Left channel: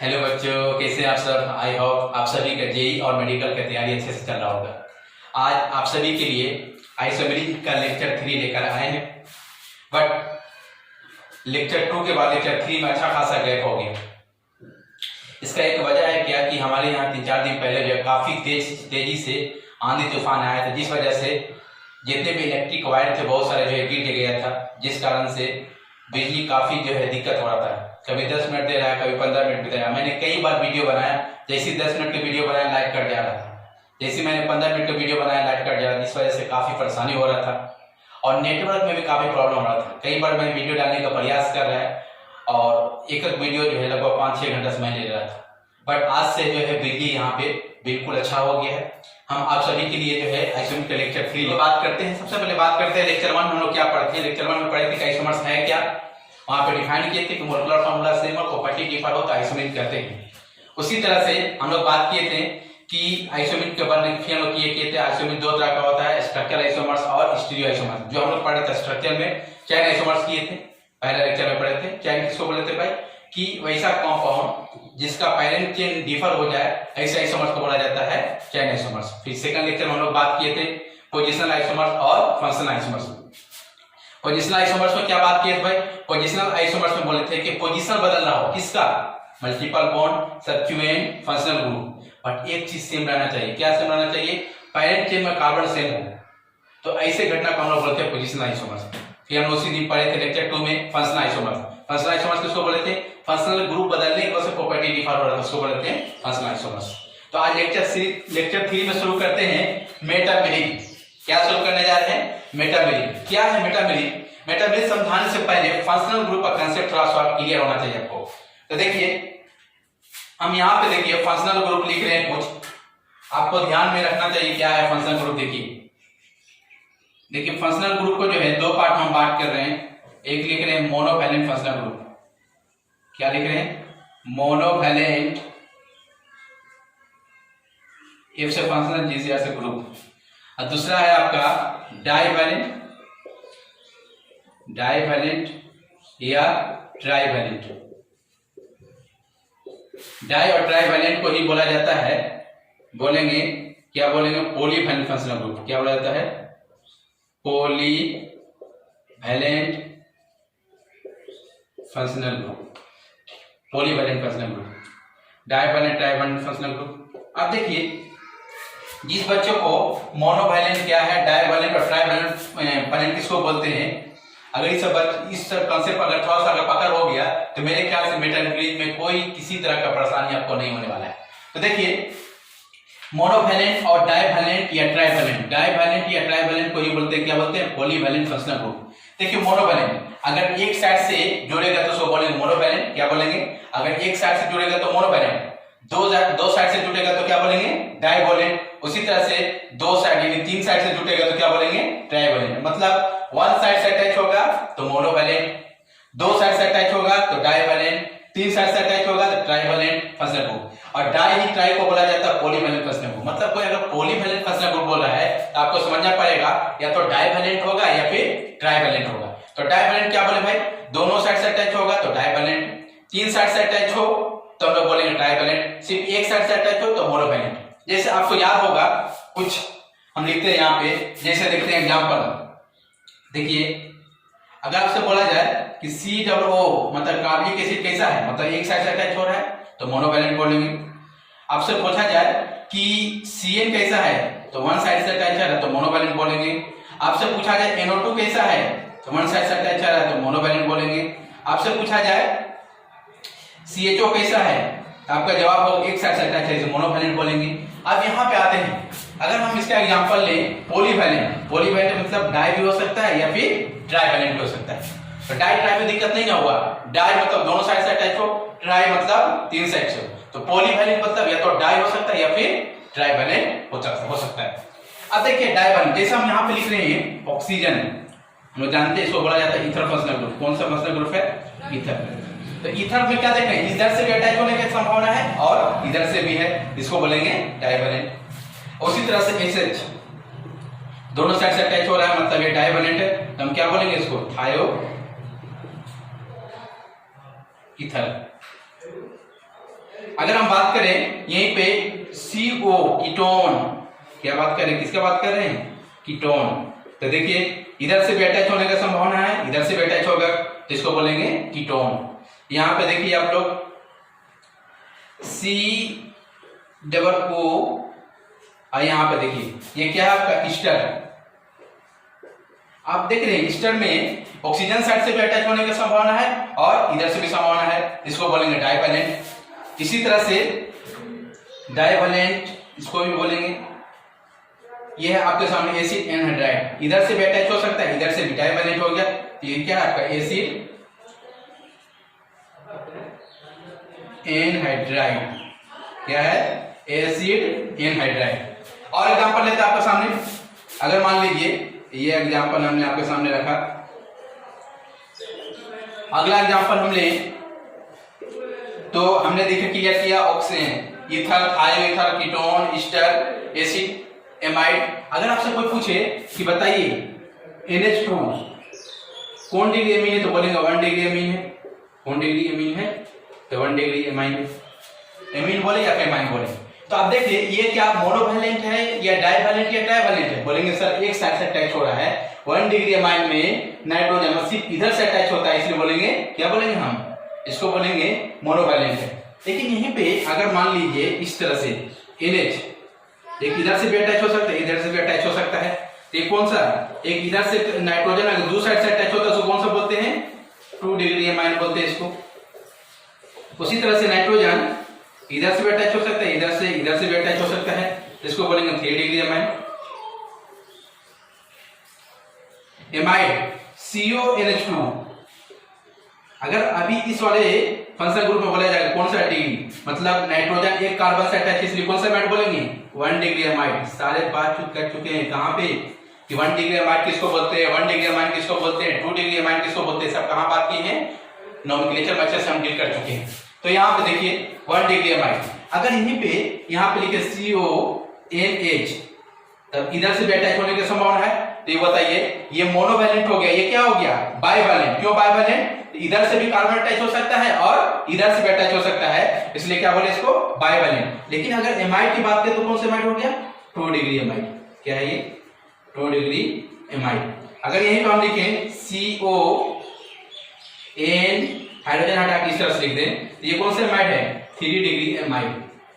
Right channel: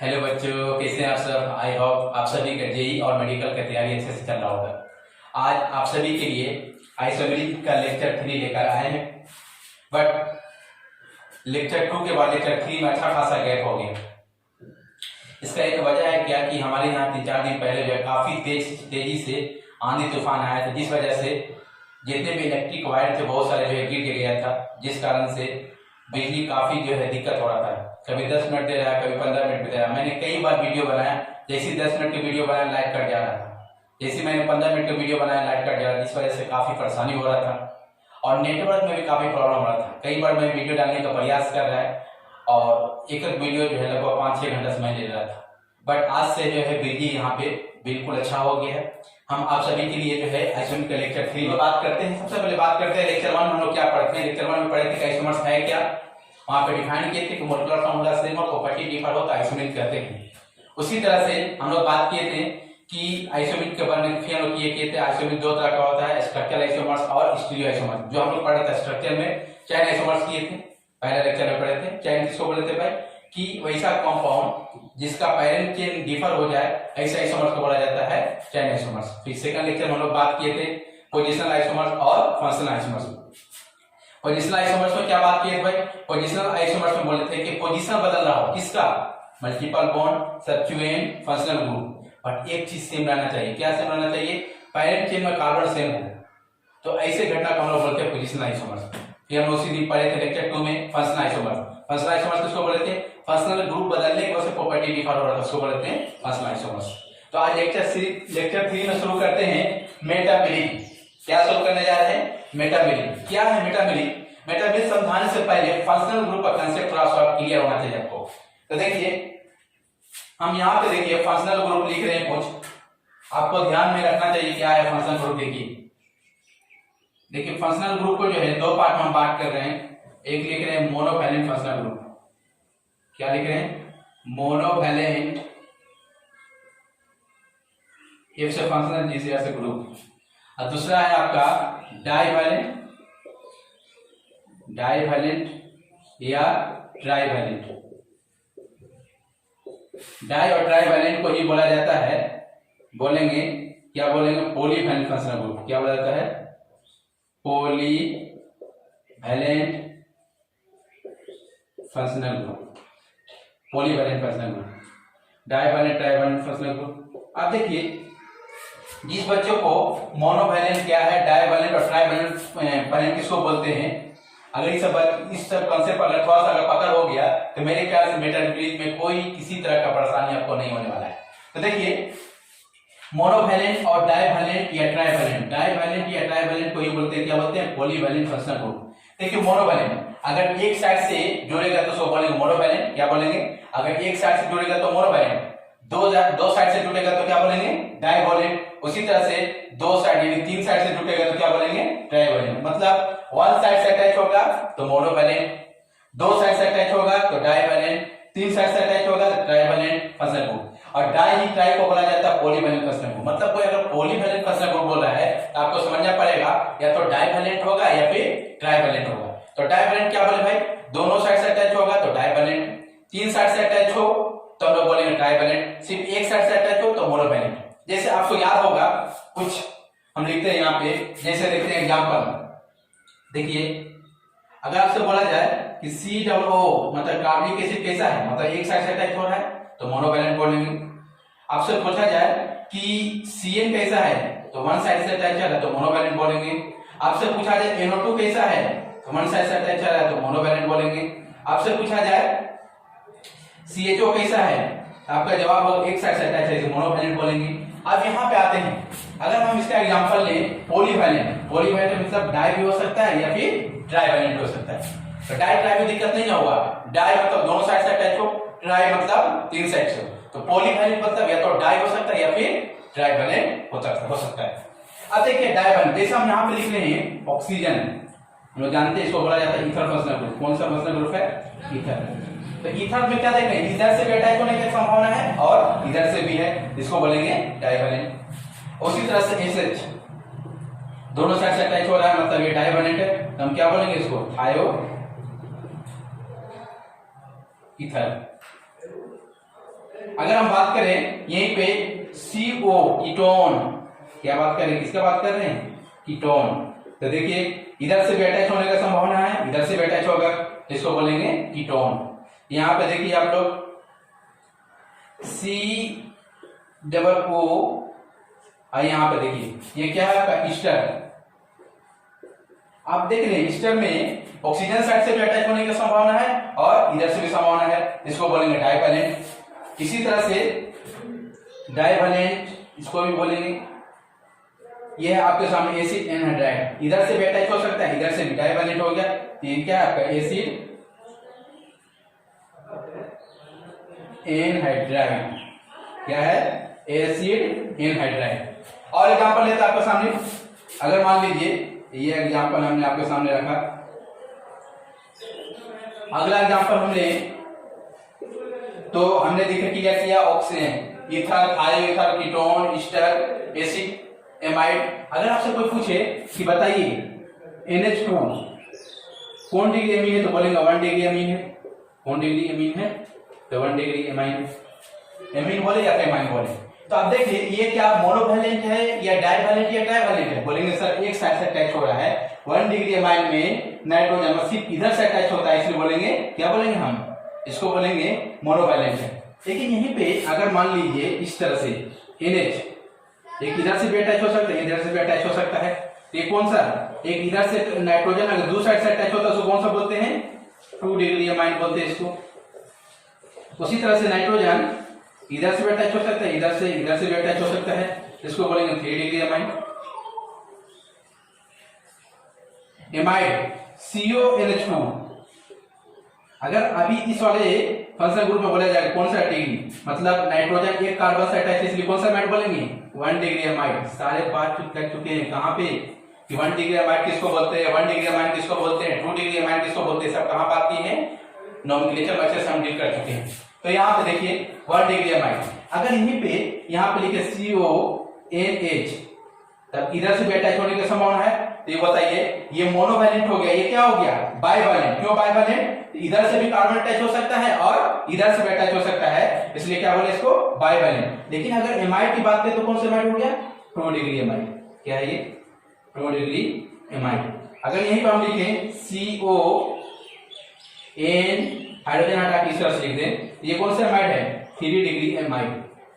Hello बच्चों, कैसे हैं आप सब। आई होप आप सभी का जेई और मेडिकल की तैयारी अच्छे से चल रहा होगा। आज आप सभी के लिए आइसोमेरिक का लेक्चर 3 लेकर आए हैं, बट लेक्चर 2 के बाद लेक्चर 3 में अच्छा खासा गैप हो गया। इसका एक वजह है क्या कि हमारे यहाँ 3-4 दिन पहले जो है काफ़ी तेजी से आंधी तूफान आया था, जिस वजह से जितने भी इलेक्ट्रिक वायर थे बहुत सारे जो है गिर गया था, जिस कारण से बिजली काफ़ी जो है दिक्कत हो रहा था। कभी 10 मिनट दे रहा है, कभी 15 मिनट दे रहा है। मैंने कई बार वीडियो बनाया, जैसे 10 मिनट का वीडियो बनाया लाइट कट जा रहा था, जैसे मैंने 15 मिनट का वीडियो बनाया लाइट कट जा रहा था। इस वजह से काफ़ी परेशानी हो रहा था और नेटवर्क में भी काफ़ी प्रॉब्लम हो रहा था। कई बार मैंने वीडियो डालने का प्रयास कर रहा है और एक वीडियो जो है लगभग 5-6 घंटा समय ले रहा था, बट आज से जो है बिजली यहाँ पे बिल्कुल अच्छा हो गया है। हम आप सभी के लिए जो है आइसोमेरिक का लेक्चर 3 बात करते हैं। सबसे पहले बात करते हैं लेक्चर 1 हम लोग क्या पढ़ते हैं। लेक्चर 1 में पढ़े थे कि आइसोमर्स है क्या, वहां पे डिफाइन किए थे कि मोलेकुलर फार्मूला सेम और प्रॉपर्टी डिफर हो तो आइसोमेरिक कहते हैं। उसी तरह से हम लोग बात किए थे कि आइसोमेरिक के बारे में हम लोग किए थे। आइसोमेरिक दो तरह का होता है, स्ट्रक्चरल आइसोमर्स और स्टीरियो आइसोमर्स। जो हम लोग पढ़े थे स्ट्रक्चर में चैन आइसोमर्स किए थे, पहले लेक्चर में पढ़े थे। चैन किसको बोले थे भाई, कि वैसा कंपाउंड जिसका पैरेंट चेन डिफर हो जाए, ऐसे आइसोमर्स को बोला जाता है चैन आइसोमर्स। फिर सेकंड लेक्चर में हम लोग बात किए थे पोजिशनल आइसोमर्स और फंक्शनल आइसोमर्स। पोजिशनल आइसोमर्स में क्या बात किए थे भाई, पोजिशनल आइसोमर्स में बोले थे कि पोजीशन बदल रहा हो किसका, multiple bond substituent functional group, but एक चीज सेम रहना चाहिए। क्या सेम रहना चाहिए, पैरेंट चेन में कार्बन सेम हो, तो ऐसे घटना को हम लोग बोलते हैं पोजिशनल आइसोमर्स। फिर हम उसी दिन पढ़े थे लेक्चर 2 में फंक्शनल आइसोमर्स। फंक्शनल आइसोमर्स किसको बोले थे, फंक्शनल ग्रुप बदलने की वजह से प्रॉपर्टी डिफर हो रहा था, उसको बोलते हैं फंक्शनल आइसोमर्स। तो आज लेक्चर 3 में शुरू करते हैं मेटामेरिक। क्या शुरू करने जा रहे हैं, मेटामेरिक। क्या है मेटामेरिक, मेटामेरिक समझाने से पहले फंक्शनल ग्रुप का कांसेप्ट थोड़ा सा क्लियर होना चाहिए आपको। तो देखिए हम यहाँ पे देखिए फंक्शनल ग्रुप लिख रहे हैं, कुछ आपको ध्यान में रखना चाहिए क्या है फंक्शनल ग्रुप। देखिए फंक्शनल ग्रुप को जो है दो पार्ट हम बात कर रहे हैं। एक लिख रहे हैं मोनोवैलेंट फंक्शनल ग्रुप, क्या लिख रहे हैं, मोनोवैलेंट, एफ से फंक्शनल, जी से ऐसे ग्रुप। और दूसरा है आपका डाइवैलेंट या ट्राइवैलेंट। डाई और ट्राइवैलेंट को ही बोला जाता है, बोलेंगे क्या बोलेंगे, पॉलीवैलेंट फंक्शनल ग्रुप। क्या बोला जाता है, polyvalent functional group, polyvalent functional group, divalent trivalent functional group. अब देखिए जिस बच्चों को मोनोवैलेंट क्या है, डाइवैलेंट और ट्राइवैलेंट किसको बोलते हैं, अगर इस कॉन्सेप्ट पर अगर थोड़ा सा अगर पकड़ हो गया तो मेरे ख्याल से मेटामेरिक में कोई किसी तरह का परेशानी आपको नहीं होने वाला है। तो देखिए मोनोवैलेंट और डाइवैलेंट या ट्राइवैलेंट को ही बोलते हैं, क्या बोलते हैं, पॉलीवैलेंट फंक्शनल ग्रुप। देखिए मोनोवैलेंट अगर एक साइड से जुड़ेगा तो उसको बोलेंगे मोनोवैलेंट, क्या बोलेंगे, अगर एक साइड से जुड़ेगा तो मोनोवैलेंट, दो साइड से जुड़ेगा तो क्या बोलेंगे, डाइवैलेंट। उसी तरह से दो साइड यानी 3 साइड से जुड़ेगा तो क्या बोलेंगे, ट्राइवैलेंट। मतलब 1 साइड से अटैच होगा तो मोनोवैलेंट, 2 साइड से अटैच होगा तो डाइवैलेंट, 3 साइड से अटैच होगा तो ट्राइवैलेंट फंक्शनल ग्रुप। और डाई ही ट्राई को बोला जाता है पॉलीवैलेंट फंक्शनल ग्रुप। मतलब कोई अगर पॉलीवैलेंट फंक्शनल ग्रुप बोल रहा है तो आपको समझना पड़ेगा या तो डाइवैलेंट होगा या फिर ट्राइवैलेंट होगा। तो डाइवैलेंट क्या बोले भाई, दोनों साइड से अटैच होगा तो डाइवैलेंट, 3 साइड से अटैच हो तो हम लोग बोलेंगे ट्राइवैलेंट, सिर्फ एक साइड से अटैच हो तो मोनोवैलेंट। जैसे आपको याद होगा कुछ हम लिखते हैं यहाँ पे, जैसे देखते हैं एग्जांपल। देखिए अगर आपसे बोला जाए कि COO मतलब कार्बनिक एसिड कैसा है, मतलब एक साइड से अटैच हो रहा है तो मोनोवैलेंट बोलेंगे। आपसे पूछा जाए कि CN कैसा है तो 1 साइड से अटैच है तो मोनोवैलेंट बोलेंगे। आपसे पूछा जाए NO2 कैसा है तो 1 साइड से अटैच है तो मोनोवैलेंट बोलेंगे। आपसे पूछा जाए CHO कैसा है, आपका जवाब होगा एक साइड से अटैच है तो मोनोवैलेंट बोलेंगे। अब यहाँ पे आते हैं, अगर हम इसका एग्जांपल लें पॉलीवैलेंट मतलब डाई भी हो सकता है या फिर ट्राइवैलेंट हो सकता है। तो डाई ट्राई में दिक्कत नहीं होगा, डाई मतलब दोनों साइड से अटैच हो, ट्राई मतलब 3 साइड से हो। तो पॉलीवैलेंट मतलब या तो डाई हो सकता है या फिर ट्राइवैलेंट हो सकता है। अब देखिए डाइवैलेंट, जैसे हम यहाँ पे लिख रहे हैं ऑक्सीजन, हम लोग जानते हैं इसको बोला जाता है ईथर फंक्शनल ग्रुप। कौन सा फंक्शनल ग्रुप है, ईथर। तो ईथर में क्या देखें, इधर से भी अटैच होने की संभावना है और इधर से भी है, इसको बोलेंगे डाइवैलेंट। उसी तरह से एसएच दोनों साइड से अटैच हो रहा है मतलब ये डाइवैलेंट है, तो हम क्या बोलेंगे इसको, थायो ईथर। अगर हम बात करें यहीं पे CO कीटोन, क्या बात कर रहे हैं, किसका बात कर रहे हैं, कीटोन। तो देखिए इधर से भी अटैच होने का संभावना है, इधर से भी अटैच होगा तो इसको बोलेंगे कीटोन। यहाँ पे देखिए आप लोग COO और यहाँ पे देखिए ये क्या है आपका ईस्टर। आप देख रहे हैं ईस्टर में ऑक्सीजन साइड से भी अटैच होने की संभावना है और इधर से भी संभावना है, इसको बोलेंगे डाइवैलेंट। इसी तरह से डाइवैलेंट इसको भी बोलेंगे। ये है आपके सामने एसिड एनहाइड्राइड, इधर से भी अटैच हो सकता है, इधर से भी डाइवैलेंट हो गया। ये क्या है आपका एसिड एनहाइड्राइड, क्या है एसिड एनहाइड्राइड। और एग्जांपल लेते हैं आपके सामने, अगर मान लीजिए ये एग्जांपल हमने आपके सामने रखा, अगला एग्जांपल हम ले तो हमने देखा क्लियर किया ऑक्सीजन, ईथर, थायो ether, ketone, Easter, acid, amide. अगर आपसे कोई पूछे कि बताइए NH2 कौन डिग्री एमीन है तो बोलेंगे 1 डिग्री एमीन है। कौन डिग्री एमीन है तो 1 डिग्री एमाइन है। एमीन बोले या एमाइन बोले। तो आप देखिए ये क्या मोनोवैलेंट है या डाइवैलेंट या ट्राइवैलेंट है, बोलेंगे सर एक साइड से अटैच हो रहा है। 1 डिग्री एमाइन में नाइट्रोजन सिर्फ इधर से अटैच होता है, इसलिए बोलेंगे क्या बोलेंगे हम, इसको बोलेंगे मोनोवैलेंट है। लेकिन यहीं पे अगर मान लीजिए इस तरह से NH एक इधर से भी अटैच हो सकता है, इधर से भी अटैच हो सकता है, तो ये कौन सा, एक इधर से नाइट्रोजन अगर दूसरी साइड से अटैच होता है उसको कौन सा बोलते हैं, 2 डिग्री एमाइन बोलते हैं इसको। उसी तरह से नाइट्रोजन इधर से भी अटैच हो सकता है, इधर से भी अटैच हो सकता है, इसको बोलेंगे 3 डिग्री एमाइन। एमाइड CONH2 अगर अभी इस वाले फंक्शनल ग्रुप में बोला जाएगा कौन सा डिग्री, मतलब नाइट्रोजन एक कार्बन से अटैच, इसलिए कौन सा एमाइड बोलेंगे 1 डिग्री एमाइड। सारे बात कर चुके हैं कहां पे कि 1 डिग्री एमाइड किसको बोलते हैं, 1 डिग्री एमाइड किसको बोलते हैं, 2 डिग्री एमाइड किसको बोलते हैं, सब कहां बात की है, नोमेनक्लेचर में से हम डील कर चुके हैं। तो यहाँ पे देखिए 1 डिग्री एमाइड, अगर यहीं पे यहाँ पे लिखे CONH तब इधर से भी अटैच होने की संभावना है। तो ये बताइए ये मोनोवैलेंट हो गया, ये क्या हो गया बाइवैलेंट। क्यों बाइवैलेंट, इधर से भी कार्बन अटैच हो सकता है और इधर से भी अटैच हो सकता है, इसलिए क्या बोले इसको बाइवैलेंट। लेकिन अगर एमाइड की बात करें तो कौन सा एमाइड हो गया, 2 डिग्री एमाइड। क्या है ये 2 डिग्री एमाइड। अगर यहीं पर हम लिखें CON हाइड्रोजन हटा के इस तरह से लिख दें तो ये कौन सा एमाइड है 3 डिग्री एमाइड।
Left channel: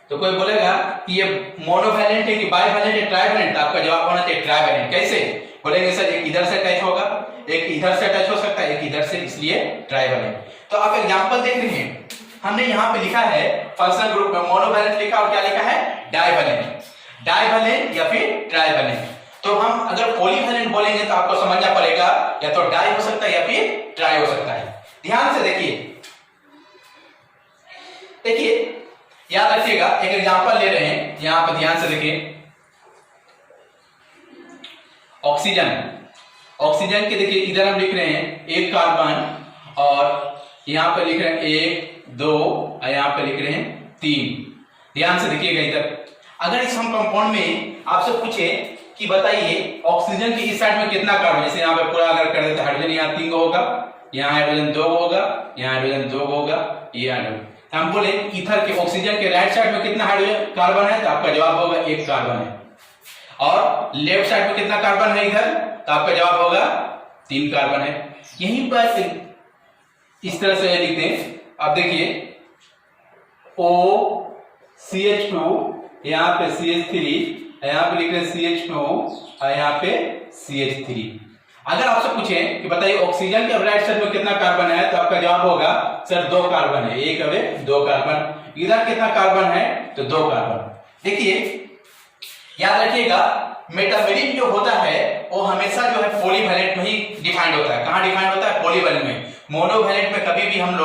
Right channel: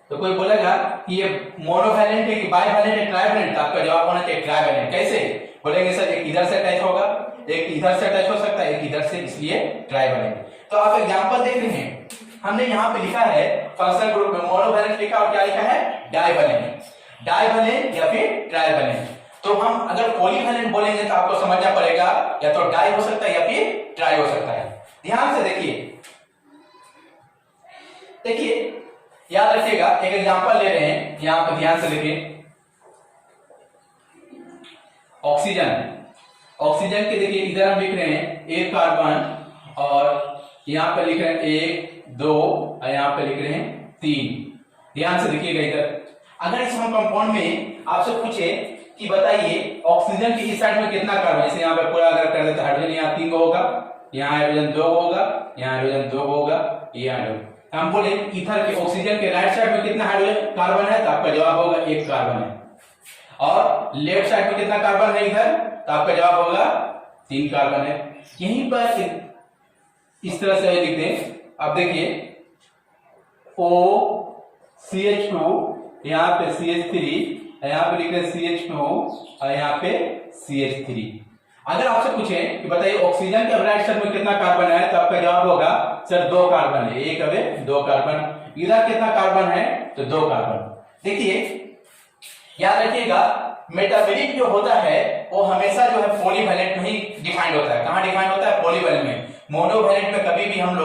तो कोई बोलेगा कि ये मोनोवैलेंट है कि बाइवैलेंट है ट्राइवैलेंट, आपका जवाब होना चाहिए ट्राइवैलेंट। कैसे बोलेंगे सर, एक इधर से अटैच होगा, एक इधर से अटैच हो सकता है, एक इधर से, इसलिए ट्राइवैलेंट। तो आप एग्जांपल देख रहे हैं, हमने यहाँ पे लिखा है फंक्शनल ग्रुप में मोनोवैलेंट लिखा और क्या लिखा है डाइवैलेंट, डाइवैलेंट या फिर ट्राइवैलेंट। तो हम अगर पॉलीवैलेंट बोलेंगे तो आपको समझना पड़ेगा या तो डाई हो सकता है या फिर ट्राई हो सकता है। ध्यान से देखिए याद रखिएगा, एक एग्जांपल ले रहे हैं, यहां पर ध्यान से देखिए ऑक्सीजन के देखिए इधर हम लिख रहे हैं 1 कार्बन और यहां पर लिख रहे हैं 1 2 और यहां पर लिख रहे हैं 3। ध्यान से देखिएगा इधर, अगर इस हम कंपाउंड में आपसे पूछे कि बताइए ऑक्सीजन की इस साइड में कितना कार्बन, जैसे यहाँ पे पूरा अगर कर देते हाइड्रोजन यहाँ 3 होगा, यहाँ हाइड्रोजन 2 होगा, यहाँ हाइड्रोजन 2 होगा, ये हाइड्रोजन। हम बोले ईथर के ऑक्सीजन के राइट साइड में कितना हाइड्रोजन कार्बन है तो आपका जवाब होगा 1 कार्बन है, और लेफ्ट साइड में कितना कार्बन है इधर तो आपका जवाब होगा 3 कार्बन है। यहीं पर इस तरह से लिख दें, आप देखिए OCH2 यहाँ पे CH3, यहाँ पे लिख रहे हैं CH2 और यहाँ पे CH3। अगर आपसे पूछे कि बताइए ऑक्सीजन के राइट साइड में कितना कार्बन है तो आपका जवाब होगा सर 2 कार्बन है, 1 अवे 2 कार्बन। इधर कितना कार्बन है तो 2 कार्बन। देखिए याद रखिएगा, मेटामेरिक जो होता है वो हमेशा जो है पॉलीवैलेंट में ही डिफाइंड होता है। कहां डिफाइंड होता है, पॉलीवैलेंट में। मोनोवैलेंट में कभी भी हम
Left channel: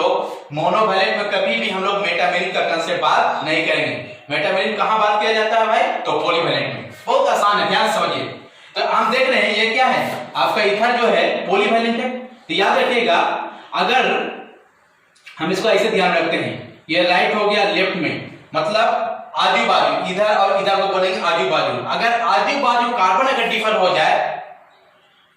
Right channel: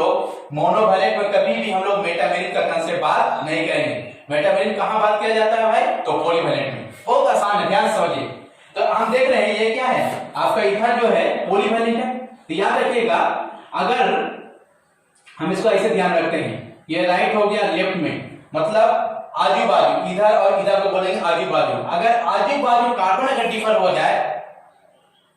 लोग मेटामेरिक का कंसेप्ट बात नहीं करेंगे। मेटामेरिक कहां बात किया जाता है भाई, तो पॉलीवैलेंट में। बहुत आसान है, ध्यान समझिए। तो हम देख रहे हैं ये क्या है, आपका ईथर जो है पॉलीवैलेंट है। तो याद रखिएगा, अगर हम इसको ऐसे ध्यान रखते हैं, ये राइट हो गया लेफ्ट में, मतलब आजू बाजू, इधर और इधर को बोलेंगे आजू बाजू। अगर आजू बाजू कार्बन अगर डिफर हो जाए,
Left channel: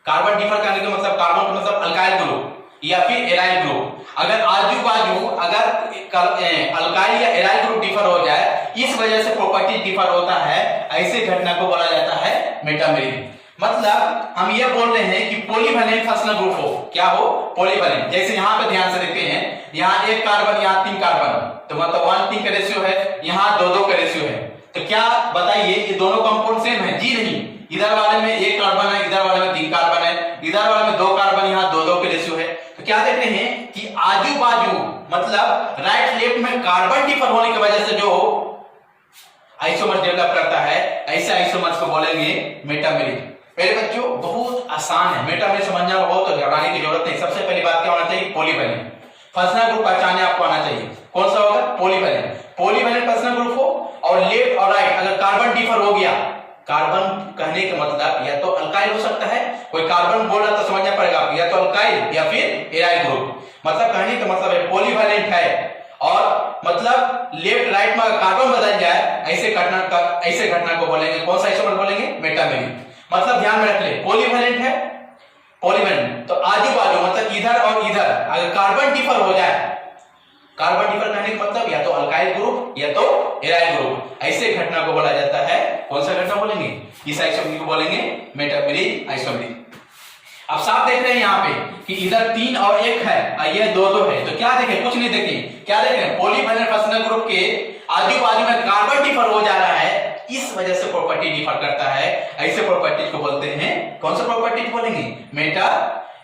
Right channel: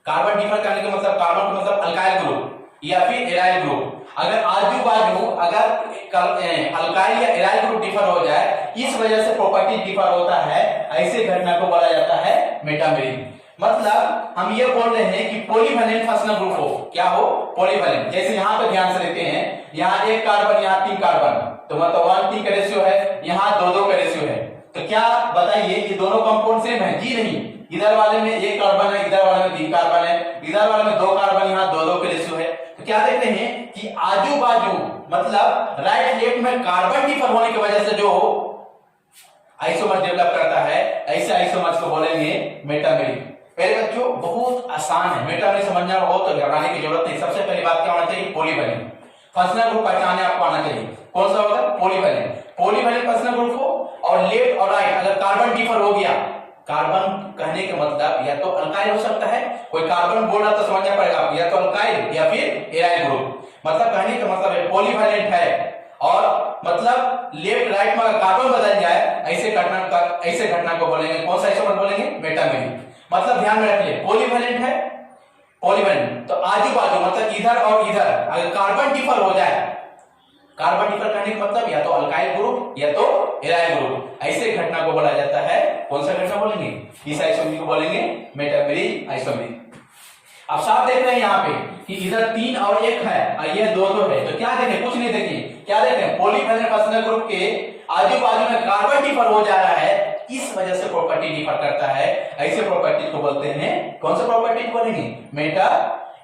कार्बन डिफर करने का मतलब कार्बन का मतलब अल्काइल ग्रुप, या फिर एराइल ग्रुप, अगर आजू बाजू अगर अल्काइल या एराइल ग्रुप डिफर हो जाए, इस वजह से प्रॉपर्टी डिफर होता है, ऐसे घटना को बोला जाता है मेटामेरिक। मतलब हम ये बोल रहे हैं कि पॉलीवैलेंट फंक्शनल ग्रुप हो, क्या हो, पॉलीवैलेंट। जैसे यहाँ पे ध्यान से देखते हैं, यहाँ एक कार्बन, यहाँ 3 कार्बन, तो मतलब 1:3 का रेशियो है, यहाँ 2:2 का रेशियो है। तो क्या बताइए ये दोनों कंपाउंड सेम है? जी नहीं, इधर वाले में 1 कार्बन है, इधर वाले में 3 कार्बन है, इधर वाले में 2 कार्बन, यहाँ 2:2 के रेशियो है। तो क्या देख रहे हैं कि आजू बाजू मतलब राइट लेफ्ट में कार्बन डिफर होने की वजह से जो आइसोमर डेवलप करता है, ऐसे आइसोमर्स को बोलेंगे मेटामेरिक। पहले बच्चों बहुत आसान है, मेटामेरिक समझना हो तो घबराने की जरूरत नहीं। सबसे पहली बात क्या होना चाहिए? पॉलीवैलेंट फंक्शनल ग्रुप पहचाने आपको आना चाहिए। कौन सा होगा? पॉलीवैलेंट। पॉलीवैलेंट फंक्शनल ग्रुप हो और लेफ्ट और राइट अगर कार्बन डिफर हो गया, कार्बन कहने का मतलब या तो अल्काइल हो सकता है, कोई कार्बन बोल रहा तो समझना पड़ेगा आपको, या तो अल्काइल या फिर एराइल ग्रुप। मतलब कहने का मतलब है पॉलीवैलेंट है, और मतलब लेफ्ट राइट में कार्बन बदल जाए, ऐसे घटना को बोलेंगे, कौन सा आइसोमर बोलेंगे? मेटामेरिक। मतलब ध्यान में रख ले, पॉलीवैलेंट है, पॉलीवैलेंट तो आजू बाजू मतलब इधर और इधर अगर कार्बन डिफर हो जाए, कार्बन डिफर करने का मतलब या तो अल्काइल ग्रुप या तो एराइल ग्रुप, ऐसे घटना को बोला जाता है, कौन सा घटना बोलेंगे? इस आइसोमर को बोलेंगे मेटामेरिक आइसोमर। अब साफ देख रहे हैं यहाँ पे कि इधर 3 और 1 है और ये 2:2 है, तो क्या देखें? कुछ नहीं देखें, क्या देखें? पॉलीवैलेंट फंक्शनल ग्रुप के आजू बाजू में कार्बन डिफर हो जा रहा है, इस वजह से प्रॉपर्टी डिफर करता है, ऐसे प्रॉपर्टीज को बोलते हैं, कौन सा प्रॉपर्टी बोलेंगे? मेटा।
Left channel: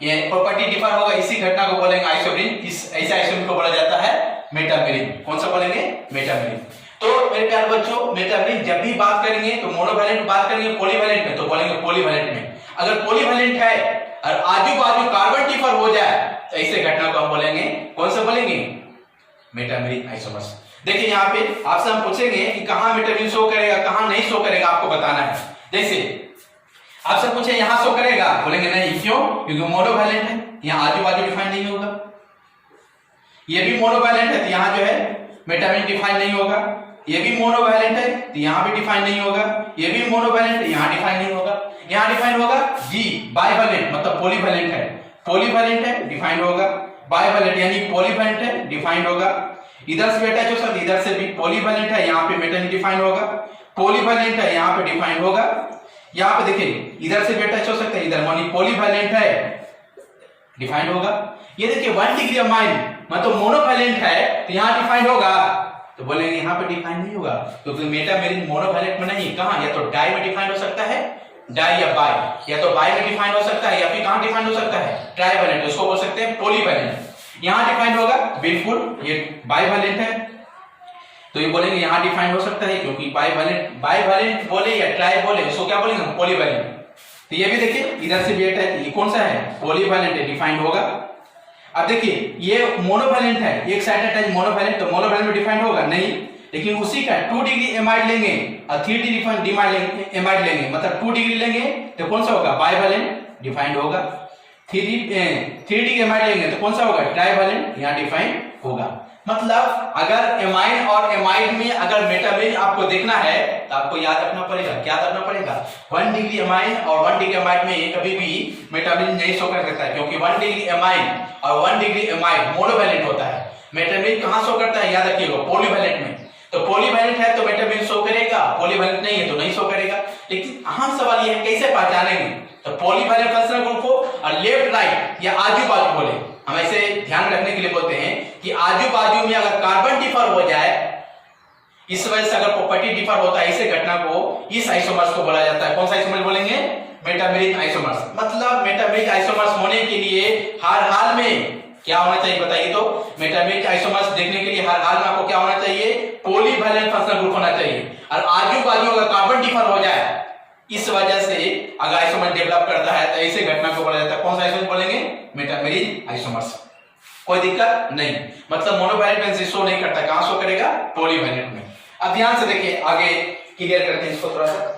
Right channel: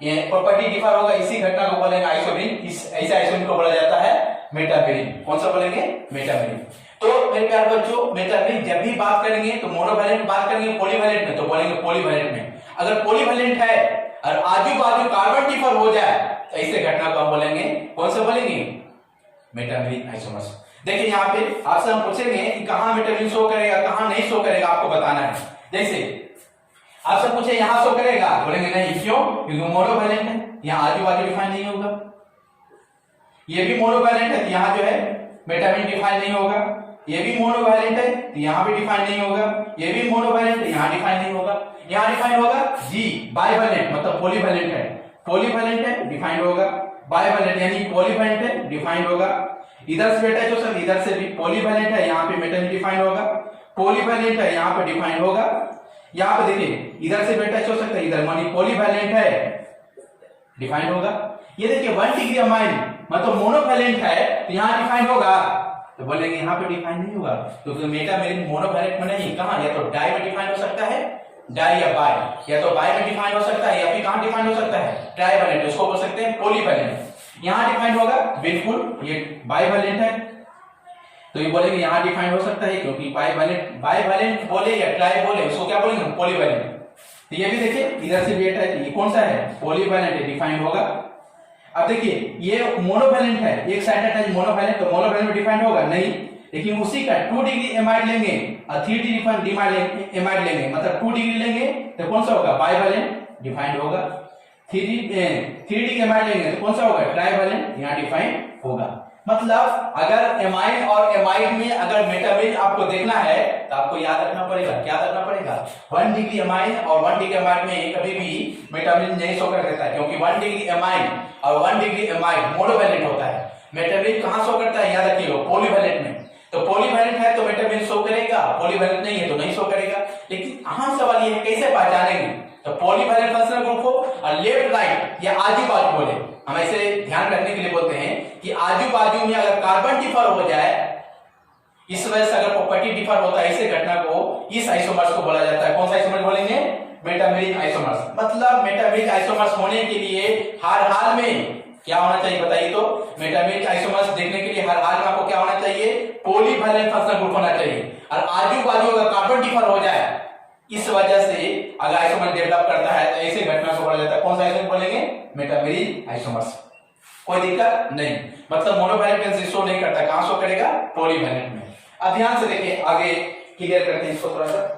ये प्रॉपर्टी डिफर होगा, इसी घटना को बोलेंगे आइसोमरिक। इस ऐसे आइसोमरिक को बोला जाता है मेटामेरिक। कौन सा बोलेंगे? मेटामेरिक। तो मेरे प्यारे बच्चों, मेटामेरिक जब भी बात करेंगे तो मोनोवैलेंट बात करेंगे, पॉलीवैलेंट में तो बोलेंगे पॉलीवैलेंट में। अगर पॉलीवैलेंट है और आजू बाजू कार्बन डिफर हो जाए, तो ऐसे घटना को हम बोलेंगे, कौन सा बोलेंगे? Metameric isomers. देखिए यहाँ पे आपसे हम पूछेंगे कि कहां मेटामेरिक शो करेगा, कहां नहीं शो करेगा, आपको बताना है। जैसे आपसे पूछे यहां शो करेगा, बोलेंगे नहीं, क्यों? क्योंकि मोनोवैलेंट है, यहां आजू बाजू डिफाइन नहीं होगा। ये भी मोनोवैलेंट है तो यहां जो है मेटामेरिक डिफाइन नहीं होगा। ये भी मोनोवैलेंट है तो यहां भी डिफाइन नहीं होगा। ये भी मोनोवैलेंट है, यहां डिफाइन नहीं होगा। यहां डिफाइन होगा जी। बाइवैलेंट मतलब पॉलीवैलेंट है, पॉलीवैलेंट है डिफाइंड होगा। बाइवैलेंट यानी पॉलीवैलेंट है डिफाइंड होगा। इधर से बेटा जो सब इधर से भी पॉलीवैलेंट है, यहाँ पे मेटामेरिक डिफाइंड होगा। पॉलीवैलेंट है, यहाँ पे डिफाइंड होगा। यहाँ पे देखिए इधर से बेटा हो सकता है, इधर मानी पॉलीवैलेंट है, डिफाइंड होगा। ये देखिए 1 डिग्री अमाइन मतलब मोनोवैलेंट है तो यहाँ डिफाइंड होगा, तो बोलेंगे यहाँ पे डिफाइन नहीं होगा क्योंकि मेटामेरिक मोनोवैलेंट में नहीं। कहां? या तो डाई में डिफाइन हो सकता है, डाई या बाय, या तो बाय में डिफाइन हो सकता है, या फिर कहां डिफाइन हो सकता है? ट्राइवैलेंट, उसको बोल सकते हैं पॉलीवैलेंट। यहां डिफाइन होगा, बिल्कुल ये बाइवैलेंट है तो ये बोलेंगे यहां डिफाइन हो सकता है, क्योंकि बाइवैलेंट बोले या ट्राई बोले उसको क्या बोलेंगे? पॉलीवैलेंट। तो ये भी देखिए इधर से भी ये कौन सा है? पॉलीवैलेंट है, डिफाइंड होगा। अब देखिए ये मोनोवैलेंट है, एक साइडेड है मोनोवैलेंट, तो मोनोवैलेंट में डिफाइंड होगा नहीं, लेकिन उसी का 2 डिग्री एमाइड लेंगे और 3 डिग्री एमाइड लेंगे, मतलब 2 डिग्री लेंगे तो कौन सा होगा? बाइवैलेंट, डिफाइंड होगा। 3 डिग्री एमाइड लेंगे तो कौन सा होगा? ट्राइवैलेंट, यहां डिफाइंड होगा। मतलब अगर एमाइन और एमाइड में अगर मेटामेरिक आपको देखना है तो आपको याद रखना पड़ेगा, क्या रखना पड़ेगा? 1 डिग्री एमाइन और 1 डिग्री एमाइड में कभी भी मेटामेरिक नहीं शो कर सकता है, क्योंकि 1 डिग्री एमाइन और 1 डिग्री एमाइड मोनोवैलेंट होता है। मेटामेरिक कहां शो करता है? याद रखिएगा, पॉलीवैलेंट में। तो पॉलीवैलेंट है तो मेटामेरिक शो करेगा, पॉलीवैलेंट नहीं है तो नहीं शो करेगा। लेकिन अहम सवाल ये है कैसे पहचानेंगे? तो पॉलीवैलेंट फंक्शनल ग्रुप हो और लेफ्ट राइट या आजू बाजू बोले, हम ऐसे ध्यान रखने के लिए बोलते हैं कि आजू बाजू में अगर कार्बन डिफर हो जाए, इस वजह से अगर प्रॉपर्टी डिफर होता है, ऐसे घटना को इस आइसोमर्स को बोला जाता है। कौन सा आइसोमर्स बोलेंगे? Metameric isomers. मतलब मेटामेरिक आइसोमर्स होने के लिए हर हाल में क्या होना चाहिए बताइए? तो मेटामेरिक आइसोमर्स देखने के लिए हर हाल में आपको क्या होना चाहिए? पॉलीवैलेंट फंक्शनल ग्रुप होना चाहिए। और आजू बाजू अगर कार्बन डिफर हो जाए, इस वजह से अगर आइसोमर डेवलप करता है तो ऐसे घटना को बोला जाता है, कौन सा आइसोमर बोलेंगे? Metameric isomers. कोई दिक्कत नहीं, मतलब मोनोवैलेंट में शो नहीं करता, कहां शो करेगा? पॉलीवैलेंट में। अब ध्यान से देखिए, आगे क्लियर करते हैं इसको थोड़ा सा।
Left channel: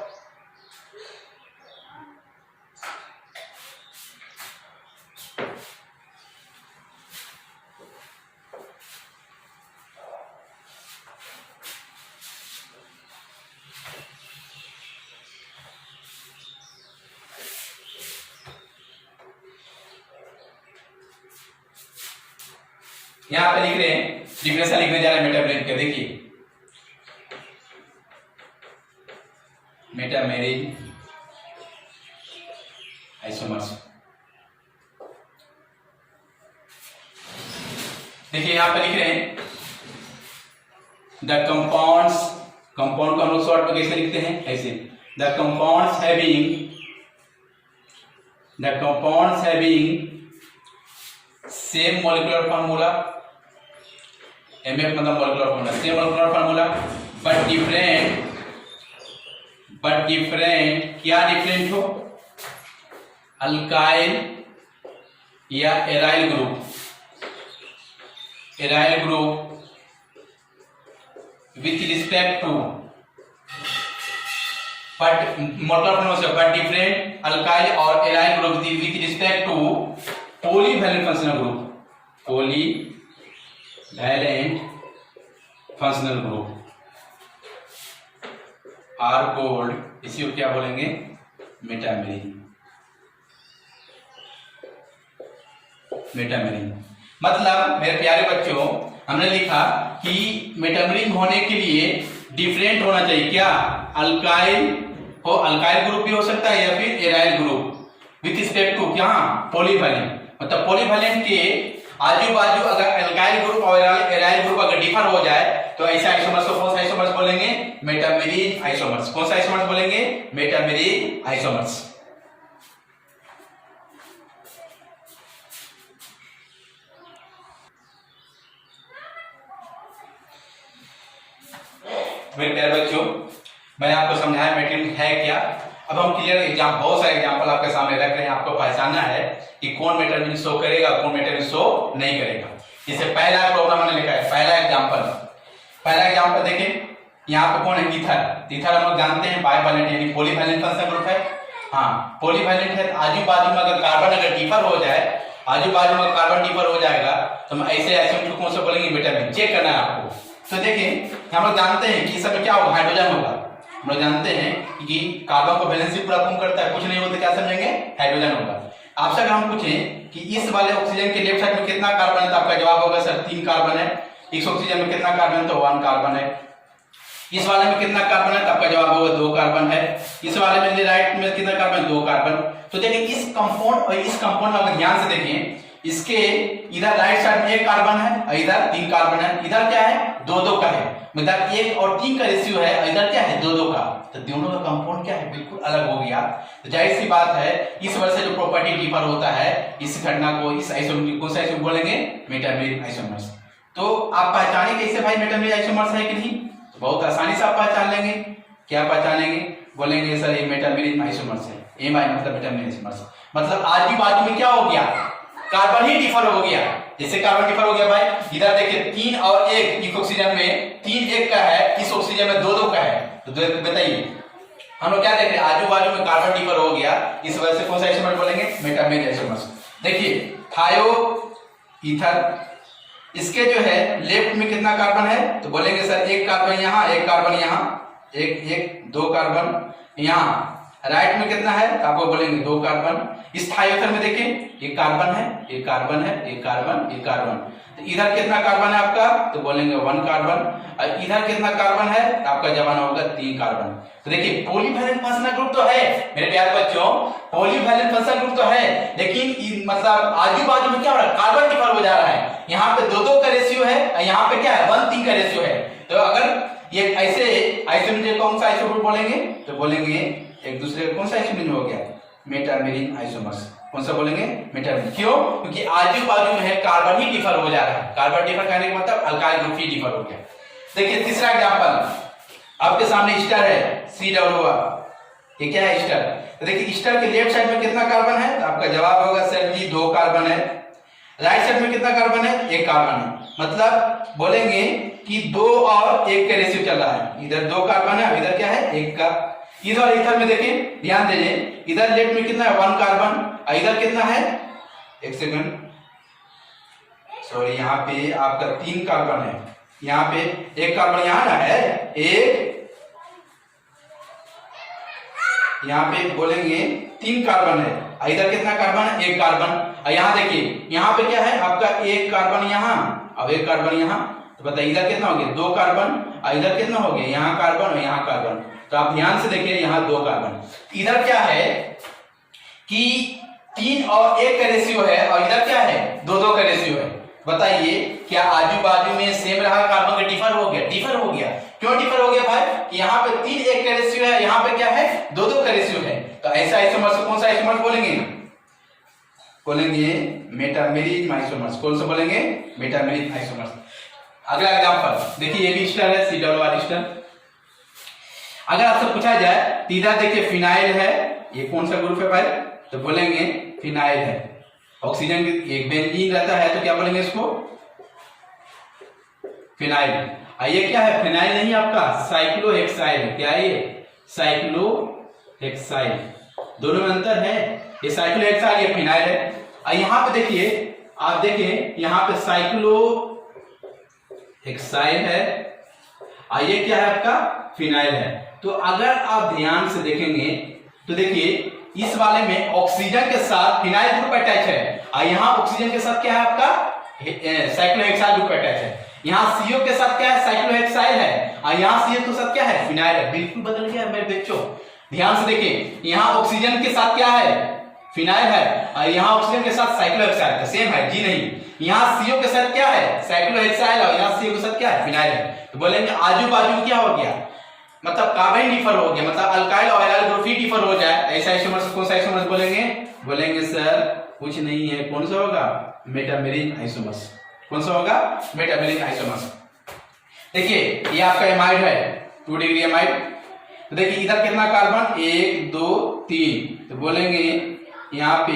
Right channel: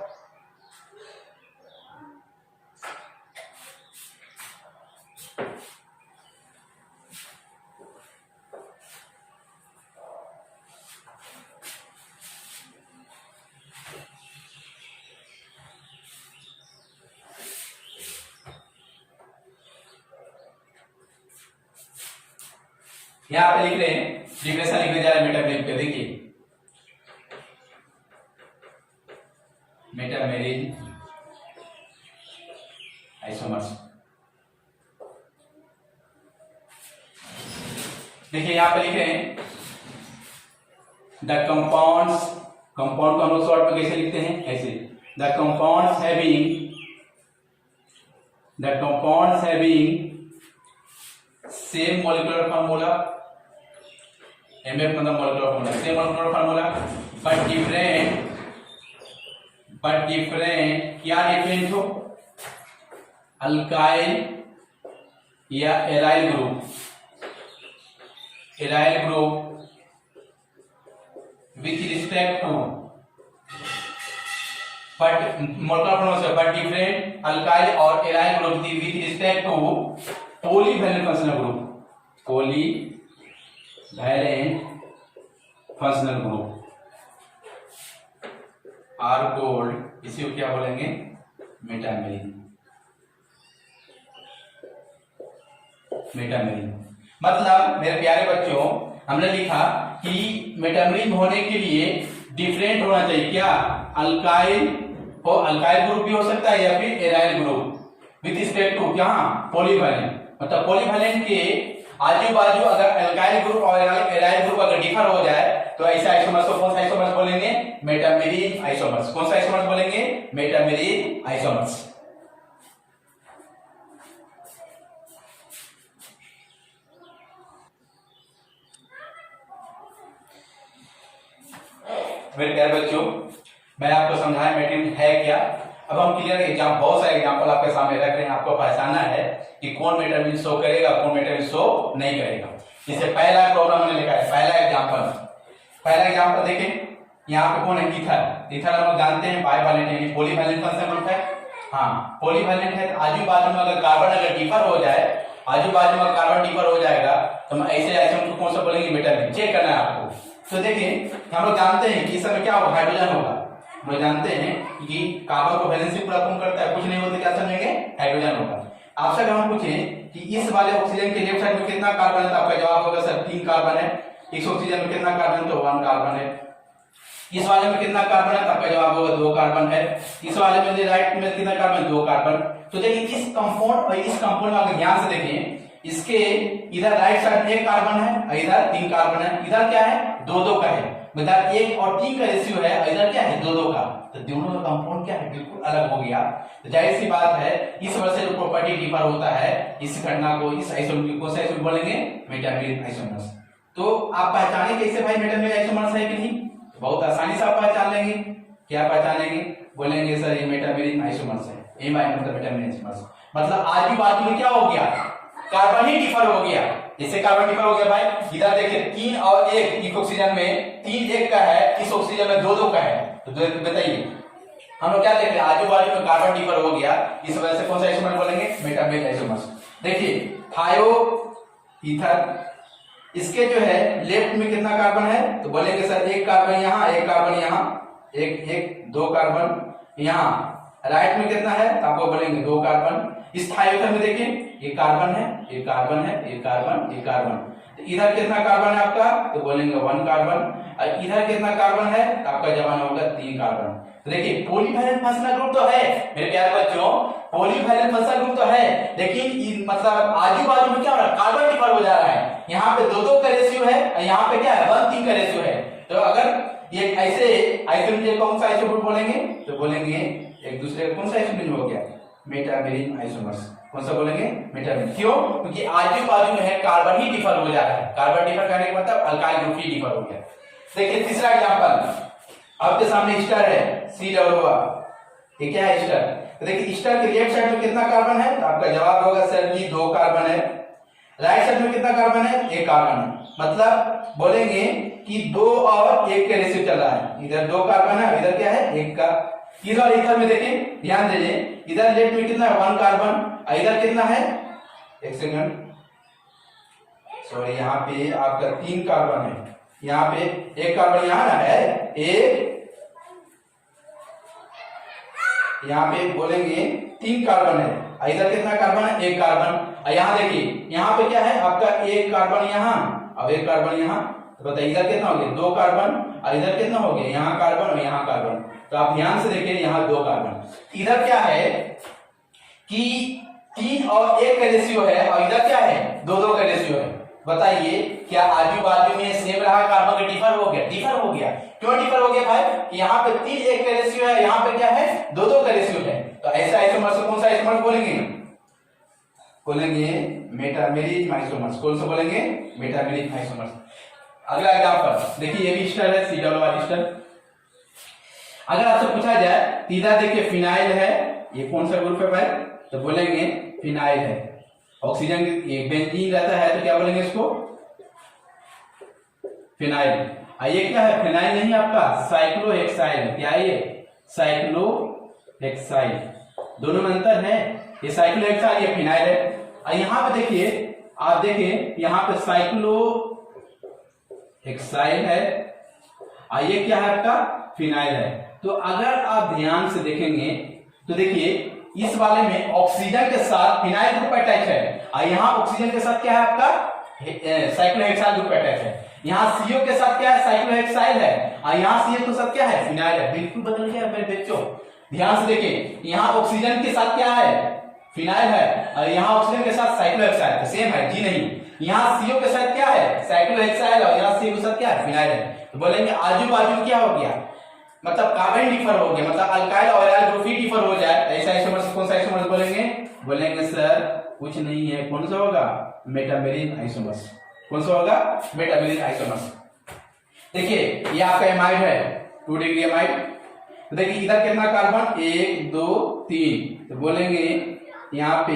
यहाँ पे लिख रहे हैं, डिफिनेशन लिखने जा रहे हैं मेटामेरिन पे। देखिए मेटामेरिन आइसोमर्स, देखिए यहाँ पे लिख रहे हैं द कंपाउंड्स, कंपाउंड को हम लोग शॉर्ट में कैसे लिखते हैं, ऐसे the compounds having same molecular formula, MF मतलब molecular formula, same molecular formula but different, क्या डिफरेंट हो, अल्काइल या aryl group with respect to but different alkyl or aryl group with respect to polyvalent functional group are called, इसी को क्या बोलेंगे, मेटामेरिन। मतलब मेरे प्यारे बच्चों, हमने लिखा कि मेटामेरिन होने के लिए डिफरेंट होना चाहिए, क्या, अल्काइल ग्रुप भी हो सकता है या फिर aryl group with respect to क्या, पॉलीवैलेंट। मतलब पॉलीवैलेंट के आजू बाजू अगर अल्काइल ग्रुप और एराइल ग्रुप अगर डिफर हो जाए तो ऐसा आइसोमर्स को कौन सा आइसोमर्स बोलेंगे, मेटामेरिन आइसोमर्स। कौन सा आइसोमर्स बोलेंगे, मेटामेरिन आइसोमर्स। मेरे प्यारे बच्चों, मैंने आपको समझाया मेटामेरिन है क्या। अब हम क्लियर एग्जाम, बहुत सारे एग्जांपल आपके सामने रख रहे हैं, आपको पहचानना है कि कौन मेटामेरिन शो करेगा, कौन मेटामेरिन शो नहीं करेगा। इससे पहला प्रॉब्लम मैंने लिखा है, पहला एग्जांपल देखिए, यहाँ पे कौन है, ईथर हम लोग जानते हैं बाइवैलेंट यानी पॉलीवैलेंट फंक्शन ग्रुप है। हाँ पॉलीवैलेंट है, आजू बाजू में अगर कार्बन अगर डिफर हो जाए, आजू बाजू में कार्बन डिफर हो जाएगा तो हम ऐसे आइसोमर को कौन सा बोलेंगे, मेटामेरिन। चेक करना है आपको। तो देखिए हम लोग जानते हैं कि इस समय क्या होगा, हाइड्रोजन होगा। हम लोग जानते हैं कि कार्बन को वैलेंसी पूरा कम करता है, कुछ नहीं होता, क्या समझेंगे, हाइड्रोजन होगा। आपसे अगर हम पूछें कि इस वाले ऑक्सीजन के लेफ्ट साइड में कितना कार्बन है, तो आपका जवाब होगा सर 3 कार्बन है। इस ऑक्सीजन में कितना कार्बन, तो 1 कार्बन है। इस वाले में कितना कार्बन है, तो आपका जवाब होगा 2 कार्बन है। इस वाले में राइट में कितना कार्बन, 2 कार्बन। तो देखिए इस कंपाउंड और इस कंपाउंड में अगर ध्यान से देखें, इसके इधर राइट साइड में 1 कार्बन है और इधर 3 कार्बन है। इधर क्या है, 2-2 का है, मतलब 1 और 3 का रेशियो है, इधर क्या है, 2-2 का। तो दोनों का कंपाउंड क्या है, बिल्कुल अलग हो गया। तो जाहिर सी बात है, इस वजह से जो प्रॉपर्टी डिफर होता है, इस घटना को, इस आइसोमर को आइसोमर बोलेंगे, मेटामेरिन आइसोमर्स। तो आप पहचाने कैसे भाई मेटामेरिन आइसोमर्स है कि नहीं, तो बहुत आसानी से आप पहचान लेंगे। क्या पहचानेंगे, बोलेंगे सर ये मेटामेरिन आइसोमर्स है, मतलब मेटामेरिन आइसोमर्स। मतलब आजू बाजू में क्या हो गया, कार्बन ही डिफर हो गया। जैसे कार्बन डिफर हो गया भाई, इधर देखिए 3 और 1, इस ऑक्सीजन में 3 1 का है, इस ऑक्सीजन में 2-2 का है। तो बताइए हम लोग क्या देख रहे हैं, आजू बाजू में कार्बन डिफर हो गया, इस वजह से कौन सा आइसोमर बोलेंगे, मेटामेरिन आइसोमर्स। देखिए थायो ईथर, इसके जो है लेफ्ट में कितना कार्बन है, तो बोलेंगे सर 1 कार्बन यहाँ, 1 कार्बन यहाँ, 2 कार्बन यहाँ। राइट में कितना है, आपको बोलेंगे 2 कार्बन। इस थायोथर में देखिए ये कार्बन है, ये कार्बन है, ये कार्बन, ये कार्बन। तो इधर कितना कार्बन है आपका, तो बोलेंगे 1 कार्बन। और इधर कितना कार्बन है, तो आपका जवाब होगा 3 कार्बन। तो देखिए पॉलीवैलेंट फंक्शनल ग्रुप तो है मेरे प्यारे बच्चों, पॉलीवैलेंट फंक्शनल ग्रुप तो है, लेकिन मतलब आजू बाजू में क्या हो रहा है, कार्बन डिफर हो जा रहा है। यहाँ पे 2-2 का रेशियो है और यहाँ पे क्या है, 1-3 का रेशियो है। तो अगर ये ऐसे आइसोमर कौन सा आइसोमर बोलेंगे, तो बोलेंगे एक दूसरे का कौन सा आइसोमर हो गया, मेटामेरिन आइसोमर्स। कौन सा बोलेंगे, मेटामेरिन। क्यों, क्योंकि आजू बाजू में है कार्बन ही डिफर हो जा रहा है। कार्बन डिफर करने का मतलब अल्काइल ग्रुप ही डिफर हो गया। देखिए तीसरा एग्जांपल आपके सामने ईस्टर है, C ये क्या है, ईस्टर। तो देखिए ईस्टर के लेफ्ट साइड में कितना कार्बन है, तो आपका जवाब होगा सर जी 2 कार्बन है। राइट साइड में कितना कार्बन है, 1 कार्बन है। मतलब बोलेंगे कि 2 और 1 के रेशियो चल रहा है, इधर 2 कार्बन है, इधर क्या है, 1 का। इधर में देखिए ध्यान दीजिए, इधर लेफ्ट में कितना है, 1 कार्बन, इधर कितना है, 1 सेकंड सॉरी, यहाँ पे आपका 3 कार्बन है, यहाँ पे 1 कार्बन यहाँ ना है, 1 यहाँ पे बोलेंगे 3 कार्बन है, इधर कितना कार्बन है, 1 कार्बन। और यहाँ देखिए यहाँ पे क्या है आपका 1 कार्बन यहाँ अब एक कार्बन यहाँ, तो बताइए इधर कितना हो गया 2 कार्बन, और इधर कितना हो गया यहाँ कार्बन और यहाँ कार्बन। तो आप ध्यान से देखिए यहाँ 2 कार्बन, इधर क्या है कि 3 और 1 का रेशियो है और इधर क्या है 2-2 का रेशियो है। बताइए क्या आजू बाजू में सेम रहा, कार्बन का डिफर हो गया? डिफर हो गया। क्यों डिफर हो गया भाई? यहाँ पे 3-1 का रेशियो है, यहाँ पे क्या है 2-2 का रेशियो है। तो ऐसा आइसोमर्स को कौन सा आइसोमर्स बोलेंगे? बोलेंगे मेटामेरिक आइसोमर्स। कौन सा बोलेंगे? Metameric isomers. अगला एग्जांपल देखिए, ये भी स्टर है, COO स्टर। अगर आपसे पूछा जाए तो इधर देखिए फिनाइल है, ये कौन सा ग्रुप है भाई? तो बोलेंगे फिनाइल है। ऑक्सीजन एक बेंजीन रहता है तो क्या बोलेंगे इसको? फिनाइल। ये क्या है? फिनाइल नहीं आपका साइक्लोहेक्साइल। क्या है ये? साइक्लोहेक्साइल। दोनों में अंतर है, ये साइक्लोहेक्साइल, ये फिनाइल है। यहाँ पे देखिए, आप देखिए यहाँ पे साइक्लोहेक्साइल है, ये क्या है आपका? फिनाइल है। तो अगर आप ध्यान से देखेंगे तो देखिए इस वाले में ऑक्सीजन के साथ फिनाइल ग्रुप अटैच है, और यहाँ ऑक्सीजन के साथ क्या है आपका? साइक्लोहेक्साइल ग्रुप अटैच है। यहाँ CO के साथ क्या है? साइक्लोहेक्साइल है, और यहाँ CH के साथ क्या है? फिनाइल है। बिल्कुल बदल गया मेरे बच्चों, ध्यान से देखिए। यहाँ ऑक्सीजन के साथ क्या है? फिनाइल है, और यहाँ ऑक्सीजन के साथ साइक्लोहेक्साइल। सेम है जी नहीं? यहाँ CO के साथ क्या है? साइक्लोहेक्साइल, और यहाँ CO के साथ क्या है? फिनाइल है। तो बोलेंगे आजू बाजू में क्या हो गया, मतलब कार्बन डिफर हो गया, मतलब अल्काइल और एल्काइल ग्रुप ही डिफर हो जाए, ऐसा आइसोमर्स कौन सा आइसोमर्स बोलेंगे? बोलेंगे सर कुछ नहीं है, कौन सा होगा? Metameric isomers. कौन सा होगा? Metameric isomers. देखिए ये आपका एमाइड है, 2 डिग्री एमाइड। तो देखिए इधर कितना कार्बन? 1 2 3। तो बोलेंगे यहाँ पे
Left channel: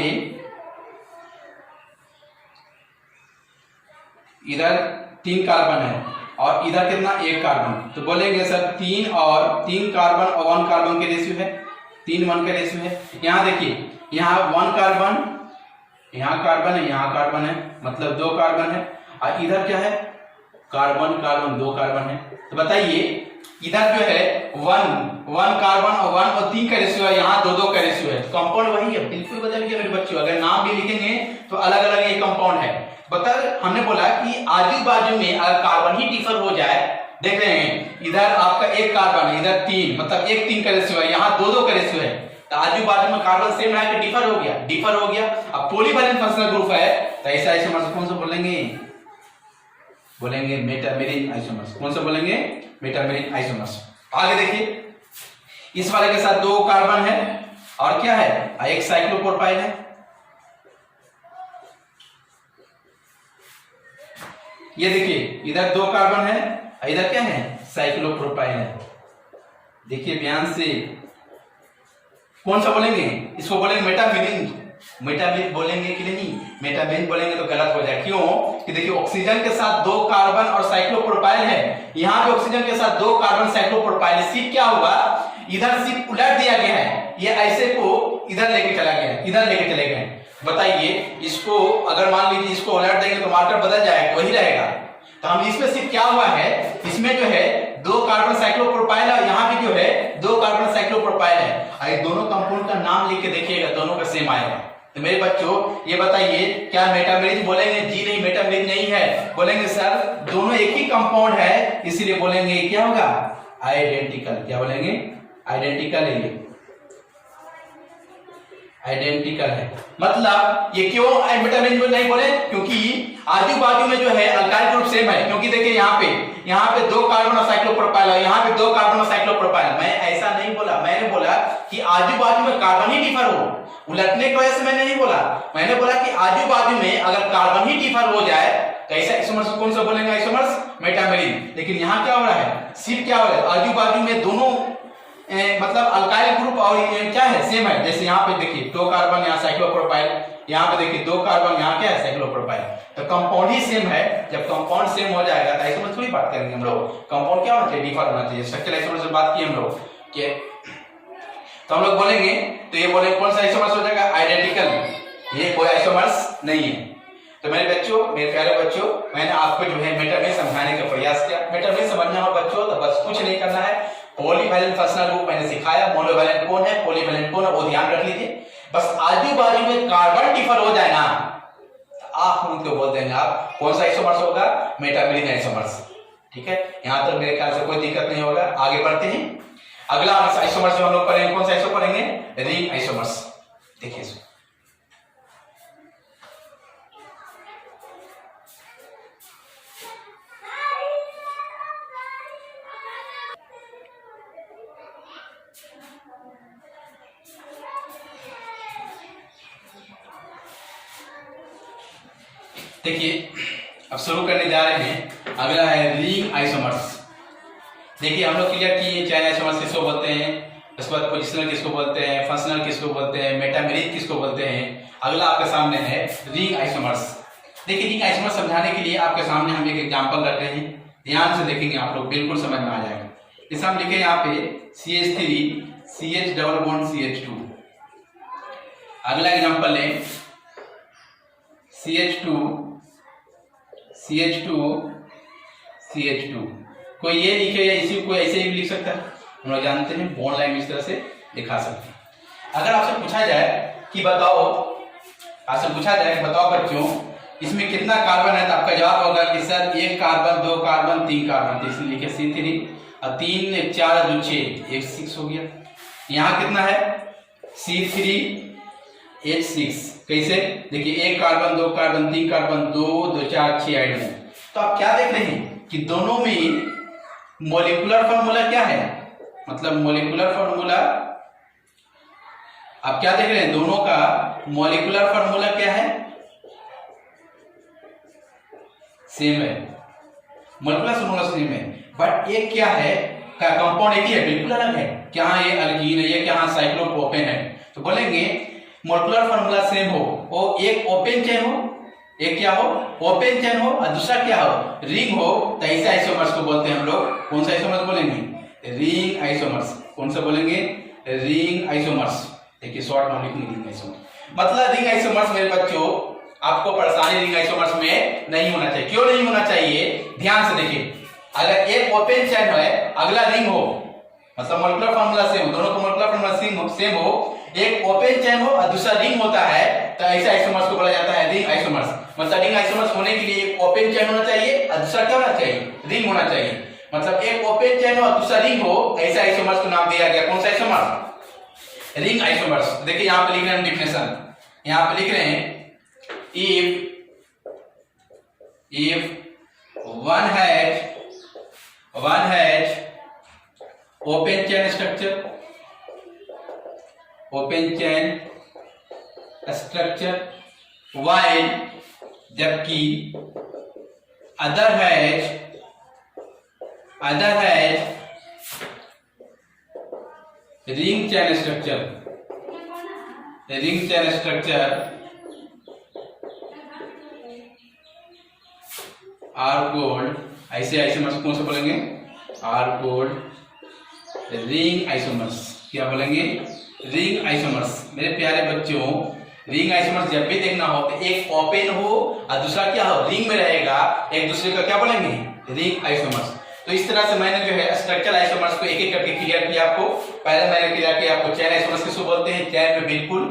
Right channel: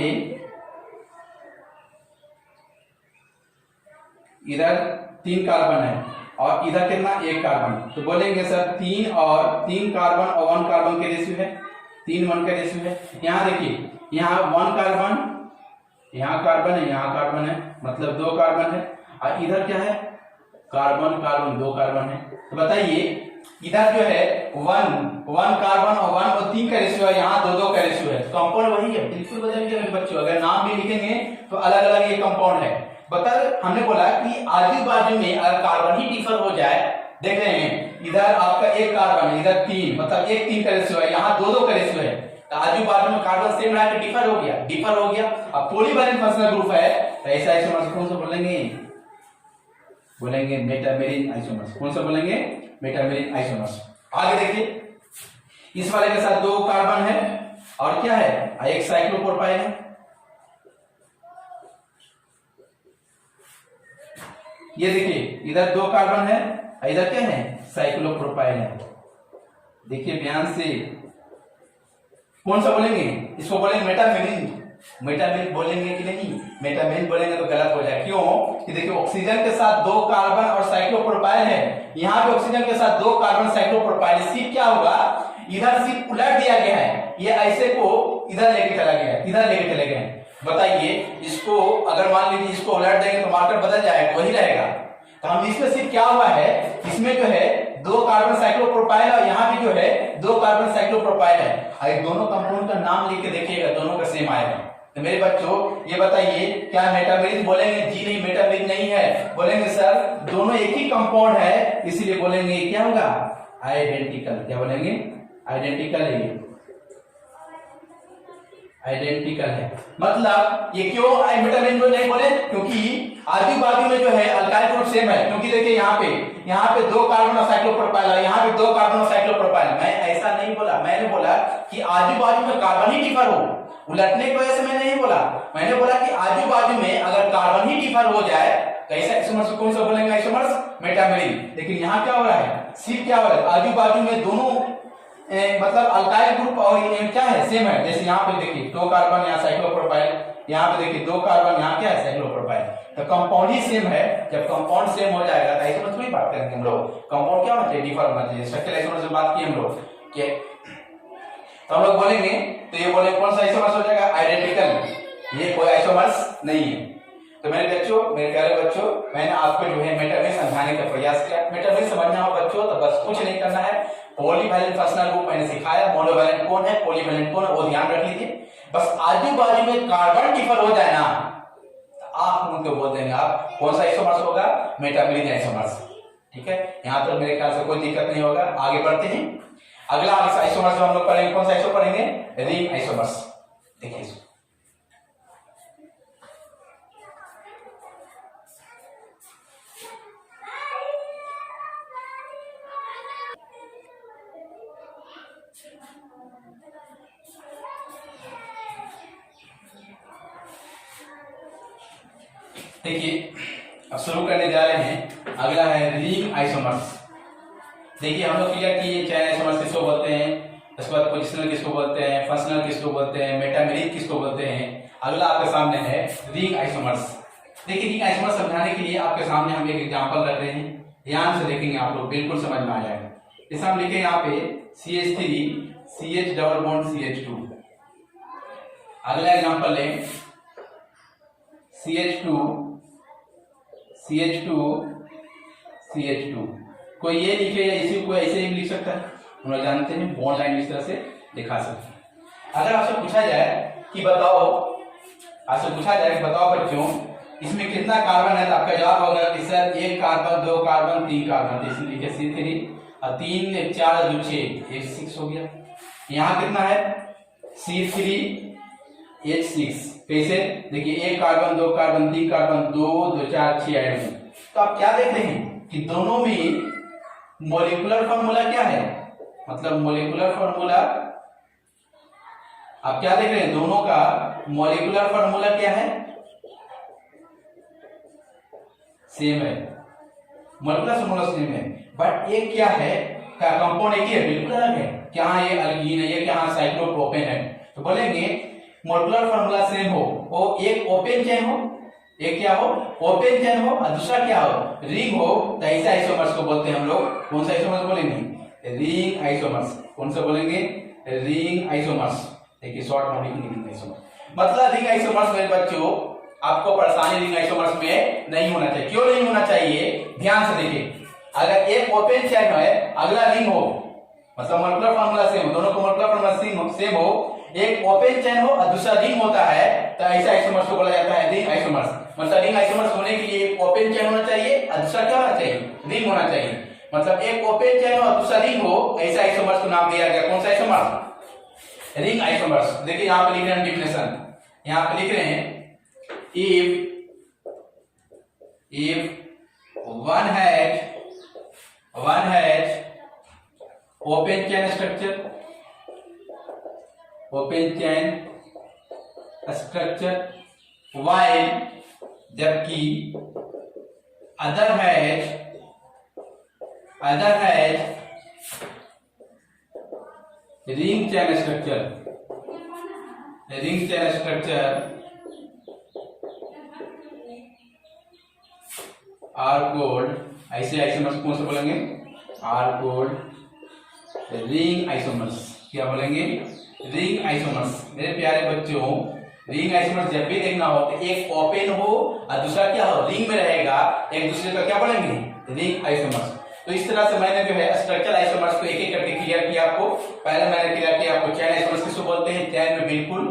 इधर 3 कार्बन है और इधर कितना? 1 कार्बन। तो बोलेंगे सर 3 कार्बन और 1 कार्बन के रेशियो है, 3:1 का रेशियो है। यहाँ देखिए यहाँ 1 कार्बन, यहाँ कार्बन है, यहाँ कार्बन है, मतलब 2 कार्बन है, और इधर क्या है? कार्बन कार्बन 2 कार्बन है। तो बताइए इधर जो है 1 कार्बन और 1 और 3 का रेशियो है, यहाँ 2-2 का रेशियो है। कंपाउंड वही है, बिल्कुल बदल गया मेरे बच्चों। अगर नाम भी लिखेंगे तो अलग अलग ये कंपाउंड है। बता हमने बोला कि आजू बाजू में अगर कार्बन ही डिफर हो जाए, देख रहे हैं इधर आपका 1 कार्बन है, इधर 3, मतलब 1-3 का रेशियो है, यहाँ 2-2 का रेशियो है। तो आजू बाजू में कार्बन सेम रहा कि डिफर हो गया? डिफर हो गया। अब पॉलीवैलेंट फंक्शनल ग्रुप है, तो ऐसा आइसोमर्स कौन सा बोलेंगे? बोलेंगे मेटामेरिक आइसोमर्स। कौन सा बोलेंगे? Metameric isomers. आगे देखिए इस वाले के साथ 2 कार्बन है और क्या है? एक साइक्लोप्रोपाइल है। ये देखिए इधर 2 कार्बन है, इधर क्या है? साइक्लोप्रोपाइल है। देखिए ध्यान से, कौन सा बोलेंगे? इसको बोलेंगे मेटामेरिक। मेटामेरिक बोलेंगे कि नहीं? मेटामेरिक बोलेंगे तो गलत हो जाए। क्यों? कि देखिए ऑक्सीजन के साथ 2 कार्बन और साइक्लोप्रोपाइल है, यहाँ पे ऑक्सीजन के साथ 2 कार्बन साइक्लोप्रोपाइल। सिर्फ क्या हुआ, इधर सिर्फ उलट दिया गया है, ये ऐसे को इधर लेके चला गया, इधर लेके चले गए। बताइए इसको अगर मान लीजिए इसको उलट देंगे तो मार्कर बदल जाएगा, वही रहेगा। तो हम इसमें सिर्फ क्या हुआ है, इसमें जो है 2 कार्बन साइक्लोप्रोपाइल और यहाँ भी जो है 2 कार्बन साइक्लोप्रोपाइल है। ये दोनों कंपाउंड का नाम लिख के देखिएगा, दोनों का सेम आएगा। तो मेरे बच्चों ये बताइए क्या मेटामेरिक बोलेंगे? जी नहीं, मेटामेरिक नहीं है। बोलेंगे सर दोनों एक ही कंपाउंड है, इसलिए बोलेंगे क्या होगा? आइडेंटिकल। क्या बोलेंगे? आइडेंटिकल है, ये आइडेंटिकल है। मतलब ये क्यों मेटामेरिक नहीं बोले? क्योंकि आजू बाजू में जो है अल्काइल ग्रुप सेम है। क्योंकि देखिए यहाँ पे 2 कार्बन और साइक्लोप्रोपाइल है, यहाँ पे 2 कार्बन और साइक्लोप्रोपाइल। मैं ऐसा नहीं बोला, मैंने बोला कि आजू बाजू में कार्बन ही डिफर हो, उलटने की वजह से मैंने नहीं बोला। मैंने बोला कि आजू बाजू में अगर कार्बन ही डिफर हो जाए तो ऐसा आइसोमर्स कौन सा बोलेंगे? Isomers metameric. लेकिन यहाँ क्या हो रहा है? सिर्फ क्या हो रहा है, आजू बाजू में दोनों मतलब अल्काइल ग्रुप और क्या है? सेम है। जैसे यहाँ पे देखिए 2 कार्बन, यहाँ साइक्लोप्रोपाइल, यहाँ पे देखिए 2 कार्बन, यहाँ क्या है? साइक्लोप्रोपाइल। तो कंपाउंड ही सेम है। जब कंपाउंड सेम हो जाएगा तो आइसोमर्स थोड़ी बात करेंगे हम लोग। कंपाउंड क्या होना चाहिए? डिफर होना चाहिए। स्ट्रक्चरल आइसोमर्स से बात की हम लोग कि तो हम लोग बोलेंगे, तो ये बोले कौन सा आइसोमर्स हो जाएगा? आइडेंटिकल। ये कोई आइसोमर्स नहीं है। तो मेरे बच्चों, मेरे प्यारे बच्चों, मैंने आपको जो है मेटामेरिक समझाने का प्रयास किया। मेटामेरिक समझना हो बच्चों तो बस कुछ नहीं करना है, पॉलीवैलेंट फंक्शनल ग्रुप मैंने सिखाया, मोनोवैलेंट कौन है, पॉलीवैलेंट कौन है, वो ध्यान रख लीजिए। बस आजू बाजू में कार्बन डिफर हो जाए ना, आप उनको बोल देंगे आप कौन सा आइसोमर्स होगा, मेटामेरिक आइसोमर्स। ठीक है, यहाँ तक मेरे ख्याल से कोई दिक्कत नहीं होगा। आगे बढ़ते हैं, अगला आइसोमर्स जो हम लोग पढ़ेंगे, कौन सा आइसो पढ़ेंगे, रिंग आइसोमर्स। देखिए इसको, देखिए अब शुरू करने जा रहे हैं। अगला है रिंग आइसोमर्स। देखिए हम लोग क्लियर किए चैन आइसोमर्स किसको बोलते हैं, उसके बाद पोजिशनल किसको बोलते हैं, फंक्शनल किसको बोलते हैं, मेटामेरिक किसको बोलते हैं। अगला आपके सामने है रिंग आइसोमर्स। देखिए रिंग आइसोमर्स समझाने के लिए आपके सामने हम एक एग्जांपल रख रहे हैं, ध्यान से देखेंगे आप लोग, बिल्कुल समझ में आ जाएगा। इसे हम लिखे यहाँ पे CH3 CH double bond CH2। अगला एग्जांपल है CH2 CH2 CH2। कोई ये लिखे या इसी को ऐसे ही लिख सकता है, हम लोग जानते हैं बॉन्ड लाइन इस तरह से दिखा सकते हैं। अगर आपसे पूछा जाए कि बताओ, आपसे पूछा जाए बताओ बच्चों इसमें कितना कार्बन है, तो आपका जवाब होगा कि सर 1 कार्बन 2 कार्बन 3 कार्बन, तो इसलिए लिखे C3 और 3 4 जो 6 एक 6 हो गया। यहाँ कितना है C3H6। कैसे, देखिए 1 कार्बन 2 कार्बन 3 कार्बन 2 2 4 6 ऐड में। तो आप क्या देख रहे हैं कि दोनों में मॉलिक्यूलर फॉर्मूला क्या है, मतलब मॉलिक्यूलर फॉर्मूला आप क्या देख रहे हैं, दोनों का मॉलिक्यूलर फॉर्मूला क्या है, सेम है, मॉलिक्यूलर फॉर्मूला सेम है। बट एक क्या है, क्या कंपाउंड एक ही है, बिल्कुल अलग है। क्या ये अल्कीन है, ये क्या साइक्लोप्रोपेन है। तो बोलेंगे मॉलिक्यूलर फॉर्मूला सेम हो, वो एक ओपन चेन हो, एक क्या हो ओपन चेन हो, और दूसरा क्या हो रिंग हो, तो ऐसे आइसोमर्स को बोलते हैं हम लोग। कौन सा आइसोमर्स बोलेंगे, रिंग आइसोमर्स। कौन सा बोलेंगे, रिंग आइसोमर्स। देखिए शॉर्ट में लिखेंगे रिंग आइसोमर्स। मतलब रिंग आइसोमर्स मेरे बच्चों आपको परेशानी रिंग आइसोमर्स में नहीं होना चाहिए। क्यों नहीं होना चाहिए, ध्यान से देखिए, अगर एक ओपन चेन है अगला रिंग हो, मतलब मॉलिक्यूलर फॉर्मूला सेम हो, दोनों को मॉलिक्यूलर फॉर्मूला सेम हो, एक ओपन चेन हो और दूसरा रिंग होता है, तो ऐसे आइसोमर्स को बोला जाता है रिंग आइसोमर्स। मतलब रिंग आइसोमर्स होने के लिए एक ओपन चेन होना चाहिए और दूसरा क्या होना चाहिए, रिंग होना चाहिए। मतलब एक ओपन चेन हो और दूसरा रिंग हो, ऐसे आइसोमर्स को नाम दिया गया। कौन सा आइसोमर्स, रिंग आइसोमर्स। देखिए यहाँ पे लिख रहे हैं डिफिनेशन, यहाँ पे लिख रहे हैं if one has open chain structure while जबकि other has ring chain structure are called, ऐसे आइसोमर्स कौन से बोलेंगे, आर कोल्ड रिंग आइसोमर्स। क्या बोलेंगे, रिंग आइसोमर्स। मेरे प्यारे बच्चों रिंग आइसोमर्स जब भी देखना हो तो एक ओपन हो और दूसरा क्या हो रिंग में रहेगा, एक दूसरे का क्या बोलेंगे, रिंग आइसोमर्स। तो इस तरह से मैंने जो है स्ट्रक्चरल आइसोमर्स को एक एक करके क्लियर किया आपको। पहले मैंने क्लियर किया आपको चेन आइसोमर्स किसको बोलते हैं, चेन में बिल्कुल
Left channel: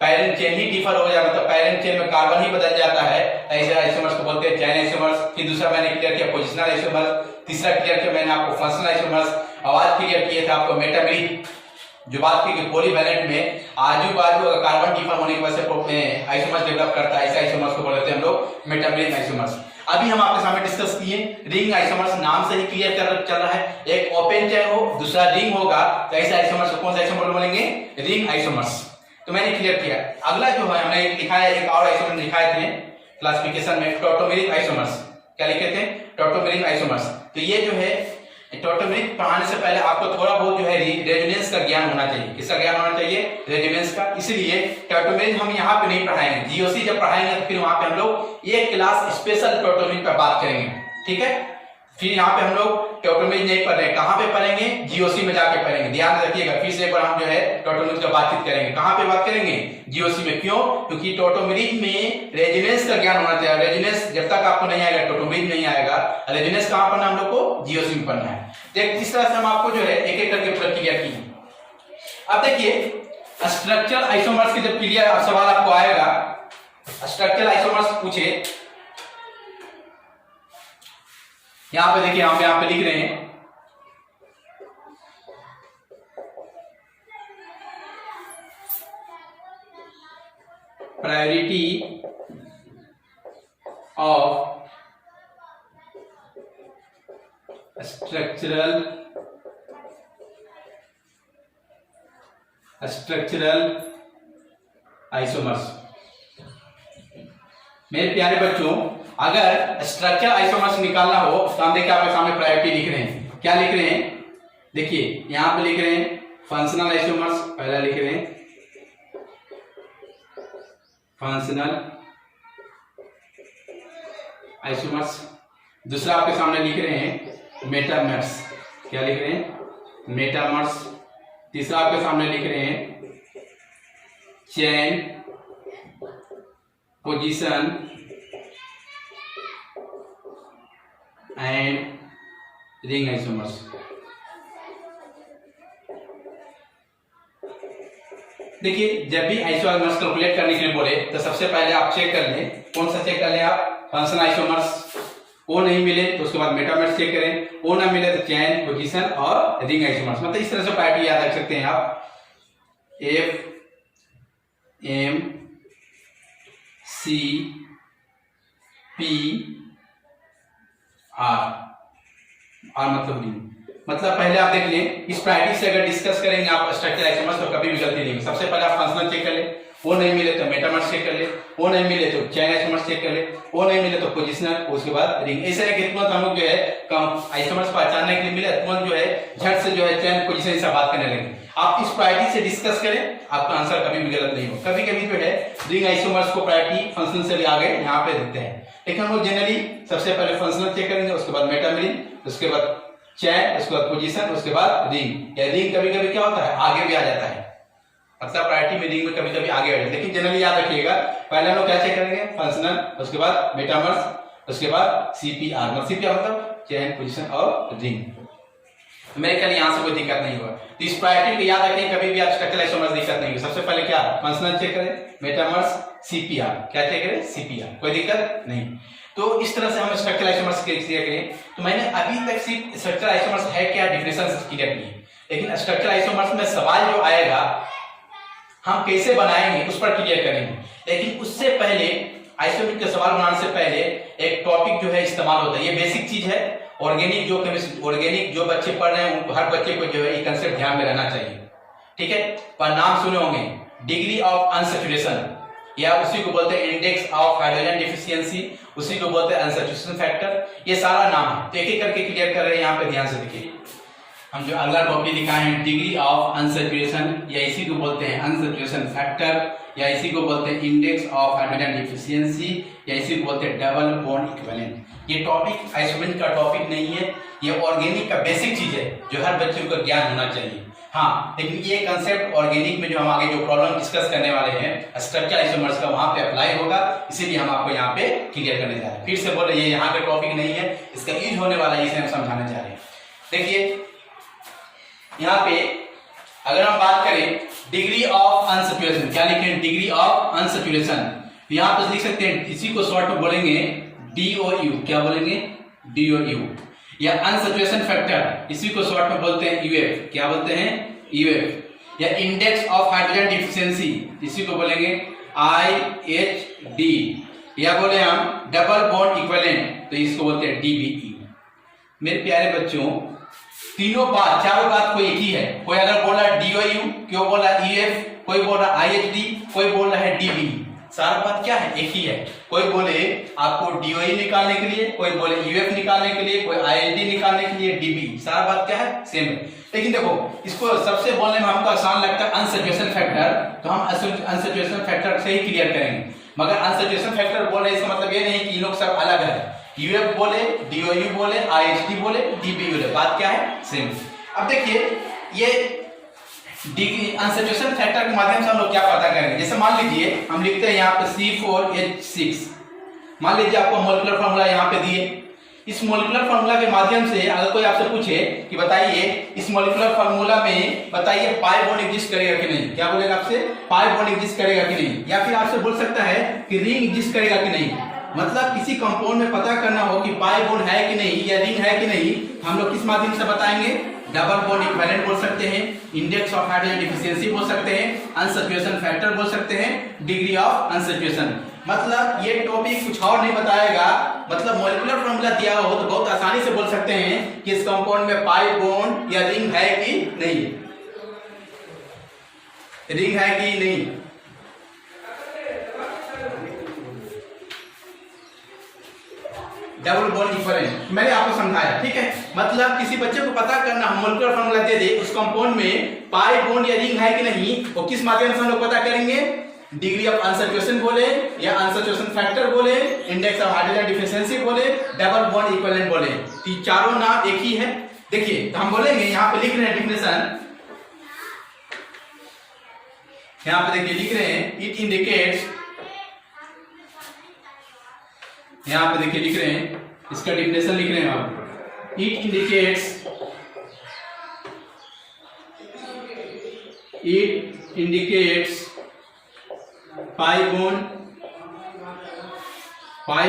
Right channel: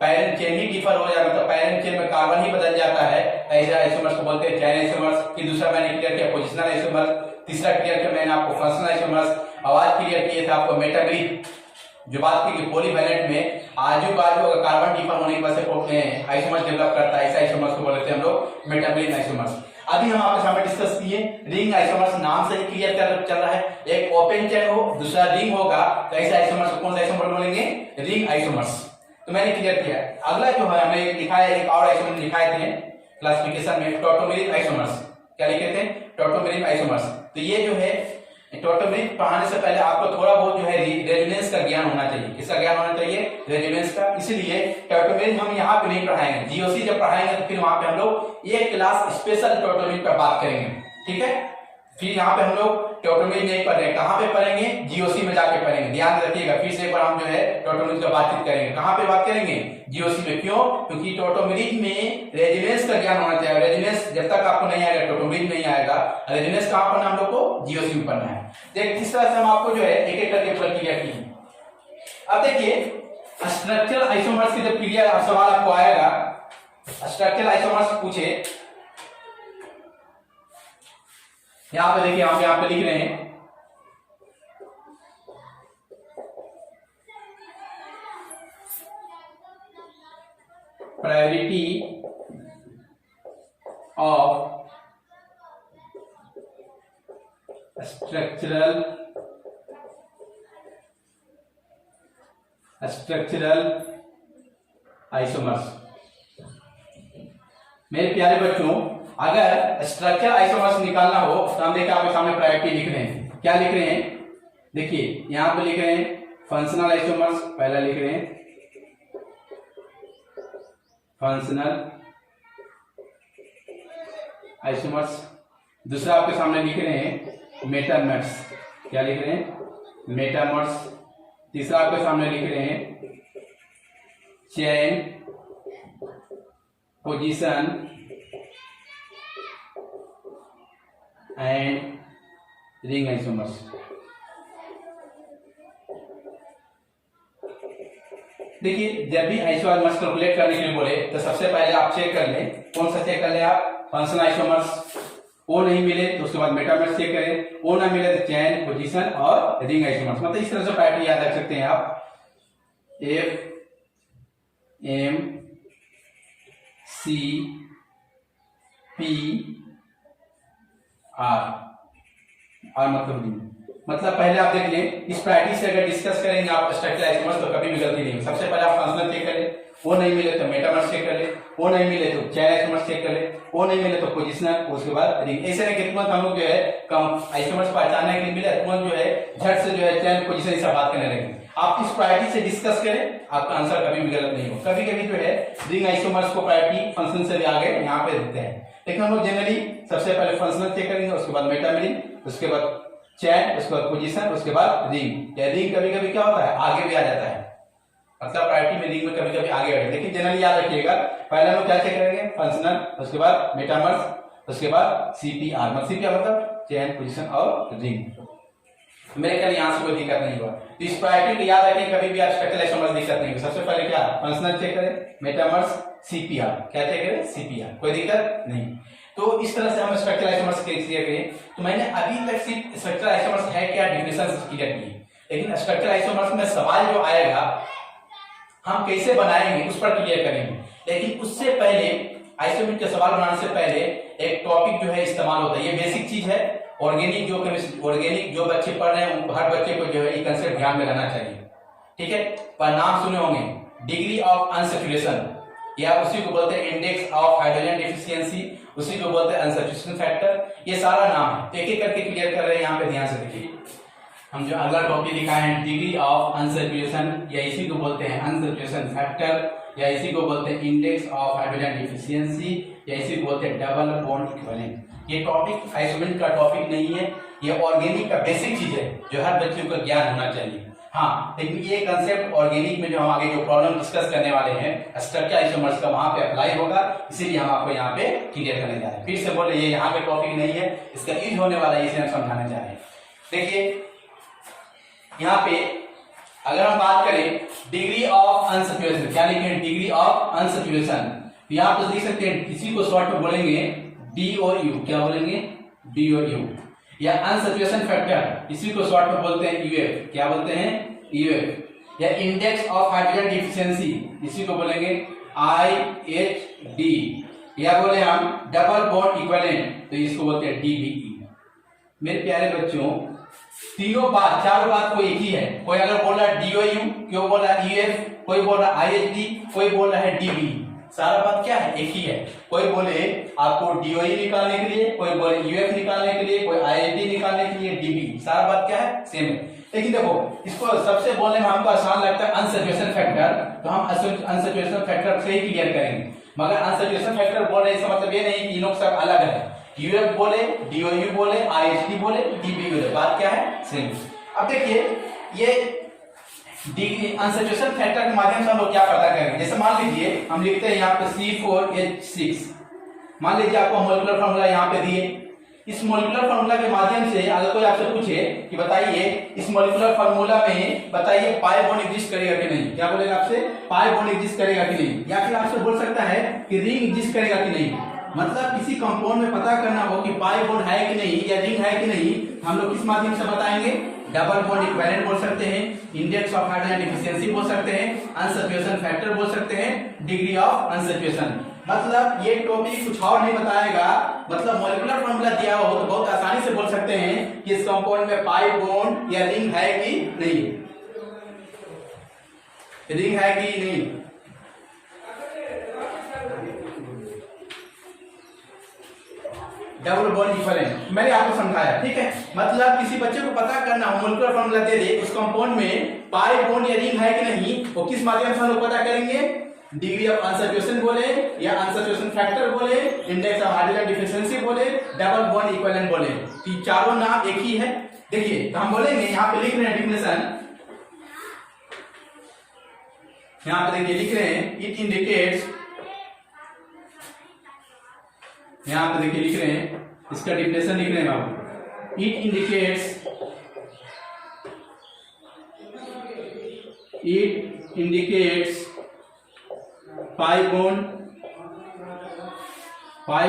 पैरेंट चेन ही डिफर हो जाता है, मतलब पैरेंट चेन में कार्बन ही बदल जाता है, ऐसे आइसोमर्स को बोलते हैं चेन आइसोमर्स। फिर दूसरा मैंने क्लियर किया पोजिशनल आइसोमर्स, तीसरा क्लियर किया मैंने आपको फंक्शनल आइसोमर्स, आवाज क्लियर किए थे आपको मेटामेरिक। जो बात की पॉलीवैलेंट में आजू बाजू अगर कार्बन डिफर होने की वजह से आइसोमर्स डेवलप करता है, ऐसे आइसोमर्स को बोलते हैं हम लोग मेटामेरिक आइसोमर्स। अभी हम आपके सामने डिस्कस किए रिंग आइसोमर्स, नाम से ही क्लियर कर चल रहा है, एक ओपन चेन हो दूसरा रिंग होगा, तो ऐसे आइसोमर्स को कौन सा आइसोमर बोलेंगे, रिंग आइसोमर्स। तो मैंने क्लियर किया। अगला जो है हमने लिखा है, एक और आइसोमर दिखाए थे क्लासिफिकेशन में, टॉटोमेरिक आइसोमर्स। क्या लिखे थे, टॉटोमेरिक आइसोमर्स। तो ये जो है टॉटोमेरिक पढ़ाने से पहले आपको थोड़ा बहुत जो है रेजोनेंस का ज्ञान होना चाहिए। किसका ज्ञान होना चाहिए, रेजोनेंस का। इसलिए टॉटोमेरिक हम यहाँ पे नहीं पढ़ाएंगे, जीओसी जब पढ़ाएंगे तो फिर वहां पे हम लोग एक क्लास स्पेशल टॉटोमेरिक पर बात करेंगे, ठीक है। फिर यहाँ पे हम लोग टॉटोमेरिक नहीं पढ़ रहे, कहाँ पे पढ़ेंगे, जीओसी में जाके पढ़ेंगे। ध्यान रखिएगा, फिर से एक बार हम जो है टॉटोमेरिक का बातचीत करेंगे। कहाँ पे बात करेंगे, जीओसी में। क्यों, क्योंकि टॉटोमेरिक में रेजोनेंस का ज्ञान होना चाहिए। रेजोनेंस जब तक आपको नहीं आएगा टॉटोमेरिक नहीं आएगा। रेजोनेंस कहाँ पढ़ना हम लोग को, जीओसी में पढ़ना है। देख इस तरह से हम आपको जो है एक एक करके प्रक्रिया की। अब देखिए स्ट्रक्चरल आइसोमर्स की जब क्लियर सवाल आपको आएगा स्ट्रक्चरल आइसोमर्स पूछे, यहां पे देखिए, यहां पे लिख रहे हैं प्रायोरिटी ऑफ स्ट्रक्चरल आइसोमर्स। मेरे प्यारे बच्चों, अगर स्ट्रक्चरल आइसोमर्स निकालना हो तो हम देखिए आपके सामने प्रायोरिटी लिख रहे हैं। क्या लिख रहे हैं? देखिए यहां पे लिख रहे हैं फंक्शनल आइसोमर्स, पहला लिख रहे हैं फंक्शनल आइसोमर्स, दूसरा आपके सामने लिख रहे हैं मेटामर्स। क्या लिख रहे हैं? मेटामर्स। तीसरा आपके सामने लिख रहे हैं chain position and ring isomers. देखिए जब भी आइसोमर्स कैलकुलेट करने के लिए बोले तो सबसे पहले आप चेक कर लें, कौन सा चेक कर लें आप? Functional isomers. वो नहीं मिले तो उसके बाद मेटामर्स चेक करें, वो ना मिले तो चेन पोजीशन और रिंग आइसोमर्स। मतलब इस तरह से पैटर्न याद रख सकते हैं आप, F M C P R मतलब रिंग। मतलब पहले आप देख लें, इस प्रायोरिटी से अगर डिस्कस करेंगे आप स्ट्रक्चरल आइसोमर्स तो कभी भी गलती नहीं होगी। सबसे पहले आप फंक्शनल चेक कर ले, वो नहीं मिले तो मेटामर्स चेक कर ले, वो नहीं मिले तो चेन आइसोमर्स चेक कर ले, वो नहीं मिले तो पोजिशनल, उसके बाद रिंग। ऐसे नहीं कि तुरंत हम लोग जो है कम आइसोमर्स पहचानने के लिए मिले तुरंत जो है झट से जो है चेन पोजिशन से बात करने लगे। आप इस प्रायोरिटी से डिस्कस करें, आपका आंसर कभी भी गलत नहीं होगा। कभी कभी जो है रिंग आइसोमर्स को प्रायोरिटी फंक्शन से भी आगे यहाँ पे देते हैं, लेकिन हम लोग जनरली सबसे पहले फंक्शनल चेक करेंगे, उसके बाद मेटामरिंग, उसके बाद चेन, उसके बाद पोजीशन, उसके बाद रिंग। या रिंग कभी कभी क्या होता है आगे भी आ जाता है, मतलब प्रायोरिटी में रिंग में कभी कभी आगे आ जाता है, लेकिन जनरली याद रखिएगा पहले हम लोग क्या चेक करेंगे? फंक्शनल, उसके बाद मेटामर्स, उसके बाद सीपीआर। मतलब सीपीआर मतलब चेन पोजीशन और रिंग। मेरे ख्याल यहाँ से कोई दिक्कत नहीं होगा। तो इस प्रायोरिटी को याद रखें, कभी भी आप स्ट्रक्चरल आइसोमर्स दिक्कत नहीं होगी। सबसे पहले क्या फंक्शनल चेक करें, मेटामर्स, सीपीआर। क्या चेक करें? सीपीआर। कोई दिक्कत नहीं। तो इस तरह से हम स्ट्रक्चरल आइसोमर्स क्लियर करें। तो मैंने अभी तक सिर्फ स्ट्रक्चरल आइसोमर्स है क्या डेफिनेशन क्लियर किए, लेकिन स्ट्रक्चरल आइसोमर्स में सवाल जो आएगा हम कैसे बनाएंगे उस पर क्लियर करेंगे। लेकिन उससे पहले आइसोमर्स के सवाल बनाने से पहले एक टॉपिक जो है इस्तेमाल होता है, ये बेसिक चीज है। ऑर्गेनिक जो ऑर्गेनिक जो बच्चे पढ़ रहे हैं उनको, हर बच्चे को जो है ये कंसेप्ट ध्यान में रहना चाहिए। ठीक है, पर नाम सुने होंगे डिग्री ऑफ अनसैचुरेशन, या उसी को बोलते हैं इंडेक्स ऑफ हाइड्रोजन डिफिशियंसी, उसी को बोलते हैं अनसैचुरेशन फैक्टर। ये सारा नाम है, तो एक एक करके क्लियर कर रहे हैं। यहाँ पे ध्यान से देखिए, हम जो अगला टॉपिक दिखाए हैं डिग्री ऑफ अनसैचुरेशन, या इसी को बोलते हैं अनसैचुरेशन फैक्टर, या इसी को बोलते हैं इंडेक्स ऑफ हाइड्रोजन डिफिशियंसी, या इसी को बोलते हैं डबल बॉन्ड इक्विवेलेंट। ये टॉपिक आइसोमर्स का टॉपिक नहीं है, ये ऑर्गेनिक का बेसिक चीज है जो हर बच्चे को ज्ञान होना चाहिए। हाँ, लेकिन ये कंसेप्ट ऑर्गेनिक में जो हम आगे जो प्रॉब्लम डिस्कस करने वाले हैं स्ट्रक्चरल आइसोमर्स का, वहां पे अप्लाई होगा, इसीलिए हम आपको यहाँ पे क्लियर करने जा रहे हैं। फिर से बोले ये यहाँ पे टॉपिक नहीं है, इसका यूज होने वाला है, इसे हम समझाने जा रहे हैं। देखिए यहाँ पे अगर हम बात करें डिग्री ऑफ अनसैचुरेशन, क्या लिखें? Degree of unsaturation. यहाँ पे लिख सकते हैं, इसी को शॉर्ट में बोलेंगे DOU। क्या बोलेंगे? DOU। या अनसैचुरेशन फैक्टर, इसी को शॉर्ट में बोलते हैं UF। क्या बोलते हैं? UF। या इंडेक्स ऑफ हाइड्रोजन डिफिशियंसी, इसी को बोलेंगे IHD। या बोले हम डबल बॉन्ड इक्विवेलेंट, तो इसको बोलते हैं DBE। मेरे प्यारे बच्चों, तीनों बात, चारों बात कोई एक ही है। कोई अगर बोल रहा है DOU, क्यों बोल रहा है UF, कोई बोल रहा है IHD, कोई बोल रहा है DBE, सारा बात क्या है? एक ही है। कोई बोले आपको DOE निकालने के लिए, कोई बोले UF निकालने के लिए, कोई IHD निकालने के लिए DBE, सारा बात क्या है? सेम है। लेकिन देखो इसको सबसे बोलने में हमको आसान लगता है अनसैचुरेशन फैक्टर, तो हम अनसैचुरेशन फैक्टर से ही क्लियर करेंगे। मगर अनसैचुरेशन फैक्टर बोल रहे इसका मतलब ये नहीं कि इन लोग सब अलग है। UF बोले, DOU बोले, IHD बोले, DBE बोले, बात क्या है? सेम। अब देखिए ये डिग्री अनसैचुरेशन फैक्टर के माध्यम से हम लोग क्या पता करेंगे? जैसे मान लीजिए हम लिखते हैं यहाँ पे C4H6, मान लीजिए आपको मॉलिक्यूलर फार्मूला यहाँ पे दिए, इस मॉलिक्यूलर फार्मूला के माध्यम से अगर कोई आपसे पूछे कि बताइए इस मॉलिक्यूलर फार्मूला में बताइए पाई बॉन्ड एग्जिस्ट करेगा कि नहीं, क्या बोलेगा आपसे? पाई बॉन्ड एग्जिस्ट करेगा कि नहीं। या फिर आपसे बोल सकता है कि रिंग एग्जिस्ट करेगा कि नहीं। मतलब किसी कंपाउंड में पता करना हो कि पाई बॉन्ड है कि नहीं या रिंग है कि नहीं, हम लोग किस माध्यम से बताएंगे? डबल बॉन्ड इक्विवेलेंट बोल सकते हैं, इंडेक्स ऑफ हाइड्रोजन डिफिशिएंसी बोल सकते हैं, अनसैचुरेशन फैक्टर बोल सकते हैं, डिग्री ऑफ अनसैचुरेशन। मतलब ये टॉपिक कुछ और नहीं बताएगा, मतलब मॉलिक्यूलर फार्मूला दिया हो तो बहुत आसानी से बोल सकते हैं कि इस कंपाउंड में पाई बॉन्ड या रिंग है कि नहीं, रिंग है कि नहीं। डबल बॉन्ड इक्विवेलेंट मैंने आपको समझाया, ठीक है। मतलब किसी बच्चे को पता करना हो मॉलिक्यूलर फार्मूला दे दे उस कंपाउंड में पाई बॉन्ड या रिंग है कि नहीं, वो किस माध्यम से हम लोग पता करेंगे? डिग्री ऑफ अनसैचुरेशन बोले या अनसैचुरेशन फैक्टर बोले, इंडेक्स ऑफ हाइड्रोजन डिफिशिएंसी बोले, डबल बॉन्ड इक्विवेलेंट बोले, तो चारों नाम एक ही है। देखिए तो हम बोलेंगे, यहाँ पे लिख रहे हैं डेफिनेशन, यहाँ पे देखिए लिख रहे हैं इट इंडिकेट्स, यहाँ पे देखिए लिख रहे हैं इसका डेफिनेशन लिख रहे हैं आप, it indicates pi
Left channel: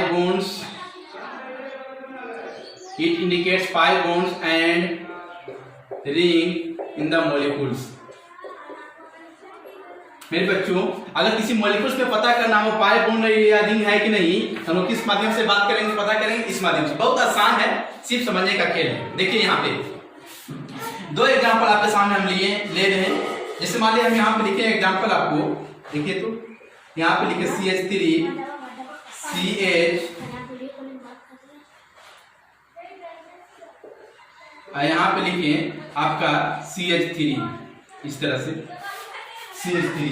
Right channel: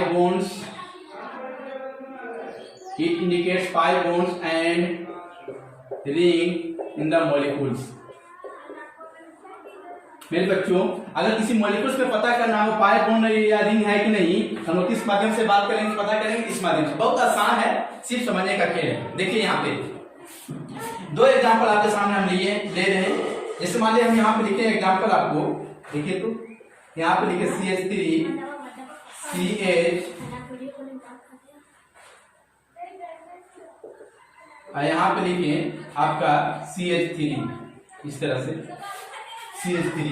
bonds, it indicates pi bonds and ring in the molecules। मेरे बच्चों अगर किसी मॉलिक्यूल्स में पता करना हो पाई बॉन्ड या रिंग है कि नहीं, हम लोग किस माध्यम से बात करेंगे, पता करेंगे इस माध्यम से। बहुत आसान है, सिर्फ समझने का खेल है। देखिए यहाँ पे दो एग्जांपल आपके सामने हम ले रहे हैं। जैसे मान लिया हम यहाँ पे लिखे एग्जांपल आपको, देखिए तो यहाँ पे लिखे CH3 CH और यहाँ पे लिखे आपका CH3, इस तरह से CH3।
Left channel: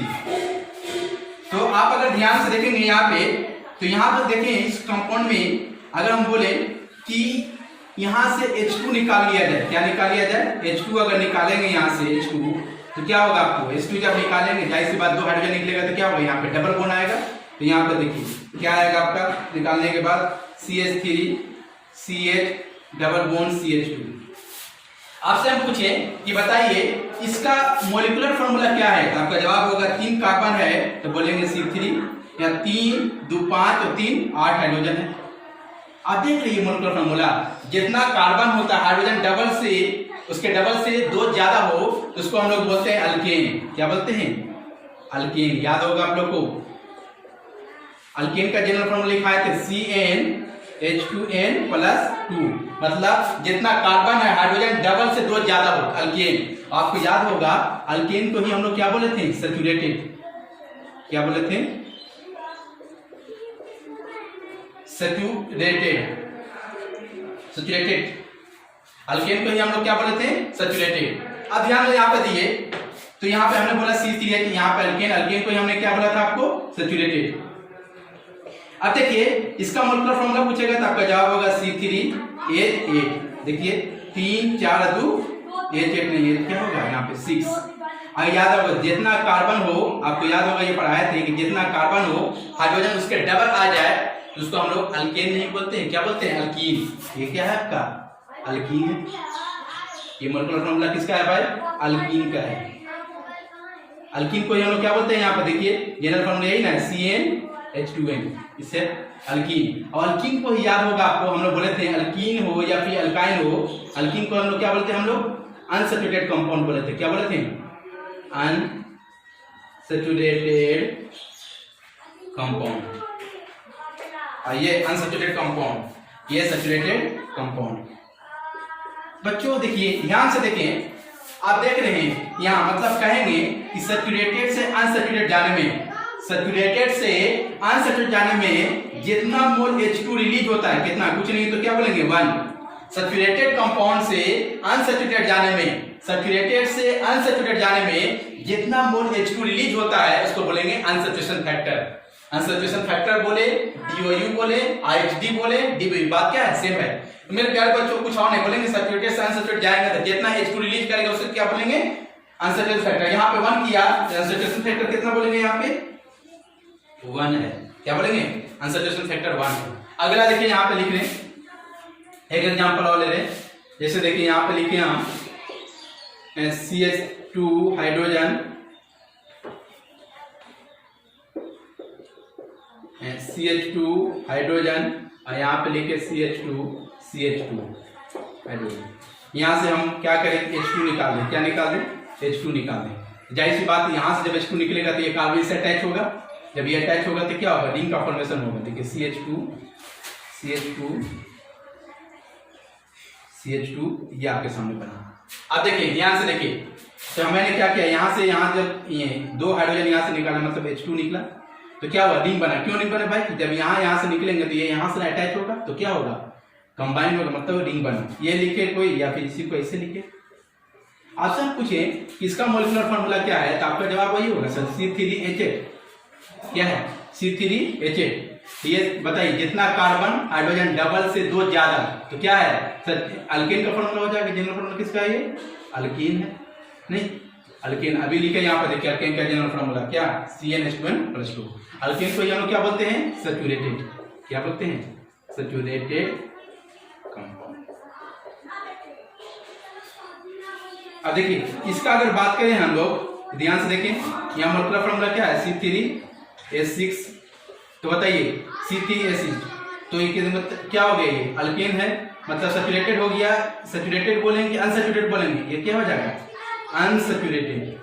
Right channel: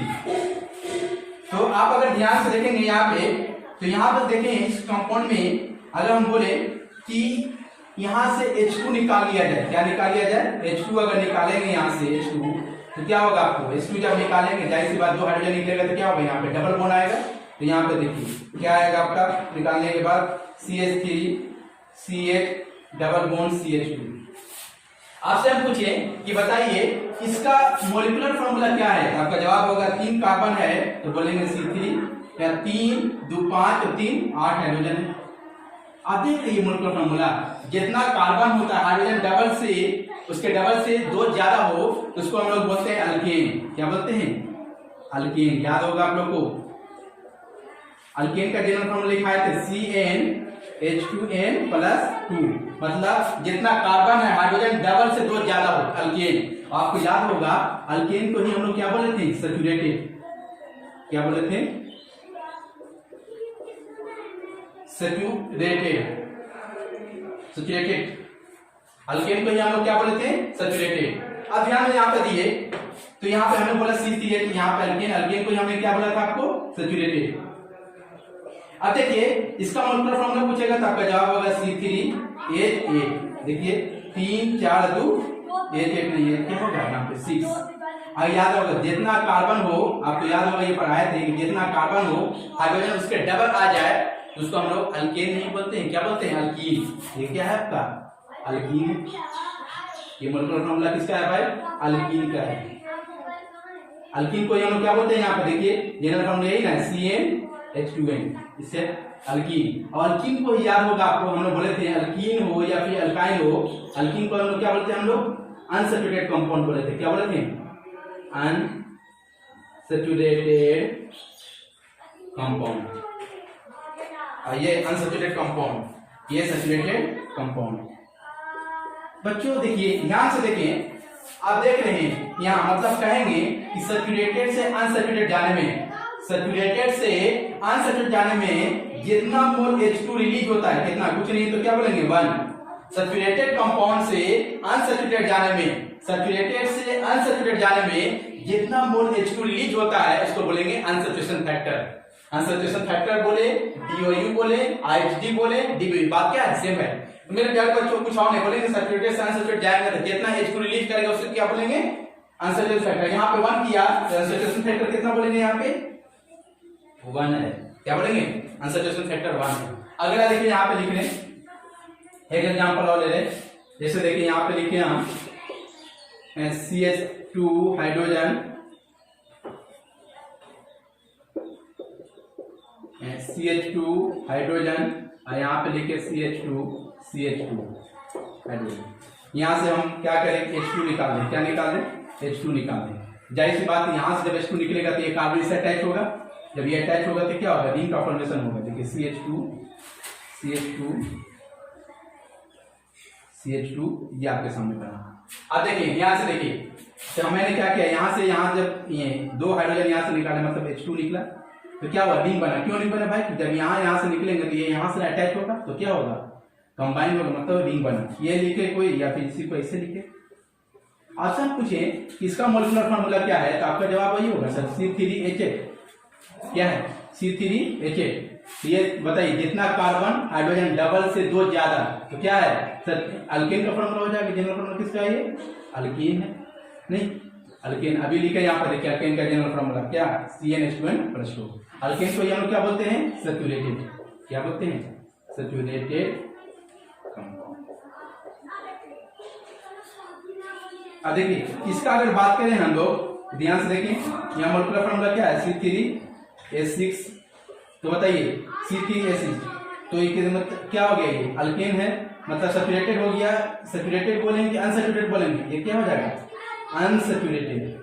तो आप अगर ध्यान से देखेंगे यहाँ पे, तो यहाँ पर देखें इस कंपाउंड में अगर हम बोले कि यहाँ से H2 निकाल लिया जाए, क्या निकाल लिया जाए? H2 अगर निकालेंगे यहाँ से H2 तो क्या होगा आपको? H2 जब निकालेंगे जाहिर सी बात दो हाइड्रोजन निकलेगा तो क्या होगा? यहाँ पे डबल बॉन्ड आएगा। तो यहाँ पे देखिए क्या आएगा आपका निकालने के बाद CH3 CH double bond CH2। आपसे हम पूछे कि बताइए इसका मॉलिक्यूलर फार्मूला क्या है, तो आपका जवाब होगा 3 कार्बन है तो बोलेंगे C3, या 3 2 5 तो 3 8 हाइड्रोजन है। आप देख लीजिए मॉलिक्यूलर फार्मूला, जितना कार्बन होता है हाइड्रोजन डबल से, उसके डबल से 2 ज्यादा हो तो उसको हम लोग बोलते हैं अल्केन। क्या बोलते हैं? अल्केन। याद होगा आप लोग को, अल्केन का जनरल फार्मूला लिखा है CnH2n+2। मतलब जितना कार्बन है हाइड्रोजन डबल से 2 ज्यादा हो, अल्केन। आपको याद होगा अल्केन को ही हम लोग क्या बोले थे? सैचुरेटेड। क्या बोले थे? सैचुरेटेड। अल्केन को ही हम लोग क्या बोले थे? सैचुरेटेड। अब ध्यान में यहाँ पे दिए तो यहाँ पे हमने बोला C3H, यहाँ पे अल्केन को ही हमने क्या बोला था आपको? सैचुरेटेड। अब देखिए इसका मॉलिक्यूलर फार्मूला पूछेगा तो आपका जवाब होगा C3H8। देखिए 3 4 2 H8 नहीं है, क्या होगा यहाँ पे 6। और याद होगा जितना कार्बन हो, आपको याद होगा ये पढ़ाए थे कि जितना कार्बन हो हाइड्रोजन उसके डबल आ जाए तो उसको हम लोग अल्केन नहीं बोलते हैं, क्या बोलते हैं? अल्कीन। ये क्या है आपका? अल्कीन है। ये मॉलिक्यूलर फार्मूला किसका है भाई? अल्कीन का है। अल्कीन को हम लोग क्या बोलते हैं? यहाँ पे देखिए जनरल फार्मूला यही ना, CnH2n, इससे अल्कीन। और अल्कीन को ही याद होगा आपको, हम लोग बोले थे अल्कीन हो या फिर अल्काइन हो, अल्कीन को हम लोग क्या बोलते हैं? हम लोग अनसैचुरेटेड कंपाउंड बोले थे। क्या बोले थे? Unsaturated compound. ये अनसैचुरेटेड कंपाउंड, ये सैचुरेटेड कंपाउंड। बच्चों देखिए ध्यान से देखें, आप देख रहे हैं यहाँ मतलब कहेंगे कि सैचुरेटेड से अनसैचुरेटेड जाने में, सैचुरेटेड से अनसैचुरेटेड जाने में जितना मोल H2 रिलीज होता है, कितना? कुछ नहीं तो क्या बोलेंगे? 1। सैचुरेटेड कंपाउंड से अनसैचुरेटेड जाने में, सैचुरेटेड से अनसैचुरेटेड जाने में जितना मोल H2 रिलीज होता है उसको बोलेंगे अनसैचुरेशन फैक्टर। अनसैचुरेशन फैक्टर बोले, DOU बोले, IHD बोले, DBU, बात क्या है? सेम है। मेरे प्यारे बच्चों कुछ और नहीं बोलेंगे, सैचुरेटेड से अनसैचुरेटेड जाएंगे तो जितना H2 रिलीज करेगा उसको क्या बोलेंगे? Unsaturation factor. यहाँ पे 1 किया तो अनसैचुरेशन फैक्टर कितना बोलेंगे? यहाँ पे 1 है। क्या बोलेंगे? अनसैचुरेशन फैक्टर 1 है। अगला देखिए यहाँ पे लिख रहे हैं एक एग्जांपल और ले रहे, जैसे देखिए यहाँ पे लिखे हम CH2 हाइड्रोजन, CH2 हाइड्रोजन और यहाँ पे लिखे CH2 हाइड्रोजन। यहाँ से हम क्या करें, H2 निकाल दें। क्या निकाल दें? H2 निकाल दें। जाहिर सी बात, यहाँ से जब H2 निकलेगा तो ये कार्बन से अटैच होगा। जब ये अटैच होगा तो क्या होगा, रिंग का फॉर्मेशन होगा। देखिए CH2 ये आपके सामने बना। अब देखिए यहाँ से देखिए, तो मैंने क्या किया, यहाँ से यहाँ जब ये 2 हाइड्रोजन यहाँ से निकाला मतलब H2 निकला तो क्या हुआ, रिंग बना। क्यों नहीं बना भाई, जब यहाँ से निकलेंगे तो ये यहाँ से अटैच होगा तो क्या होगा, कंबाइन होगा, मतलब रिंग बना। ये लिखे कोई या फिर इसी को ऐसे लिखे। आपसे पूछे इसका मॉलिक्यूलर फार्मूला क्या है तो आपका जवाब वही होगा सर, C3H8। क्या है, C3H8। ये बताइए, जितना कार्बन हाइड्रोजन डबल से 2 ज्यादा तो क्या है सर, अल्केन का फॉर्मूला हो जाएगा। जनरल फॉर्मूला किसका है, ये अल्कीन है। नहीं, अल्केन अभी लिखा यहाँ पर देखिए, अल्केन का जनरल फॉर्मूला क्या, CnH2n+2। अल्केन को हम लोग क्या बोलते हैं, सैचुरेटेड। क्या बोलते हैं, सैचुरेटेड कंपाउंड। अब देखिए इसका अगर बात करें हम लोग, ध्यान से देखिए, यहाँ मॉलिक्यूलर फॉर्मूला क्या है, C3H6। तो बताइए C3H6 तो ये मतलब क्या हो गया, ये अल्केन है, मतलब सैचुरेटेड हो गया। सैचुरेटेड बोलेंगे कि अनसैचुरेटेड बोलेंगे, ये क्या हो जाएगा, अनसैचुरेटेड,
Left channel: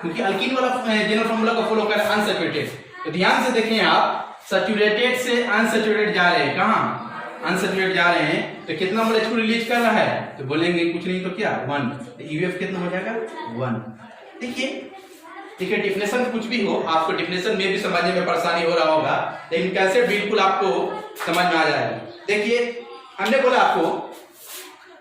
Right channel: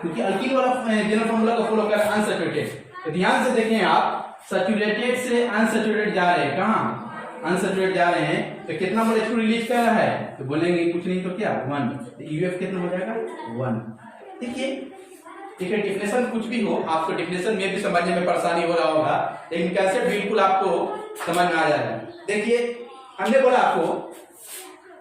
क्योंकि अल्कीन वाला जनरल फॉर्मूला को फॉलो कर अनसैचुरेटेड। तो ध्यान से देखें आप, सैचुरेटेड से अनसैचुरेटेड जा रहे हैं, कहाँ अनसैचुरेटेड जा रहे हैं, तो कितना मोल रिलीज कर रहा है, तो बोलेंगे कुछ नहीं तो क्या 1। तो यूएफ कितना हो जाएगा 1। देखिए डिफिनेशन कुछ भी हो, आपको डिफिनेशन में भी समझने में परेशानी हो रहा होगा, लेकिन कैसे बिल्कुल आपको समझ में आ जाएगा। देखिए हमने बोला आपको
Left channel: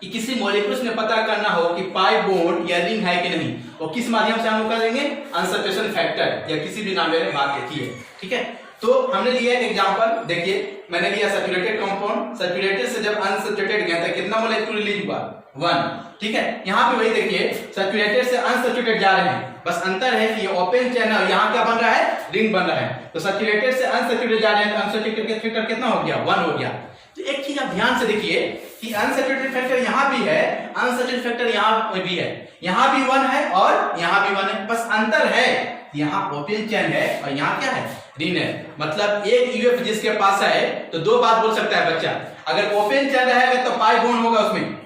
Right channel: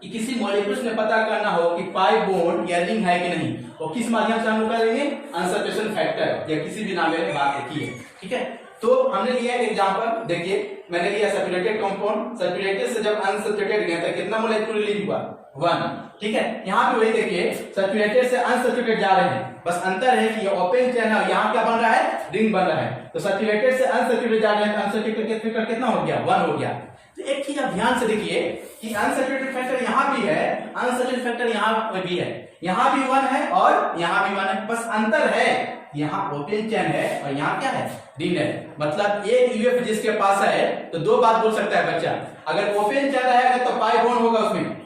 कि किसी मॉलिक्यूल्स में पता करना हो कि पाई बॉन्ड या रिंग है कि नहीं, और किस माध्यम से हम लोग करेंगे, अनसैचुरेशन फैक्टर या किसी भी नाम में बात देखी है। ठीक है, तो हमने लिया एक एग्जांपल। देखिए मैंने लिया सैचुरेटेड कंपाउंड, सैचुरेटेड से जब अनसैचुरेटेड गया था कितना मोलेक्यूल रिलीज हुआ, 1। ठीक है, यहाँ पे वही देखिए, सैचुरेटेड से अनसैचुरेटेड जा रहे हैं, बस अंतर है कि ये ओपन चेन है, यहाँ क्या बन रहा है, रिंग बन रहा है। तो सैचुरेटेड से अनसैचुरेटेड जा रहे हैं तो अनसैचुरेटेड का फैक्टर कितना हो गया, 1 हो गया। तो एक चीज आप ध्यान से देखिए कि अनसैचुरेटेड फैक्टर यहाँ भी है, अनसैचुरेटेड फैक्टर यहाँ भी है, यहाँ भी 1 है और यहाँ भी 1 है, बस अंतर है यहाँ ओपन चेन है और यहाँ क्या है, रिंग है। मतलब एक यूएफ जिसके पास है तो 2 बात बोल सकता है बच्चा, अगर ओपन चेन रहेगा तो पाई बॉन्ड होगा, उसमें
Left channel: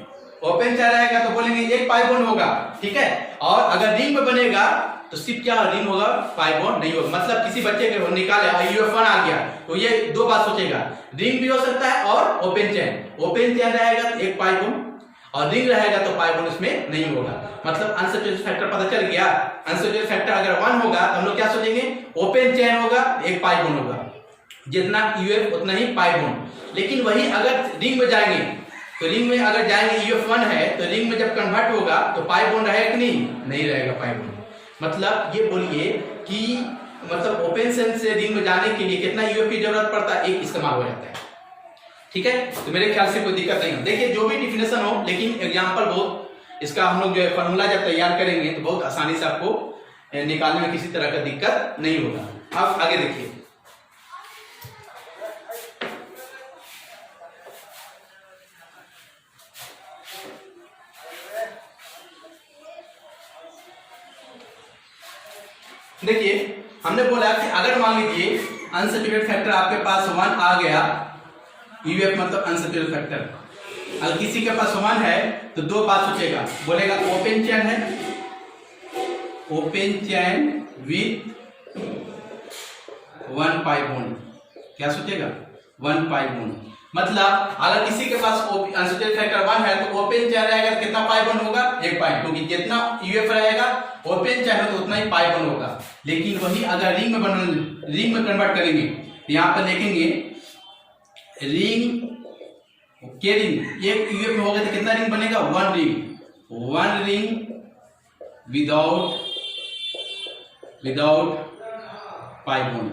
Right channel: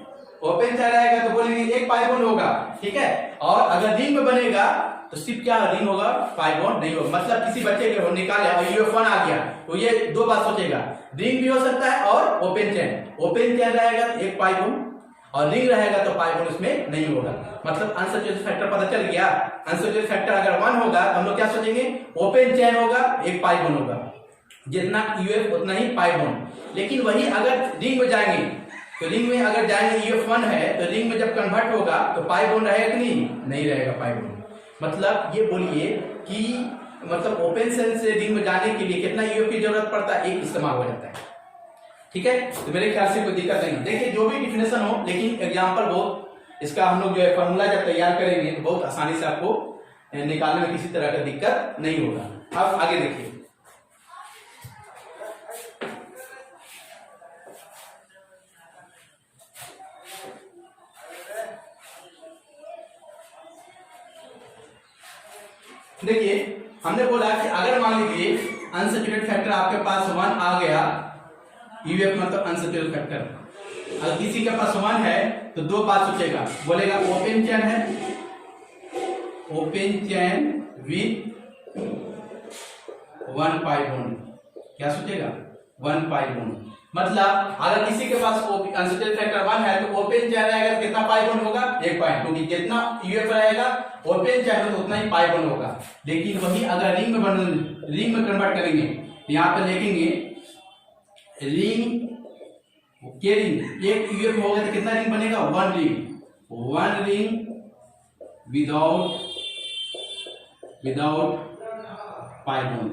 ओपन चेन रहेगा तो बोलेंगे एक पाई बॉन्ड होगा। ठीक है, और अगर रिंग में बनेगा तो सिर्फ क्या रिंग होगा, पाई बॉन्ड नहीं होगा। मतलब किसी बच्चे के निकाले यूएफ1 आ गया तो ये 2 बात सोचेगा, रिंग भी हो सकता है और ओपन चेन रहेगा तो एक पाई बॉन्ड, और रिंग रहेगा तो पाई बॉन्ड इसमें नहीं होगा। मतलब अनसैचुरेटेड फैक्टर पता चल गया। अनसैचुरेटेड फैक्टर अगर 1 होगा तो हम लोग क्या सोचेंगे, ओपन चेन होगा, एक पाई बॉन्ड होगा, जितना यूएफ उतना ही पाई बॉन्ड। लेकिन वही अगर रिंग में जाएंगे तो रिंग में अगर जाएंगे यूएफ1 है तो रिंग में जब कन्वर्ट होगा तो पाई बॉन्ड रहेगा कि नहीं रहेगा पाई बॉन्ड। मतलब ये बोलिए कि मतलब ओपन चेन से रिंग में जाने के लिए कितना यूएफ की जरूरत पड़ता है, एक इस्तेमाल हो जाता है। ठीक है, तो मेरे ख्याल से कोई दिक्कत नहीं। देखिए जो भी डिफिनेशन हो, लेकिन एग्जांपल बहुत इसका हम लोग जो है फॉर्मूला जब तैयार करेंगे तो बहुत आसानी से आपको निकालने में किसी तरह का दिक्कत नहीं होगा। अब आगे देखिए, हमने बोला कि अगर मान लीजिए अनसैचुरेटेड फैक्टर आपके पास 1 आ गया, यूएफ मतलब अनसैचुरेटेड फैक्टर, अगर किसी के पास 1 है तो 2 बात सोचेगा, बोलेगा ओपन चेन है, open chain with 1 pi bond. क्या सोचेगा, 1 पाई बॉन्ड। मतलब अगर किसी के पास अनसैचुरेटेड फैक्टर 1 है तो ओपन चेन रहेगा तो कितना पाई बॉन्ड होगा, 1 पाई, क्योंकि जितना यूएफ रहेगा ओपन चेन तो उतना ही पाई बॉन्ड होगा। लेकिन वही अगर रिंग में कन्वर्ट करेंगे, यहाँ पर लिखेंगे रिंग के रिंग, एक यूएफ में होगा तो कितना रिंग बनेगा, 1 ring without pi bond,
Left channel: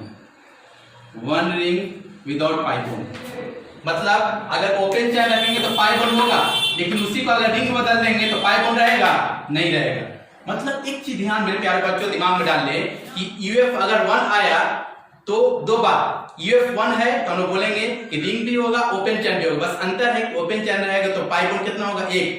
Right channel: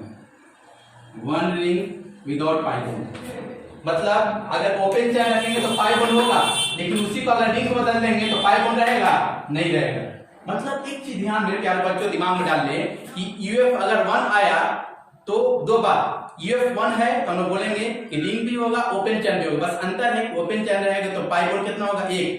1 ring without pi bond. मतलब अगर ओपन चेन रखेंगे तो पाई बॉन्ड होगा, लेकिन उसी को अगर रिंग बदल देंगे तो पाई बॉन्ड रहेगा, नहीं रहेगा। मतलब एक चीज ध्यान मेरे प्यारे बच्चों दिमाग में डाल ले कि यूएफ अगर 1 आया तो 2 बात, UF1 है तो हम लोग बोलेंगे कि रिंग भी होगा ओपन चैन भी होगा, बस अंतर है ओपन चैन रहेगा तो पाई बॉन्ड कितना होगा 1,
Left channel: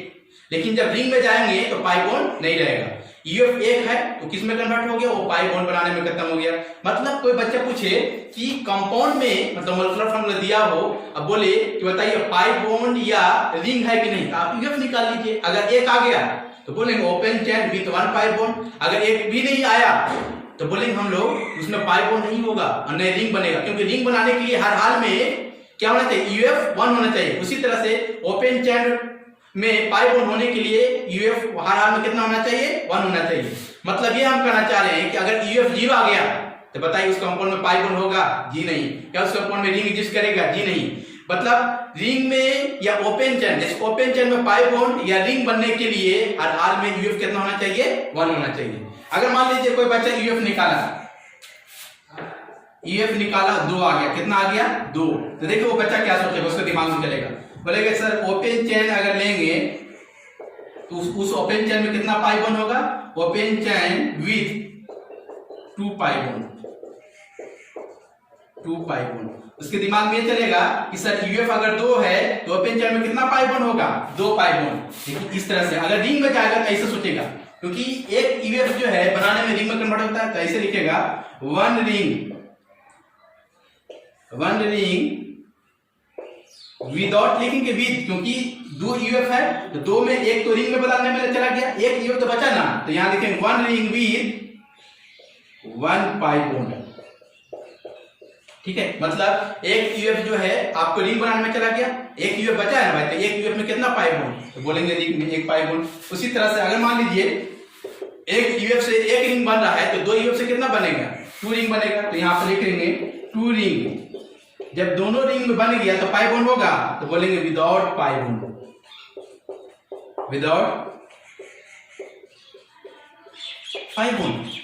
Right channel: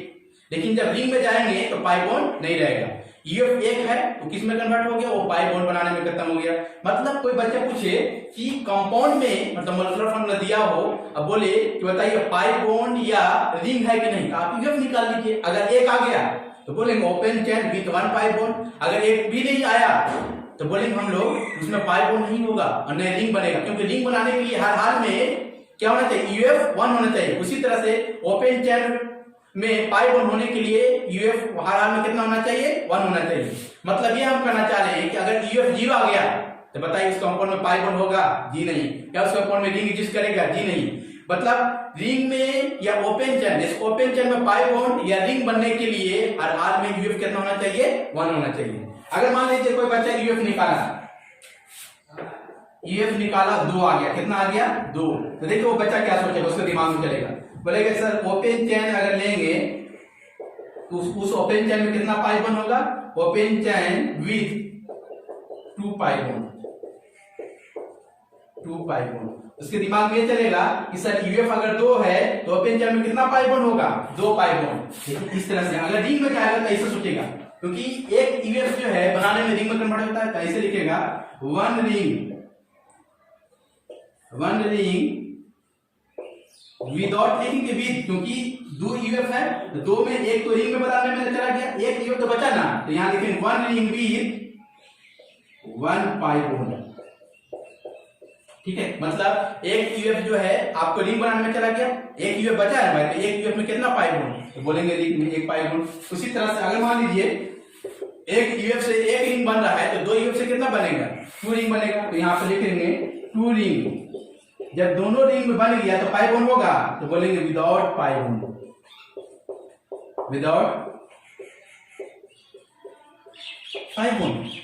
लेकिन जब रिंग में जाएंगे तो पाई बॉन्ड नहीं रहेगा। UF1 है तो किस में कन्वर्ट हो गया, वो पाई बॉन्ड बनाने में खत्म हो गया। मतलब कोई बच्चा पूछे कि कंपाउंड में मतलब मोलेकुलर फार्मूला दिया हो, अब बोले कि बताइए पाई बॉन्ड या रिंग है कि नहीं, तो आप UF निकाल लीजिए। अगर एक आ गया तो बोलेंगे open chain with 1 pi bond, अगर एक भी नहीं आया तो बोलेंगे हम लोग उसमें पाई बॉन्ड नहीं होगा और नहीं रिंग बनेगा, क्योंकि रिंग बनाने के लिए हर हाल में क्या होना चाहिए, UF1 होना चाहिए। उसी तरह से ओपन चैन में पाई बॉन्ड होने के लिए UF हर हाल में कितना होना चाहिए, 1 होना चाहिए। मतलब ये हम कहना चाह रहे हैं कि अगर UF0 आ गया तो बताइए उस कंपाउंड में पाई बॉन्ड होगा, जी नहीं। क्या उस कंपाउंड में रिंग एग्जिस्ट करेगा, जी नहीं। मतलब रिंग में या ओपन चैन, जैसे ओपन चैन में पाई बॉन्ड या रिंग बनने के लिए हर हाल में UF कितना होना चाहिए, 1 होना चाहिए। अगर मान लीजिए कोई बच्चा UF निकाला, UF निकाला 2 आ गया, कितना आ गया 2, तो देखिए वो बच्चा क्या सोचेगा, उसके दिमाग में चलेगा, बोलेगा सर ओपन चैन अगर लेंगे तो उस ओपन चैन में कितना पाई बॉन्ड होगा, open chain with 2 pi bond, 2 pi bond. उसके दिमाग में ये चलेगा कि सर UF अगर 2 है तो ओपन चैन में कितना पाई बॉन्ड होगा, 2 पाई बॉन्ड। देखिए इस तरह से अगर रिंग में जाएगा तो ऐसे सोचेगा, क्योंकि एक UF जो है बनाने में रिंग में कन्वर्ट होता है, तो ऐसे लिखेगा 1 रिंग विदाउट लिखेंगे विद, क्योंकि 2 UF है तो 2 में एक तो रिंग में बदलने में चला गया, एक UF तो बचा ना, तो यहां लिखेंगे 1 रिंग विद 1 पाई बॉन्ड। ठीक है, मतलब एक UF जो है आपको रिंग बनाने में चला गया, एक UF बचा है भाई, तो एक UF में कितना पाई बॉन्ड, तो बोलेंगे रिंग में 1 पाई बॉन्ड। उसी तरह से अगर मान लीजिए एक UF से एक रिंग बन रहा है तो 2 UF से कितना बनेगा, 2 रिंग बनेगा, तो यहां पर लिख लेंगे 2 रिंग। जब दोनों रिंग में बन गया तो पाई बॉन्ड होगा, तो बोलेंगे without pi bond, without pi bond.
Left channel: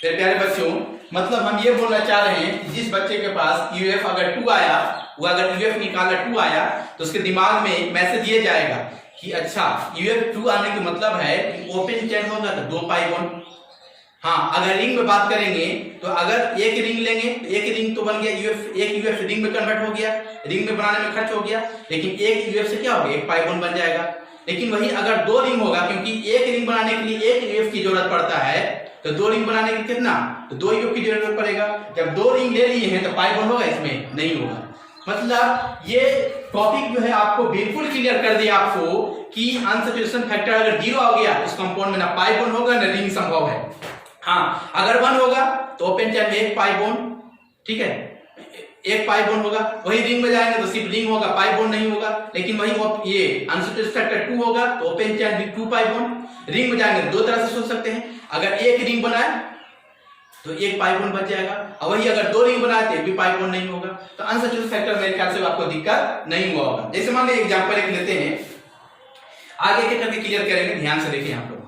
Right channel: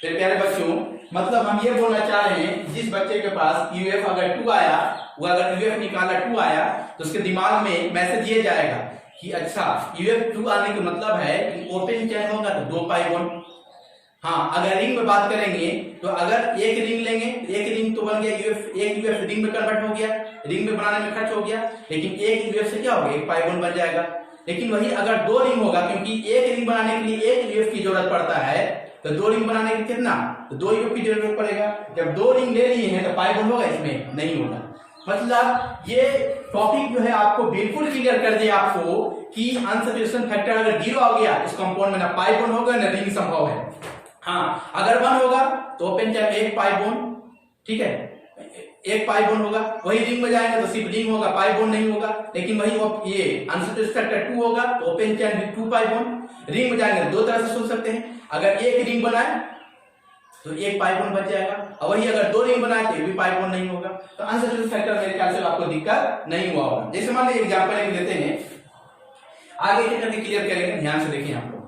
फिर प्यारे बच्चों, मतलब हम ये बोलना चाह रहे हैं जिस बच्चे के पास UF अगर 2 आया, वो अगर UF निकाला 2 आया तो उसके दिमाग में मैसेज ये जाएगा कि अच्छा UF2 आने का मतलब है ओपन चैन होगा तो 2 पाई बॉन्ड। हाँ, अगर रिंग में बात करेंगे तो अगर एक रिंग लेंगे, एक रिंग तो बन गया एक UF रिंग में कन्वर्ट हो गया, रिंग में बनाने में खर्च हो गया, लेकिन एक UF से क्या हो गया, 1 पाई बॉन्ड बन जाएगा। लेकिन वही अगर 2 रिंग होगा, क्योंकि एक रिंग बनाने के लिए एक UF की जरूरत पड़ता है, तो 2 रिंग बनाने के कितना, तो 2 UF की जरूरत पड़ेगा। जब 2 रिंग ले लिए हैं तो पाई बॉन्ड होगा, इसमें नहीं होगा। मतलब ये टॉपिक जो है आपको बिल्कुल क्लियर कर दिया आपको कि अनसैचुरेशन फैक्टर अगर 0 आ गया उस कंपाउंड में ना पाई बॉन्ड होगा ना रिंग संभव है। हाँ, अगर 1 होगा तो ओपन चैन में 1 पाई बॉन्ड, ठीक है, 1 पाई बॉन्ड होगा। वही रिंग में जाएंगे तो सिर्फ रिंग होगा, पाई बॉन्ड नहीं होगा। लेकिन वही ये अनसैचुरेशन फैक्टर 2 होगा तो open chain with 2 pi bond. Ring में जाएंगे तो 2 तरह से सोच सकते हैं, अगर एक रिंग बनाए तो 1 पाई बॉन्ड बच जाएगा, और वही अगर 2 रिंग बनाए तो भी पाई बॉन्ड नहीं होगा। तो अनसैचुरेशन फैक्टर मेरे ख्याल से आपको दिक्कत नहीं हुआ होगा। जैसे मान लीजिए एग्जांपल एक लेते हैं, आगे के करके क्लियर करेंगे, ध्यान से देखिए आप लोग।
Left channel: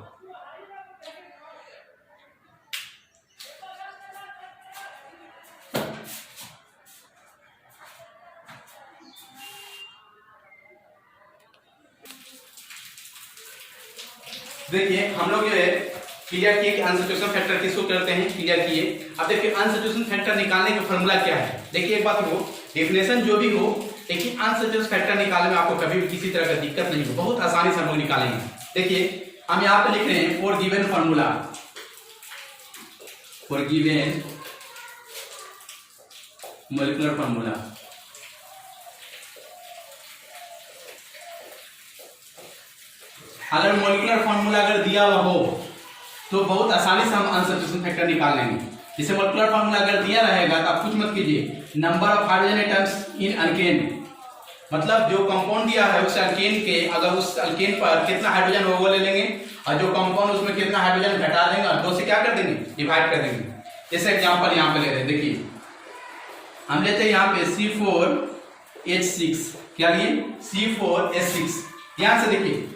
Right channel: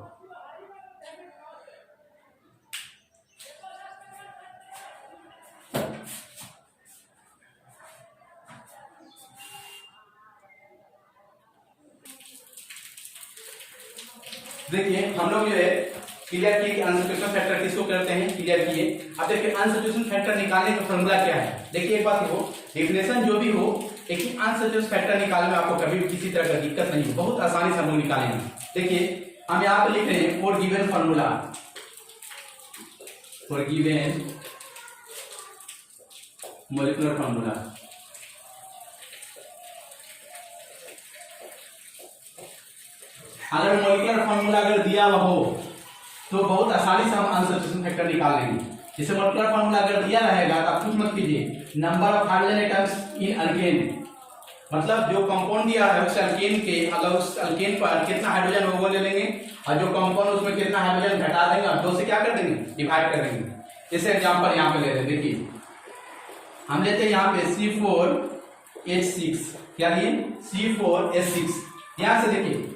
देखिए हम लोग जो है क्लियर किए कि अनसैचुरेशन फैक्टर किसको करते हैं, क्लियर किए। अब देखिए अनसैचुरेशन फैक्टर निकालने का फॉर्मूला क्या है। देखिए एक बात हो, डेफिनेशन जो भी हो, लेकिन अनसैचुरेशन फैक्टर निकालने में आपको कभी भी किसी तरह का दिक्कत नहीं हो, बहुत आसानी से हम लोग निकालेंगे। देखिए हम यहाँ पे लिख रहे हैं for given formula, for given molecular formula. अगर मोलेकुलर फॉर्मूला अगर दिया हुआ हो तो बहुत आसानी से हम अनसैचुरेशन फैक्टर निकाल लेंगे। जैसे मोलेकुलर फॉर्मूला अगर दिया रहेगा तो आप कुछ मत कीजिए, number of hydrogen atoms in alkane, मतलब जो कंपाउंड दिया है उस अल्केन के, अगर उस अल्केन पर कितना हाइड्रोजन हो वो ले लेंगे, और जो कंपाउंड उसमें कितना हाइड्रोजन घटा देंगे और 2 से क्या कर देंगे, डिवाइड कर देंगे। जैसे एग्जांपल यहाँ पे ले रहे हैं, देखिए हम लेते हैं यहाँ पे C4H6, क्या लिए C4H6। ध्यान से देखिए,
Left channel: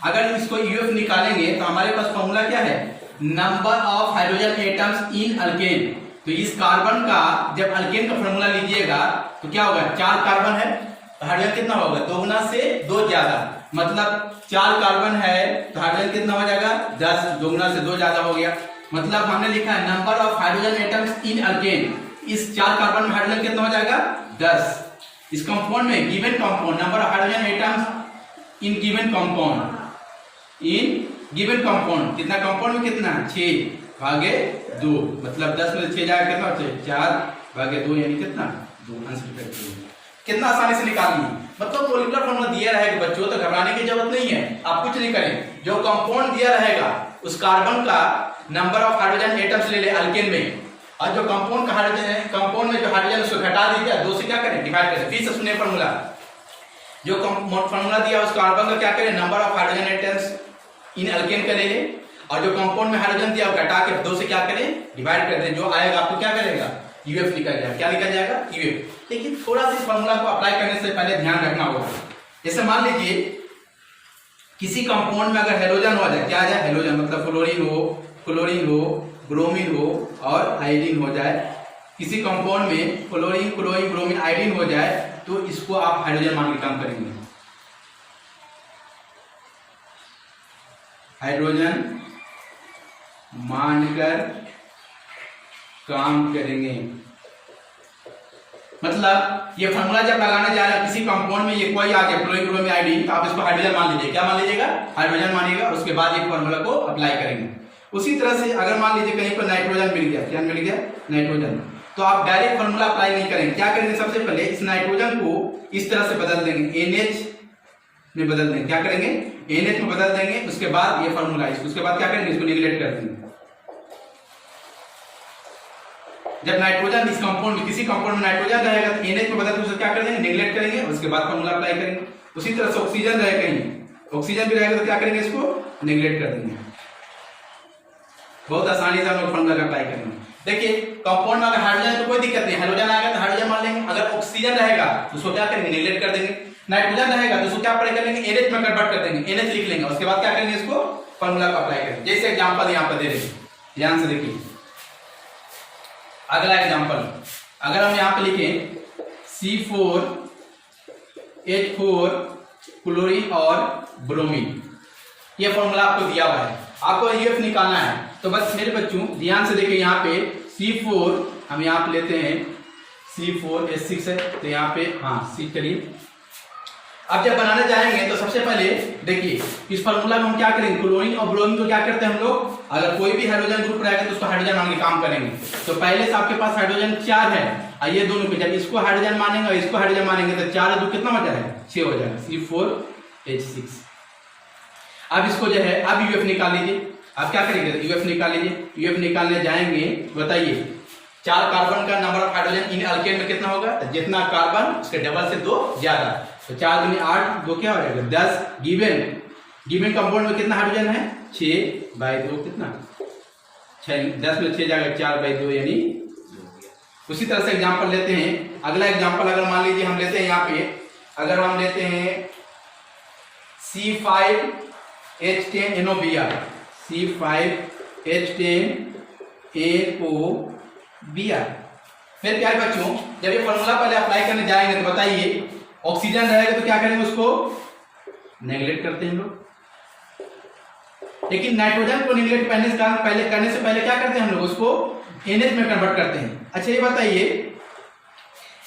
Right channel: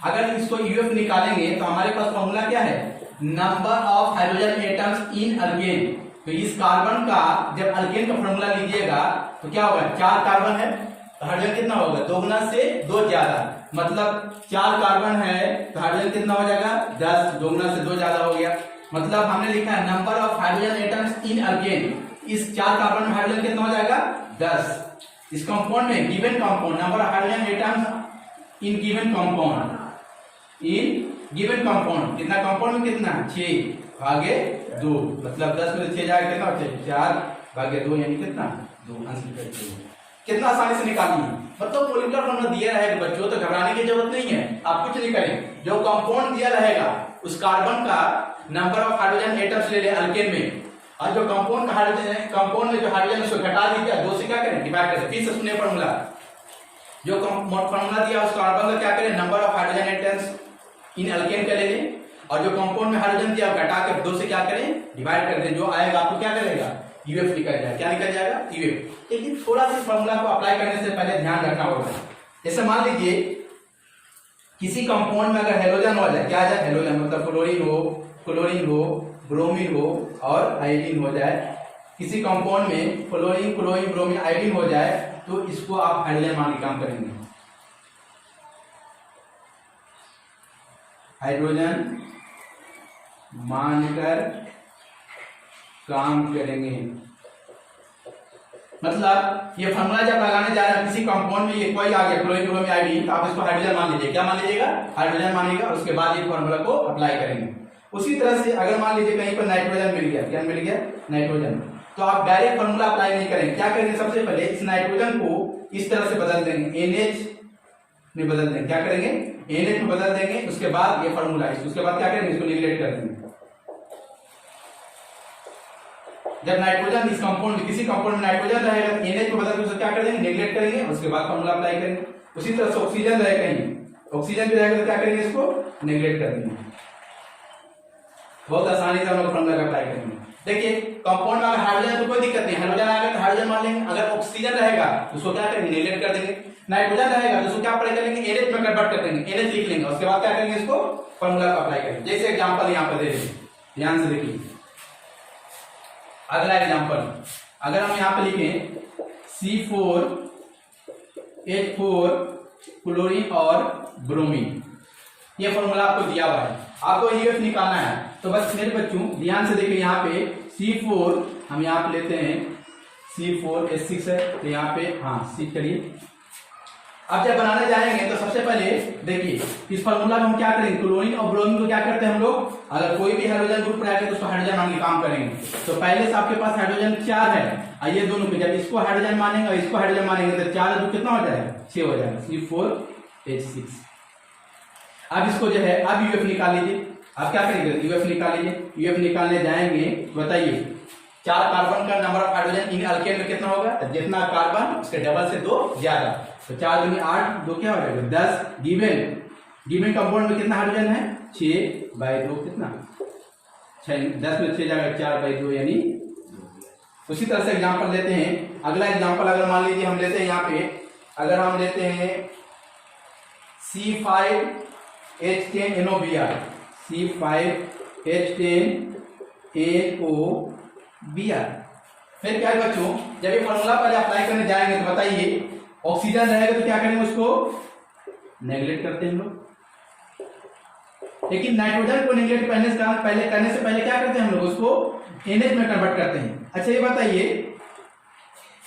अगर इसको UF निकालेंगे तो हमारे पास फॉर्मूला क्या है, number of hydrogen atoms in alkane. तो इस कार्बन का जब अल्केन का फॉर्मूला लीजिएगा तो क्या होगा, 4 कार्बन है तो हाइड्रोजन कितना होगा, 2 गुना से 2 ज्यादा, मतलब 4 कार्बन है तो हाइड्रोजन कितना हो जाएगा 10, 2 गुना से 2 ज्यादा हो गया। मतलब हमने लिखा है number of hydrogen atoms in alkane, इस 4 कार्बन में हाइड्रोजन कितना हो जाएगा 10। इस कंपाउंड में given compound number of hydrogen atoms in given compound कितना कंपाउंड में कितना 6/2 मतलब 10 में 6 जाएगा कितना हो 4/2 यानी कितना 2 आंसर कितना आसानी से निकाल लिए। मतलब मोलिकुलर फॉर्मूला दिया रहेगा बच्चों तो घबराने की जरूरत नहीं है, आप कुछ नहीं करें, जो कंपाउंड दिया रहेगा उस कार्बन का नंबर ऑफ हाइड्रोजन एटम्स ले ले अल्केन में, और जो कंपाउंड का हाइड्रोजन है कंपाउंड में जो हाइड्रोजन उसको घटा दीजिए 2 से क्या करें डिवाइड करें। फिर से सुनिए फॉर्मूला, जो फॉर्मूला दिया उस कार्बन का क्या करें number of hydrogen atoms in alkane का ले ले, और जो कंपाउंड में हाइड्रोजन दिया घटा के 2 से क्या करें डिवाइड कर दें, जो आएगा आपको क्या करेगा यूएफ निकल जाएगा। क्या निकल जाएगा यूएफ। लेकिन थोड़ा सा फॉर्मूला को अप्लाई करने से पहले ध्यान रखना होगा, जैसे मान लीजिए किसी कंपाउंड में अगर हेलोजन हो जाए, क्या आ जाए हेलोजन मतलब क्लोरीन हो ब्रोमीन हो और आयोडीन हो जाए, किसी कंपाउंड में क्लोरीन ब्रोमीन आयोडीन हो जाए तो इसको आप हाइड्रोजन मान के काम करेंगे, हाइड्रोजन मानकर काम करेंगे। मतलब ये फॉर्मूला जब लगाने जा रहे हैं किसी कंपाउंड में ये कोई आ गया क्लोरीन ब्रोमीन आयोडीन तो आप इसको हाइड्रोजन मान लीजिए, क्या मान लीजिएगा हाइड्रोजन मानिएगा, उसके बाद ये फॉर्मूला को अप्लाई करेंगे। उसी तरह से अगर मान लीजिए कहीं पर नाइट्रोजन मिल गया, क्या मिल गया नाइट्रोजन, तो आप डायरेक्ट फॉर्मूला अप्लाई नहीं करेंगे, क्या करेंगे सबसे पहले इस नाइट्रोजन को इस तरह से बदल देंगे NH में बदल देंगे, क्या करेंगे NH में बदल देंगे, उसके बाद ये फॉर्मूला उसके बाद क्या करेंगे इसको निगलेक्ट कर देंगे। जब नाइट्रोजन इस कंपाउंड में किसी कंपाउंड में नाइट्रोजन रहेगा तो NH में बदल के उसको क्या कर देंगे निगलेक्ट करेंगे, उसके बाद फॉर्मूला अप्लाई करेंगे। उसी तरह से ऑक्सीजन रहेगा कहीं ऑक्सीजन भी रहेगा तो क्या करेंगे इसको निगलेक्ट कर देंगे। बहुत आसानी से हम लोग फॉर्मूला अप्लाई करेंगे। देखिए कंपाउंड में अगर हाइड्रोजन तो कोई दिक्कत नहीं, हाइड्रोजन आएगा तो हाइड्रोजन मान लेंगे, अगर ऑक्सीजन रहेगा तो उसको क्या करेंगे निगलेक्ट कर देंगे, नाइट्रोजन रहेगा तो उसको क्या अप्लाई कर लेंगे NH में कन्वर्ट कर देंगे, NH लिख लेंगे, उसके बाद क्या करेंगे इसको फॉर्मूला को अप्लाई करेंगे। जैसे एग्जांपल यहां पर दे रहे हैं, ध्यान से देखिए अगला एग्जांपल, अगर हम यहां पे लिखें C4H4 क्लोरीन और ब्रोमीन, ये फॉर्मूला आपको दिया हुआ है, आपको यूएफ निकालना है। तो बस मेरे बच्चों ध्यान से देखिए यहाँ पे C4 हम यहाँ पे लेते हैं C4H6 है तो यहाँ पे हाँ C करिए। अब जब बनाने जाएंगे तो सबसे पहले देखिए इस फॉर्मूला में हम क्या करेंगे क्लोरीन और ब्रोमीन को क्या करते हैं हम लोग, अगर कोई भी हाइड्रोजन ग्रुप रहेगा तो उसको हाइड्रोजन मान के काम करेंगे। तो पहले से आपके पास हाइड्रोजन 4 है और ये दोनों पे जब इसको हाइड्रोजन मानेंगे और इसको हाइड्रोजन मानेंगे तो 4 2 कितना हो जाएगा 6 हो जाएगा C4H6। अब इसको जो है अब यूएफ निकाल लीजिए, आप क्या करेंगे यूएफ निकाल लीजिए। यूएफ निकालने जाएंगे बताइए 4 कार्बन का number of hydrogen in alkane में कितना होगा, तो जितना कार्बन उसके डबल से 2 ज्यादा, तो 4 दूनी 8 2 क्या हो जाएगा 10। गिवन कंपाउंड में कितना हाइड्रोजन है 6/2 कितना 6, 10 में 6 जाएगा 4/2 यानी। उसी तरह से एग्जांपल लेते हैं, अगला एग्जांपल अगर मान लीजिए हम लेते हैं यहाँ पे अगर हम लेते हैं C5H10NOBr C5H10NOBr। फिर क्या है बच्चों जब ये फॉर्मूला पहले अप्लाई करने जाएंगे तो बताइए ऑक्सीजन रहेगा तो क्या करेंगे उसको नेगलेक्ट करते हैं हम लोग, लेकिन नाइट्रोजन को नेगलेक्ट करने से पहले क्या करते हैं हम लोग उसको NH में कन्वर्ट करते हैं। अच्छा ये बताइए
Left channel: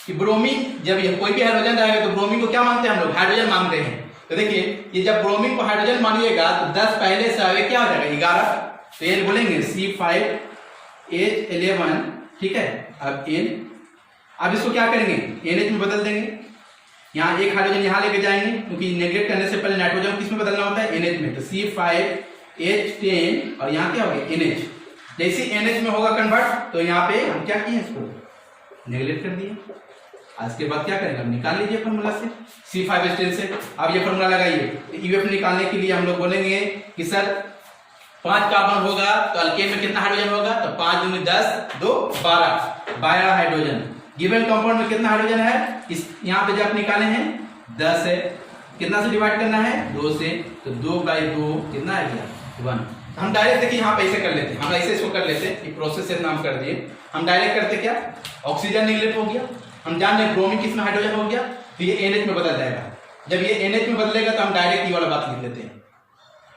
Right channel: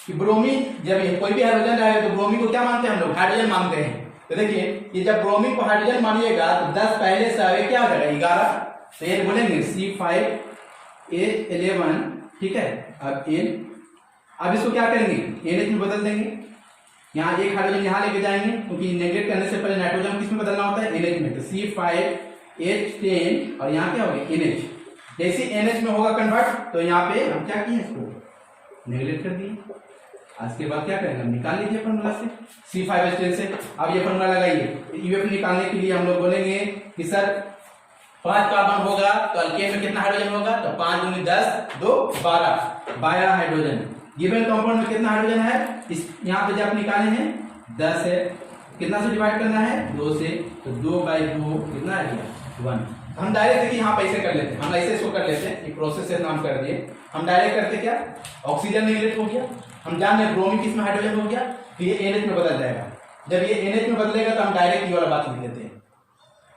कि ब्रोमीन जब ये कोई भी हाइड्रोजन रहेगा तो ब्रोमीन को क्या मानते हैं हम लोग हाइड्रोजन मानते हैं। तो देखिए ये जब ब्रोमीन को हाइड्रोजन मानिएगा तो 10 पहले से आगे क्या हो जाएगा 11, तो ये बोलेंगे C5H11 ठीक है। अब इसको क्या करेंगे NH में बदल देंगे, यहाँ एक हाइड्रोजन यहाँ लेके जाएंगे क्योंकि नेगलेक्ट करने से पहले नाइट्रोजन किस में बदलना होता है NH में, तो C5H10 और यहाँ क्या हो गया NH। जैसे NH में होगा कन्वर्ट तो यहाँ पे हम क्या किए इसको नेगलेक्ट कर दिए। आज के बाद क्या करेंगे हम निकाल लीजिए फॉर्मूला से C5H10 से। अब ये फॉर्मूला लगाइए यूएफ निकालने के लिए हम लोग बोलेंगे कि सर 5 कार्बन होगा तो अल्केन में कितना हाइड्रोजन होगा, तो 5 दूनी 10 2 12 हाइड्रोजन। गिवन कंपाउंड में कितना हाइड्रोजन है इस यहाँ पे जब निकाले हैं 10 है, कितना से डिवाइड करना है 2 से, तो 2/2 कितना है 1। हम डायरेक्ट देखिए यहाँ पे ऐसे कर लेते हैं, हम ऐसे इसको कर लेते हैं प्रोसेस से नाम कर दिए। हम डायरेक्ट करते क्या ऑक्सीजन निगलेक्ट हो गया, हम जान रहे ब्रोमीन किस में हाइड्रोजन हो गया तो ये NH में बदल जाएगा। जब ये NH में बदलेगा तो हम डायरेक्ट ये वाला बात लिख लेते हैं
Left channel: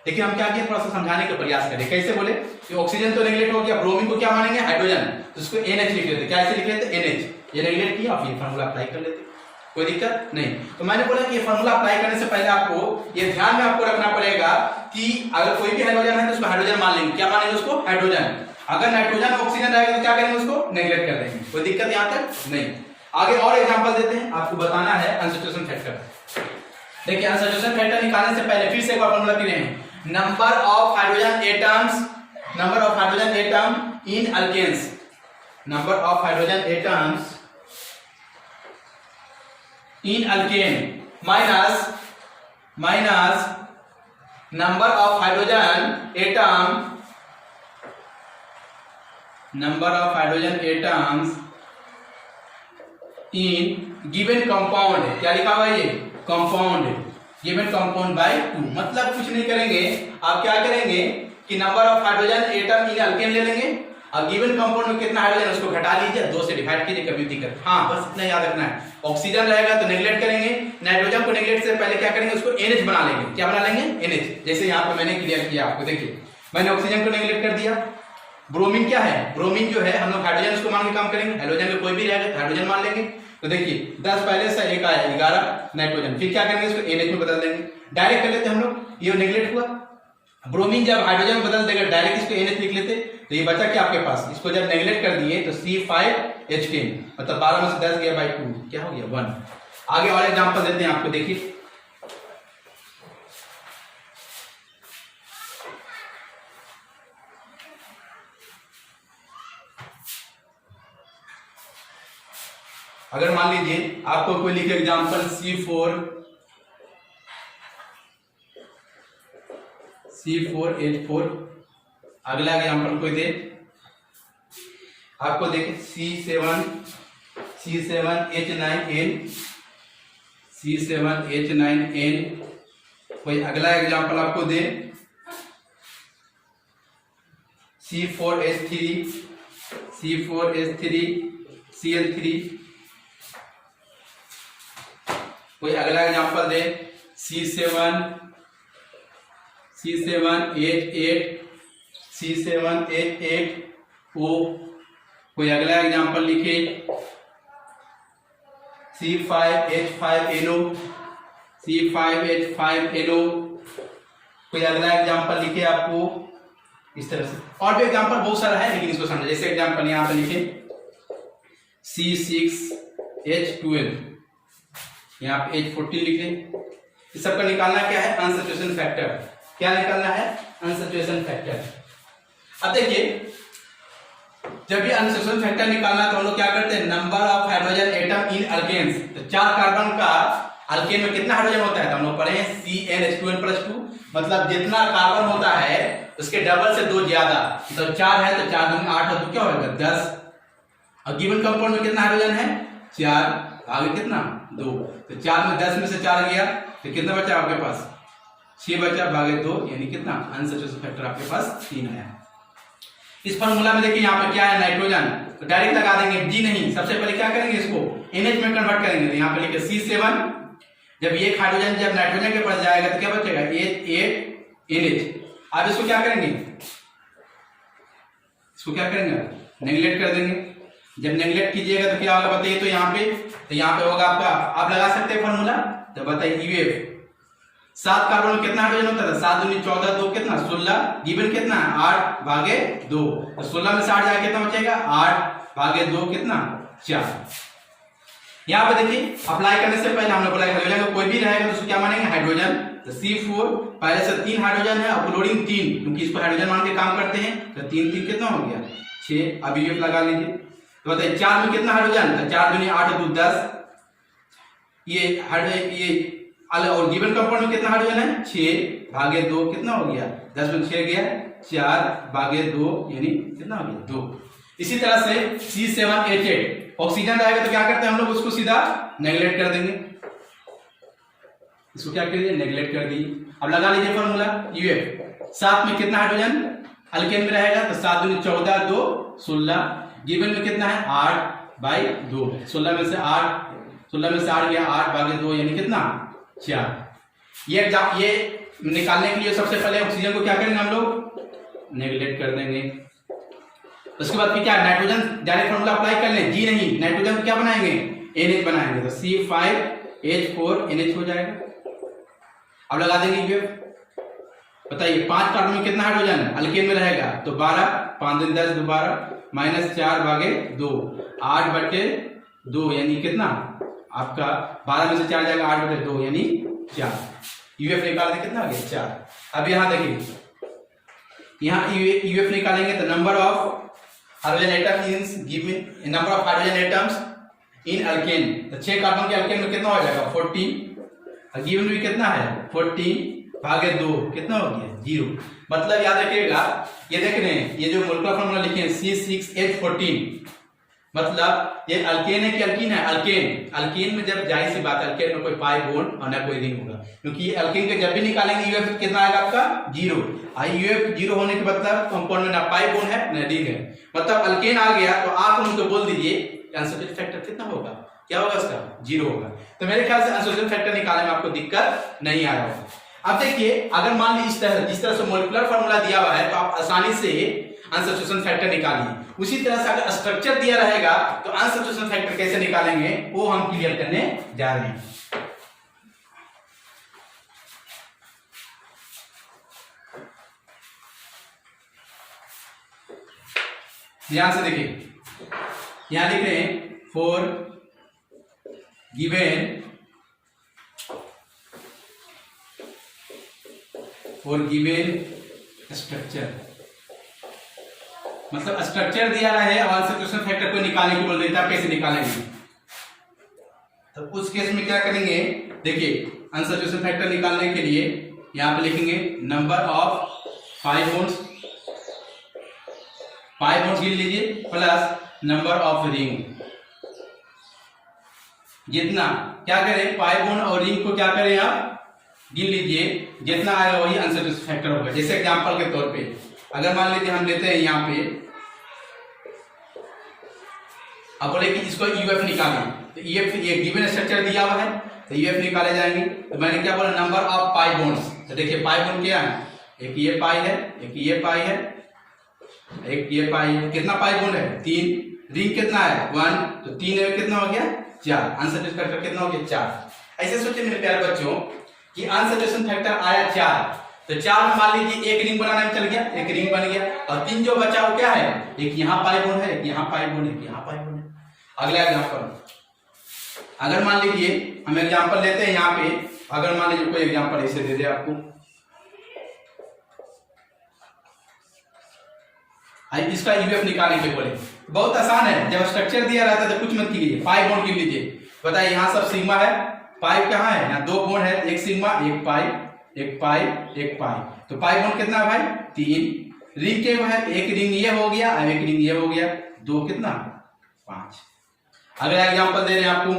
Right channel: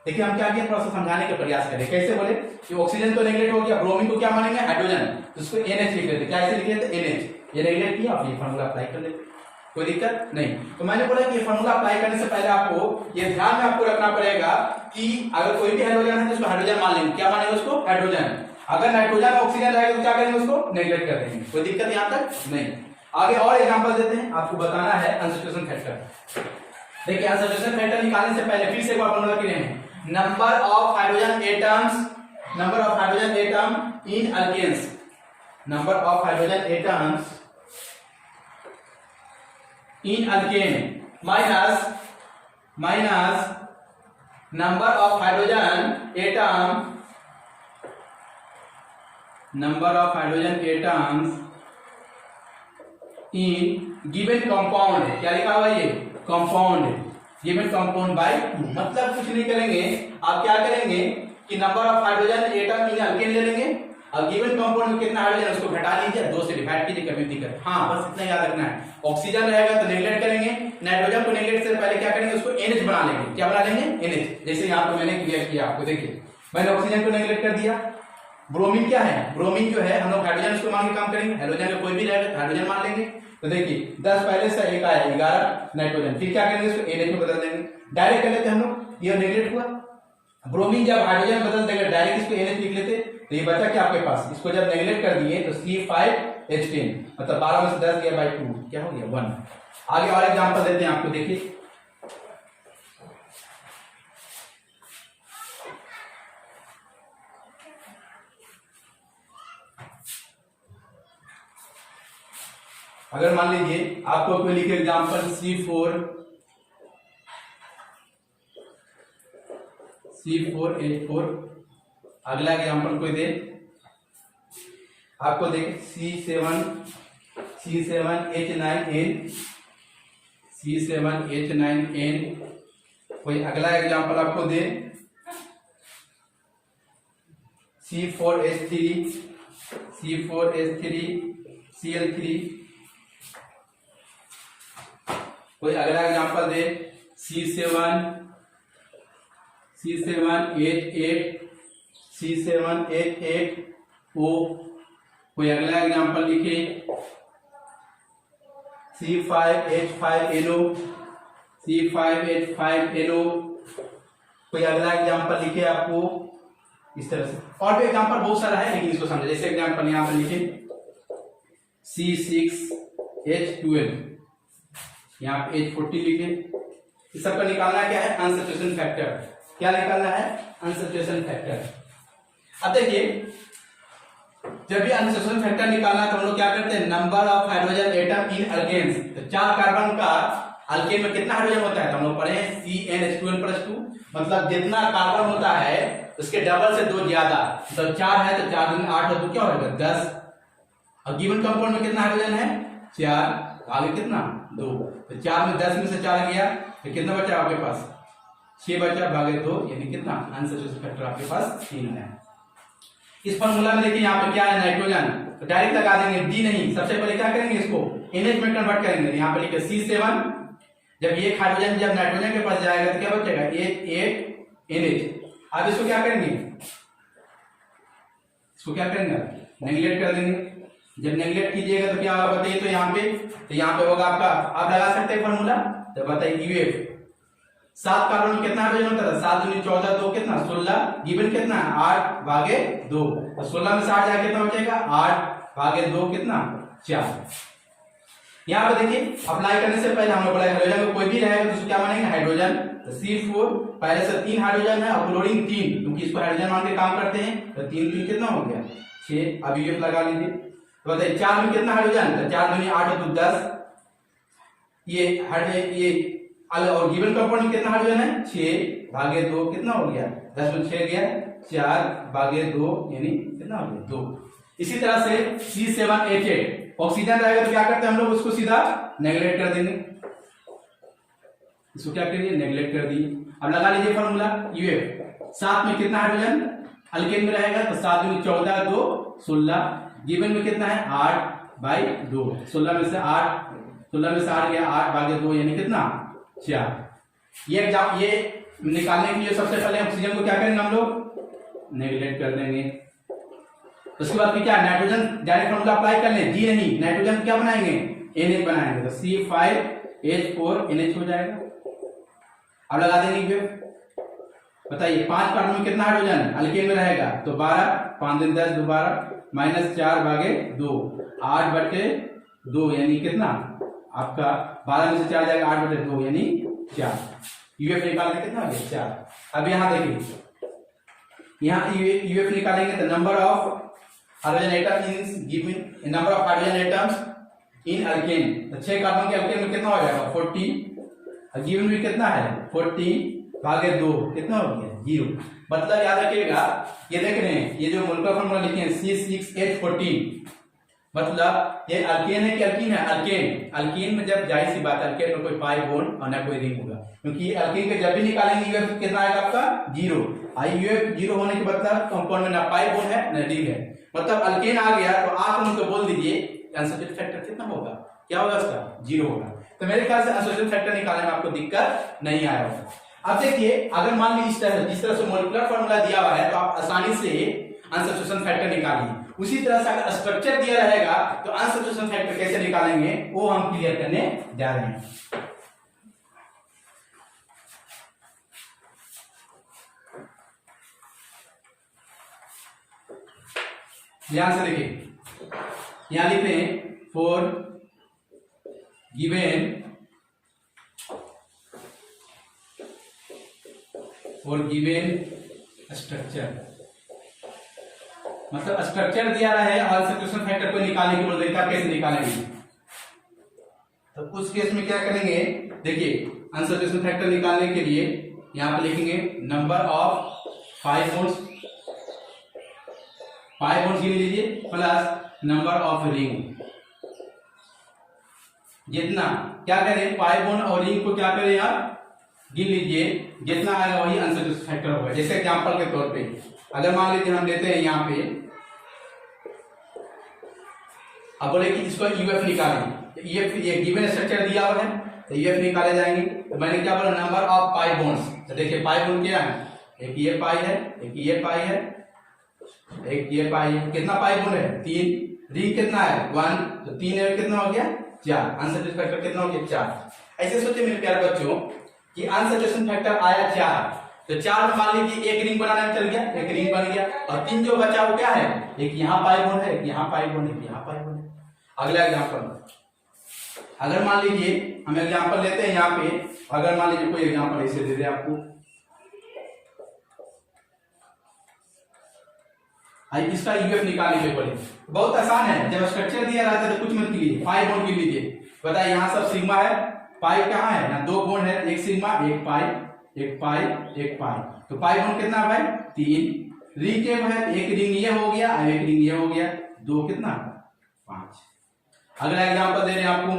लेकिन हम क्या किए, थोड़ा सा समझाने का प्रयास करें। कैसे बोले कि ऑक्सीजन तो नेगलेक्ट हो गया, ब्रोमीन को क्या मानेंगे, हाइड्रोजन, तो उसको NH लिख लेते। क्या ऐसे लिख लेते, NH। ये नेगलेक्ट किया, फिर फॉर्मूला अप्लाई कर लेते, कोई दिक्कत नहीं। तो मैंने बोला कि फॉर्मूला अप्लाई करने से पहले आपको ये ध्यान में आपको रखना पड़ेगा कि अगर कोई भी हाइड्रोजन है तो उसको हाइड्रोजन मान लेंगे। क्या मानेंगे उसको, हाइड्रोजन। अगर नाइट्रोजन ऑक्सीजन रहेगा तो क्या करेंगे, उसको नेगलेक्ट कर देंगे। कोई दिक्कत यहां तक नहीं। आगे और एग्जांपल देते हैं, आपको बताना है अनसैचुरेशन फैक्टर। देखिए अनसैचुरेशन फैक्टर निकालने से पहले फिर से एक बार फॉर्मूला क्लियर है, number of hydrogen atoms, number of hydrogen atom in alkanes, number of hydrogen atoms in alkane minus number of hydrogen atom, number of hydrogen atoms in given compound. क्या लिखा हुआ है ये, कंपाउंड, गिवन कंपाउंड बाय 2। मतलब कुछ नहीं करेंगे, आप क्या करेंगे कि number of hydrogen atom in alkane ले लेंगे और गिवन कंपाउंड में कितना हाइड्रोजन उसको घटा लीजिए, 2 से डिवाइड कीजिए, कभी दिक्कत। हाँ बस इतना याद रखना है। ऑक्सीजन रहेगा तो नेगलेक्ट करेंगे, नाइट्रोजन को नेगलेक्ट से पहले क्या करेंगे, उसको NH बना लेंगे। क्या बना लेंगे, NH। जैसे यहाँ पे मैंने क्लियर किया आपको, देखिए मैंने ऑक्सीजन को नेगलेक्ट कर दिया। ब्रोमीन क्या है, ब्रोमीन जो है हम लोग हाइड्रोजन उसको मान के काम करेंगे, हाइड्रोजन में कोई भी रहेगा तो हाइड्रोजन मान लेंगे। तो देखिए 10 पहले से 1 आया, 11 नाइट्रोजन, फिर क्या करेंगे, इसको NH में बदल देंगे। डायरेक्ट कर लेते हम लोग, ये नेगलेक्ट हुआ। ब्रोमीन जब हाइड्रोजन में बदल देगा डायरेक्ट इसको NH लिख लेते, तो ये बचा क्या आपके पास, इसको जब नेगलेक्ट कर दिए तो C5H10, मतलब 12 में से 10 गया बाई 2, क्या हो गया 1। आगे और एग्जांपल देते हैं आपको, देखिए अगर मान लीजिए आपको कोई लिखे एग्जांपल C4H4, अगला एग्जांपल कोई दे आपको, देखे C7H9N, कोई अगला एग्जांपल आपको दे C4H3Cl3, कोई अगला एग्जांपल दे C7H8O, कोई अगला एग्जांपल लिखे C5H5NO, कोई अगला एग्जांपल लिखे आपको इस तरह से। और भी एग्जांपल बहुत सारा है, लेकिन इसको समझे। जैसे एग्जांपल यहां पे लिखे C6H12, यहाँ पे H40 लिखे। इस सबका निकालना क्या है, अनसैचुरेशन फैक्टर। क्या निकालना है, अनसैचुरेशन फैक्टर। अब देखिए जब भी अनसैचुरेशन फैक्टर निकालना है तो हम लोग क्या करते हैं, number of hydrogen atom in alkanes. तो 4 कार्बन का अल्केन में कितना हाइड्रोजन होता है, तो हम लोग पढ़े हैं CnH2n+2, मतलब जितना कार्बन होता है उसके डबल से 2 ज्यादा। मतलब 4 है तो 4 दूनी 8 है तो क्या होगा 10। और गिवन कंपाउंड में कितना हाइड्रोजन है, 4, आगे कितना 2, तो 4 में 10 में से 4 गया तो कितना बचा आपके पास, 6 बचा, भागे 2, यानी कितना अनसैचुरेशन फैक्टर आपके पास 3 है। इस फॉर्मूला में देखिए यहाँ पे क्या है, नाइट्रोजन, तो डायरेक्ट लगा देंगे, D नहीं, सबसे पहले क्या करेंगे, इसको NH में कन्वर्ट करेंगे। यहाँ पे लिखे C7, जब ये हाइड्रोजन जब नाइट्रोजन के पास जाएगा तो क्या बचेगा 8NH। अब इसको क्या करेंगे, इसको क्या करेंगे, नेगलेक्ट कर देंगे। जब नेगलेक्ट कीजिएगा तो क्या होगा बताइए, तो यहाँ पे होगा आपका, आप लगा सकते हैं फॉर्मूला, तो बताइए UF। 7 कार्बन में कितना हाइड्रोजन होता है, 7 दूनी 14, 2 कितना 16, गिवन कितना 8 भागे 2, तो 16 में से 8 जाके कितना बचेगा 8 भागे 2 कितना 4। यहाँ पे देखिए अप्लाई करने से पहले हमने बोला हाइड्रोजन का कोई भी रहेगा तो उसको क्या मानेंगे, हाइड्रोजन। तो C4 पहले से 3 हाइड्रोजन है और क्लोरीन 3, क्योंकि इसको हाइड्रोजन मान के काम करते हैं, तो 3 3 कितना हो गया 6। अब UF लगा लीजिए, तो बताइए 4 में कितना हाइड्रोजन, तो 4 दूनी 8 2 10, ये और गिवन कंपाउंड में कितना हाइड्रोजन है 6 भागे 2 कितना हो गया 10 में 6 गया 4 भागे 2 यानी कितना हो गया 2। इसी तरह से C7H8 ऑक्सीजन रहेगा तो क्या करते हैं हम लोग, उसको सीधा नेगलेक्ट कर देंगे, इसको क्या कर दिए नेगलेक्ट कर दिए। अब लगा लीजिए फॉर्मूला UF। 7 में कितना हाइड्रोजन अल्केन में रहेगा, तो 7 दूनी 14 2 16, गिवन में कितना है 8 बाई 2, 16 में से 8 गया 8 भागे 2 यानी कितना 4। ये निकालने के लिए सबसे पहले ऑक्सीजन को क्या करेंगे हम लोग, नेगलेक्ट कर देंगे। उसके बाद फिर क्या, नाइट्रोजन डायरेक्ट फॉर्मूला अप्लाई कर लें, जी नहीं, नाइट्रोजन क्या बनाएंगे, NH बनाएंगे, तो C5H4NH हो जाएगा। अब लगा देंगे यूएफ। बताइए 5 कार्बन में कितना हाइड्रोजन अल्केन में रहेगा, तो 12, 5 दिन 10 दोबारा -4 भागे 2, 8/2 यानी कितना आपका 12 में से 4 जाएगा, 8/2 यानी 4। यूएफ निकाल दे कितना आ गया 4। अब यहाँ देखिए, यहाँ यूएफ निकालेंगे तो number of hydrogen atom in given, number of hydrogen atoms in alkane, तो 6 कार्बन के अल्केन में कितना हो जाएगा 14, गिवन भी कितना है 14 भागे 2 कितना हो गया 0। मतलब याद रखिएगा, ये देख रहे हैं, ये जो मोलकुलर फॉर्मूला लिखे हैं C6H14, मतलब ये अल्केन है कि अल्कीन है, अल्केन। अल्कीन में जब जाहिर सी बात, अल्केन में कोई पाई बॉन्ड और ना कोई रिंग होगा, क्योंकि ये अल्केन के जब भी निकालेंगे यूएफ कितना आएगा आपका 0। यूएफ 0 होने के मतलब कंपाउंड में ना पाई बॉन्ड है ना रिंग है, मतलब अल्केन आ गया तो आप उनको बोल दीजिए अनसैचुरेटेड फैक्टर कितना होगा, क्या होगा उसका 0 होगा। तो मेरे ख्याल से अनसैचुरेटेड फैक्टर निकालने में आपको दिक्कत नहीं आ रहा है। अब देखिए, अगर मान लीजिए जिस तरह से मॉलिक्यूलर फार्मूला दिया हुआ है तो आप आसानी से अनसैचुरेशन फैक्टर निकालिए। उसी तरह से अगर स्ट्रक्चर दिया रहेगा तो अनसैचुरेशन फैक्टर कैसे निकालेंगे वो हम क्लियर करने जा रहे हैं। ध्यान से देखिए, यहां लिख रहे हैं फॉर गिवन स्ट्रक्चर, मतलब स्ट्रक्चर दिया रहा है और अनसैचुरेशन फैक्टर को निकालने को बोल रहे, कैसे निकालेंगे, तो उस केस में क्या करेंगे, देखिए अनसैचुरेशन फैक्टर निकालने के लिए यहां पे लिखेंगे नंबर ऑफ 5 बॉन्ड्स गिन लीजिए प्लस नंबर ऑफ रिंग, जितना क्या करें पाई बॉन्ड और रिंग को क्या करें आप गिन लीजिए, जितना आएगा वही अनसैचुरेशन फैक्टर होगा। जैसे एग्जांपल के तौर पे अगर मान लीजिए हम लेते हैं यहाँ पे, अब बोले कि इसको यूएफ निकालें, तो यूएफ ये गिवन स्ट्रक्चर दिया हुआ है तो यूएफ निकाले जाएंगे। तो मैंने क्या बोला नंबर ऑफ पाई बॉन्ड्स, तो देखिए पाई बॉन्ड क्या है, एक ये पाई है, एक ये पाई है, एक ये पाई है, कितना पाई बॉन्ड है 3, रिंग कितना है 1, तो 3 है कितना हो गया 4, अनसैचुरेटेड फैक्टर कितना हो गया 4। ऐसे सोचिए मेरे प्यारे बच्चों कि अनसैचुरेशन फैक्टर आया 4, तो 4 मान लीजिए एक रिंग बनाने में चल गया, एक रिंग बन गया, और 3 जो बचा वो क्या है, एक यहाँ पाई बॉन्ड है, एक यहाँ पाई बॉन्ड है, यहाँ पाई बॉन्ड है। अगला एग्जांपल, अगर मान लीजिए हम एग्जांपल लेते हैं यहाँ पे, अगर मान लीजिए कोई एग्जांपल ऐसे दे दे आपको, इसका यूएफ निकालने के बोले, बहुत आसान है। जब स्ट्रक्चर दिया रहता है तो कुछ मत कीजिए, पाई बॉन्ड गिन लीजिए। बताइए यहाँ सब सिग्मा है, पाई कहाँ है, यहाँ 2 बॉन्ड है, एक सिग्मा एक पाई, एक पाई एक पाई, तो पाई बॉन्ड कितना भाई 3, रिंग के है एक रिंग ये हो गया और एक रिंग ये हो गया, 2 कितना 5। अगला एग्जांपल दे रहे हैं आपको,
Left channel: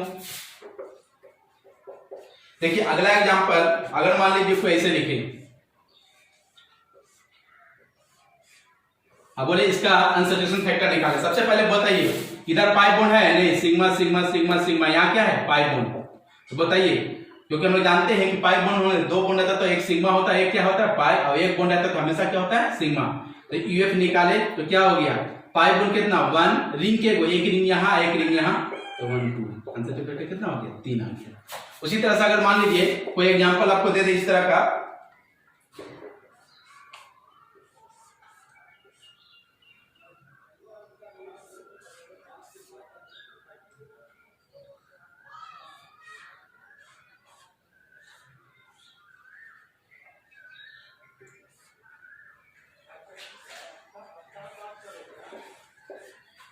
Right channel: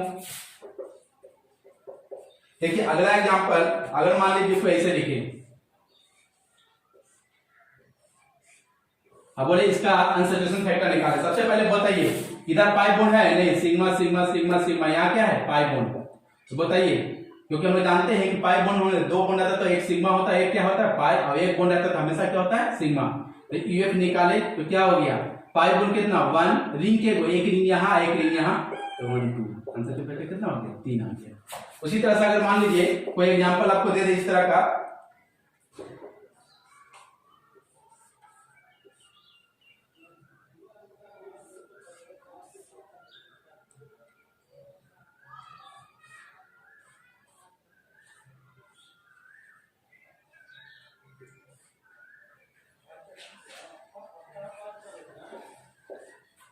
देखिए अगला एग्जांपल अगर मान लीजिए इसको ऐसे लिखे, अब बोले इसका अनसैचुरेशन फैक्टर निकाले। सबसे पहले बताइए इधर पाई बॉन्ड है नहीं, सिग्मा सिग्मा सिग्मा सिग्मा, यहाँ क्या है पाई बॉन्ड, तो बताइए, क्योंकि हम लोग जानते हैं कि पाई बॉन्ड होने 2 बॉन्ड रहता तो एक सिग्मा होता है, एक क्या होता है पाई, और एक बॉन्ड रहता तो हमेशा क्या होता है सिग्मा। तो यूएफ निकाले तो क्या हो गया, पाई बॉन्ड कितना 1, रिंग के एक रिंग यहाँ एक रिंग यहाँ, तो 1 2, आंसर फैक्टर कितना हो गया 3 आ गया। उसी तरह से अगर मान लीजिए कोई एग्जांपल आपको दे दे इस तरह का,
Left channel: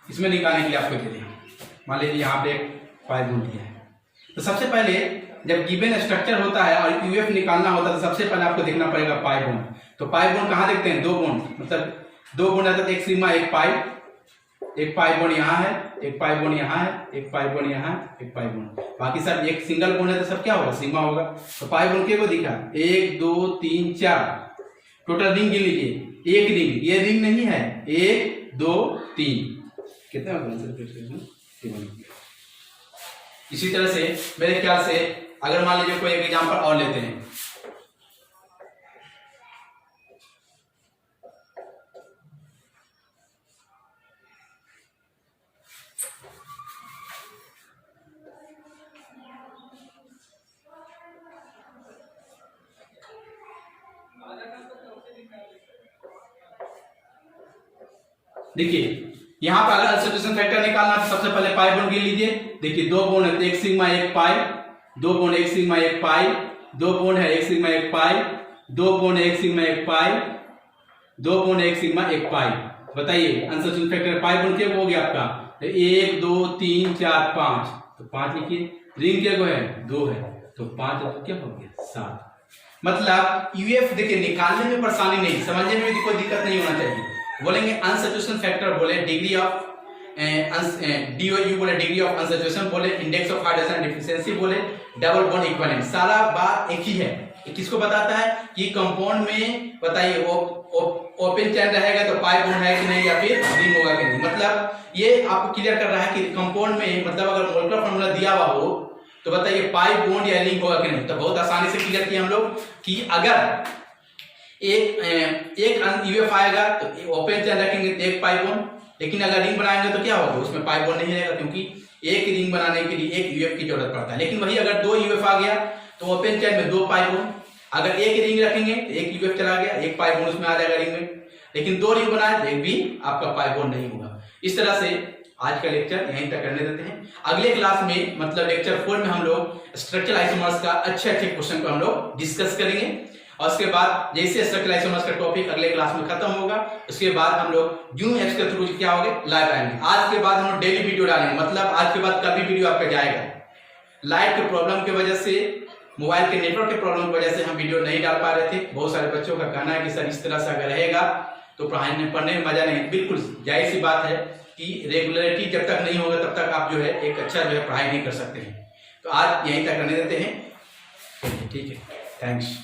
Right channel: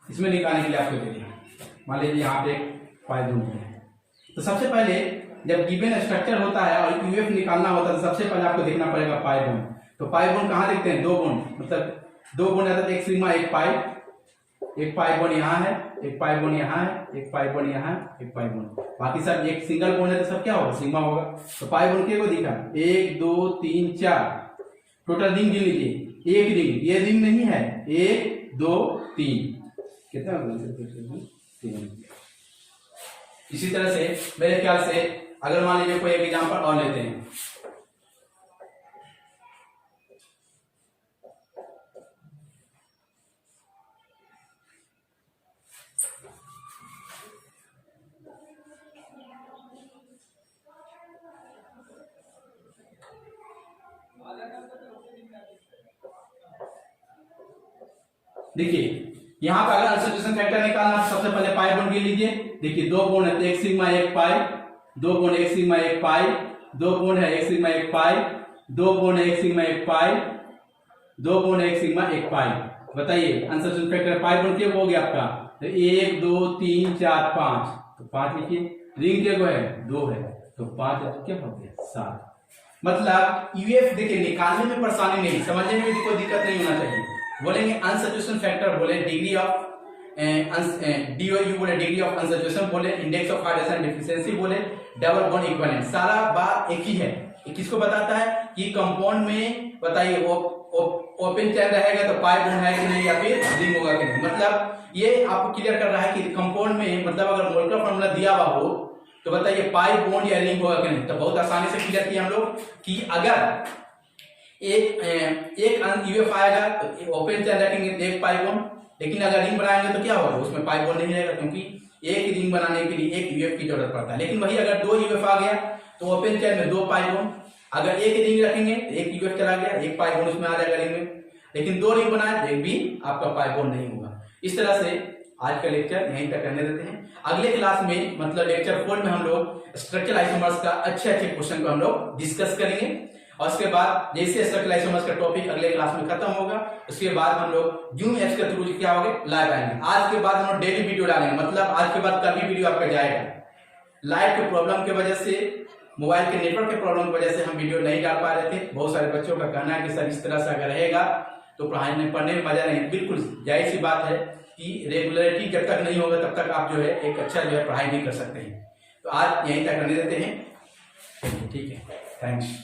इसमें निकालने के लिए आपको दे दें, मान लीजिए यहाँ पे एक पाई बॉन्ड दिया है, तो सबसे पहले जब गिवन स्ट्रक्चर होता है और यूएफ निकालना होता है तो सबसे पहले आपको देखना पड़ेगा पाई बॉन्ड। तो पाई बॉन्ड कहाँ देखते हैं 2 बॉन्ड, मतलब 2 बॉन्ड आता है, एक सिग्मा एक पाई बॉन्ड यहाँ है, एक पाई बॉन्ड यहाँ है, एक पाई बॉन्ड यहाँ है, एक पाई बॉन्ड, बाकी सब एक सिंगल बॉन्ड है तो सब क्या होगा सिग्मा होगा। तो पाई बॉन्ड को दिखा 1 2 3 4, टोटल रिंग गिन लीजिए, एक रिंग, ये रिंग नहीं है, 1 2 3 कितना होगा। इसी तरह से मेरे ख्याल से अगर मान लीजिए कोई एक एग्जांपल और लेते हैं, देखिए यहाँ पर अगर अनसैचुरेशन फैक्टर निकालना तो सबसे पहले पाई बॉन्ड ले लीजिए। देखिए 2 बॉन्ड है तो 1 सिग्मा 1 पाई, 2 बॉन्ड 1 सिग्मा 1 पाई, 2 बॉन्ड है 1 सिग्मा 1 पाई, 2 बॉन्ड 1 सिग्मा 1 पाई, 2 बॉन्ड 1 सिग्मा 1 पाई। बताइए अनसैचुरेशन फैक्टर पाई बॉन्ड क्या हो गया आपका? 1 2 3 4 5, तो 5 लिखिए। रिंग क्या है? 2 है, तो 5 क्या हो गया? 7। मतलब यूएफ देखिए निकालने में परेशानी नहीं, समझने में भी कोई दिक्कत नहीं होना चाहिए। बोलेंगे अनसैचुरेशन फैक्टर, बोले डिग्री ऑफ DOU, बोले डिग्री ऑफ अनसैचुरेशन, बोले इंडेक्स ऑफ हाइड्रोजन डिफिशियंसी, बोले डबल बॉन्ड इक्विवेलेंट, सारा बात एक ही है। किसको बताता है कि कंपाउंड में बताइए ओपन चेन रहेगा तो पाई बॉन्ड है कि नहीं या फिर रिंग होगा कि नहीं। मतलब ये आपको क्लियर कर रहा है कि कंपाउंड में मतलब अगर मोलेकुलर फार्मूला दिया हुआ हो तो बताइए पाई बॉन्ड या रिंग होगा कि नहीं। तो बहुत आसानी से क्लियर किया हम लोग कि अगर एक यूएफ आएगा तो ओपन चेन रखेंगे तो एक पाई बॉन्ड, लेकिन अगर रिंग बनाएंगे तो क्या होगा? उसमें पाई बॉन्ड नहीं रहेगा, क्योंकि एक रिंग बनाने के लिए एक यूएफ की जरूरत पड़ता है। लेकिन वही अगर 2 यूएफ आ गया तो ओपन चेन में 2 पाई बॉन्ड, अगर एक रिंग रखेंगे तो एक यूएफ चला गया, एक पाई बॉन्ड उसमें आ जाएगा रिंग में। लेकिन 2 रिंग बनाए तो एक भी आपका पाई बॉन्ड नहीं होगा। इस तरह से आज का लेक्चर यहीं तक करने देते हैं। अगले क्लास में मतलब लेक्चर 4 में हम लोग स्ट्रक्चरल आइसोमर्स का अच्छे क्वेश्चन को हम लोग डिस्कस करेंगे, और उसके बाद जैसे स्ट्रक्चरल आइसोमर्स का टॉपिक अगले क्लास में खत्म होगा उसके बाद हम लोग जूम एप्स के थ्रू क्या होंगे लाइव आएंगे। आज के बाद हम लोग डेली वीडियो डालेंगे, मतलब आज के बाद कल भी वीडियो आपका जाएगा। लाइट के प्रॉब्लम की वजह से, मोबाइल के नेटवर्क के प्रॉब्लम की वजह से हम वीडियो नहीं डाल पा रहे थे। बहुत सारे बच्चों का कहना है कि सर इस तरह से अगर रहेगा तो पढ़ने में मजा नहीं। बिल्कुल जाहिर सी बात है कि रेगुलरिटी जब तक नहीं होगा तब तक आप जो है एक अच्छा जो है पढ़ाई नहीं कर सकते हैं। तो आज यहीं तक रहने देते हैं। ठीक है, थैंक्स।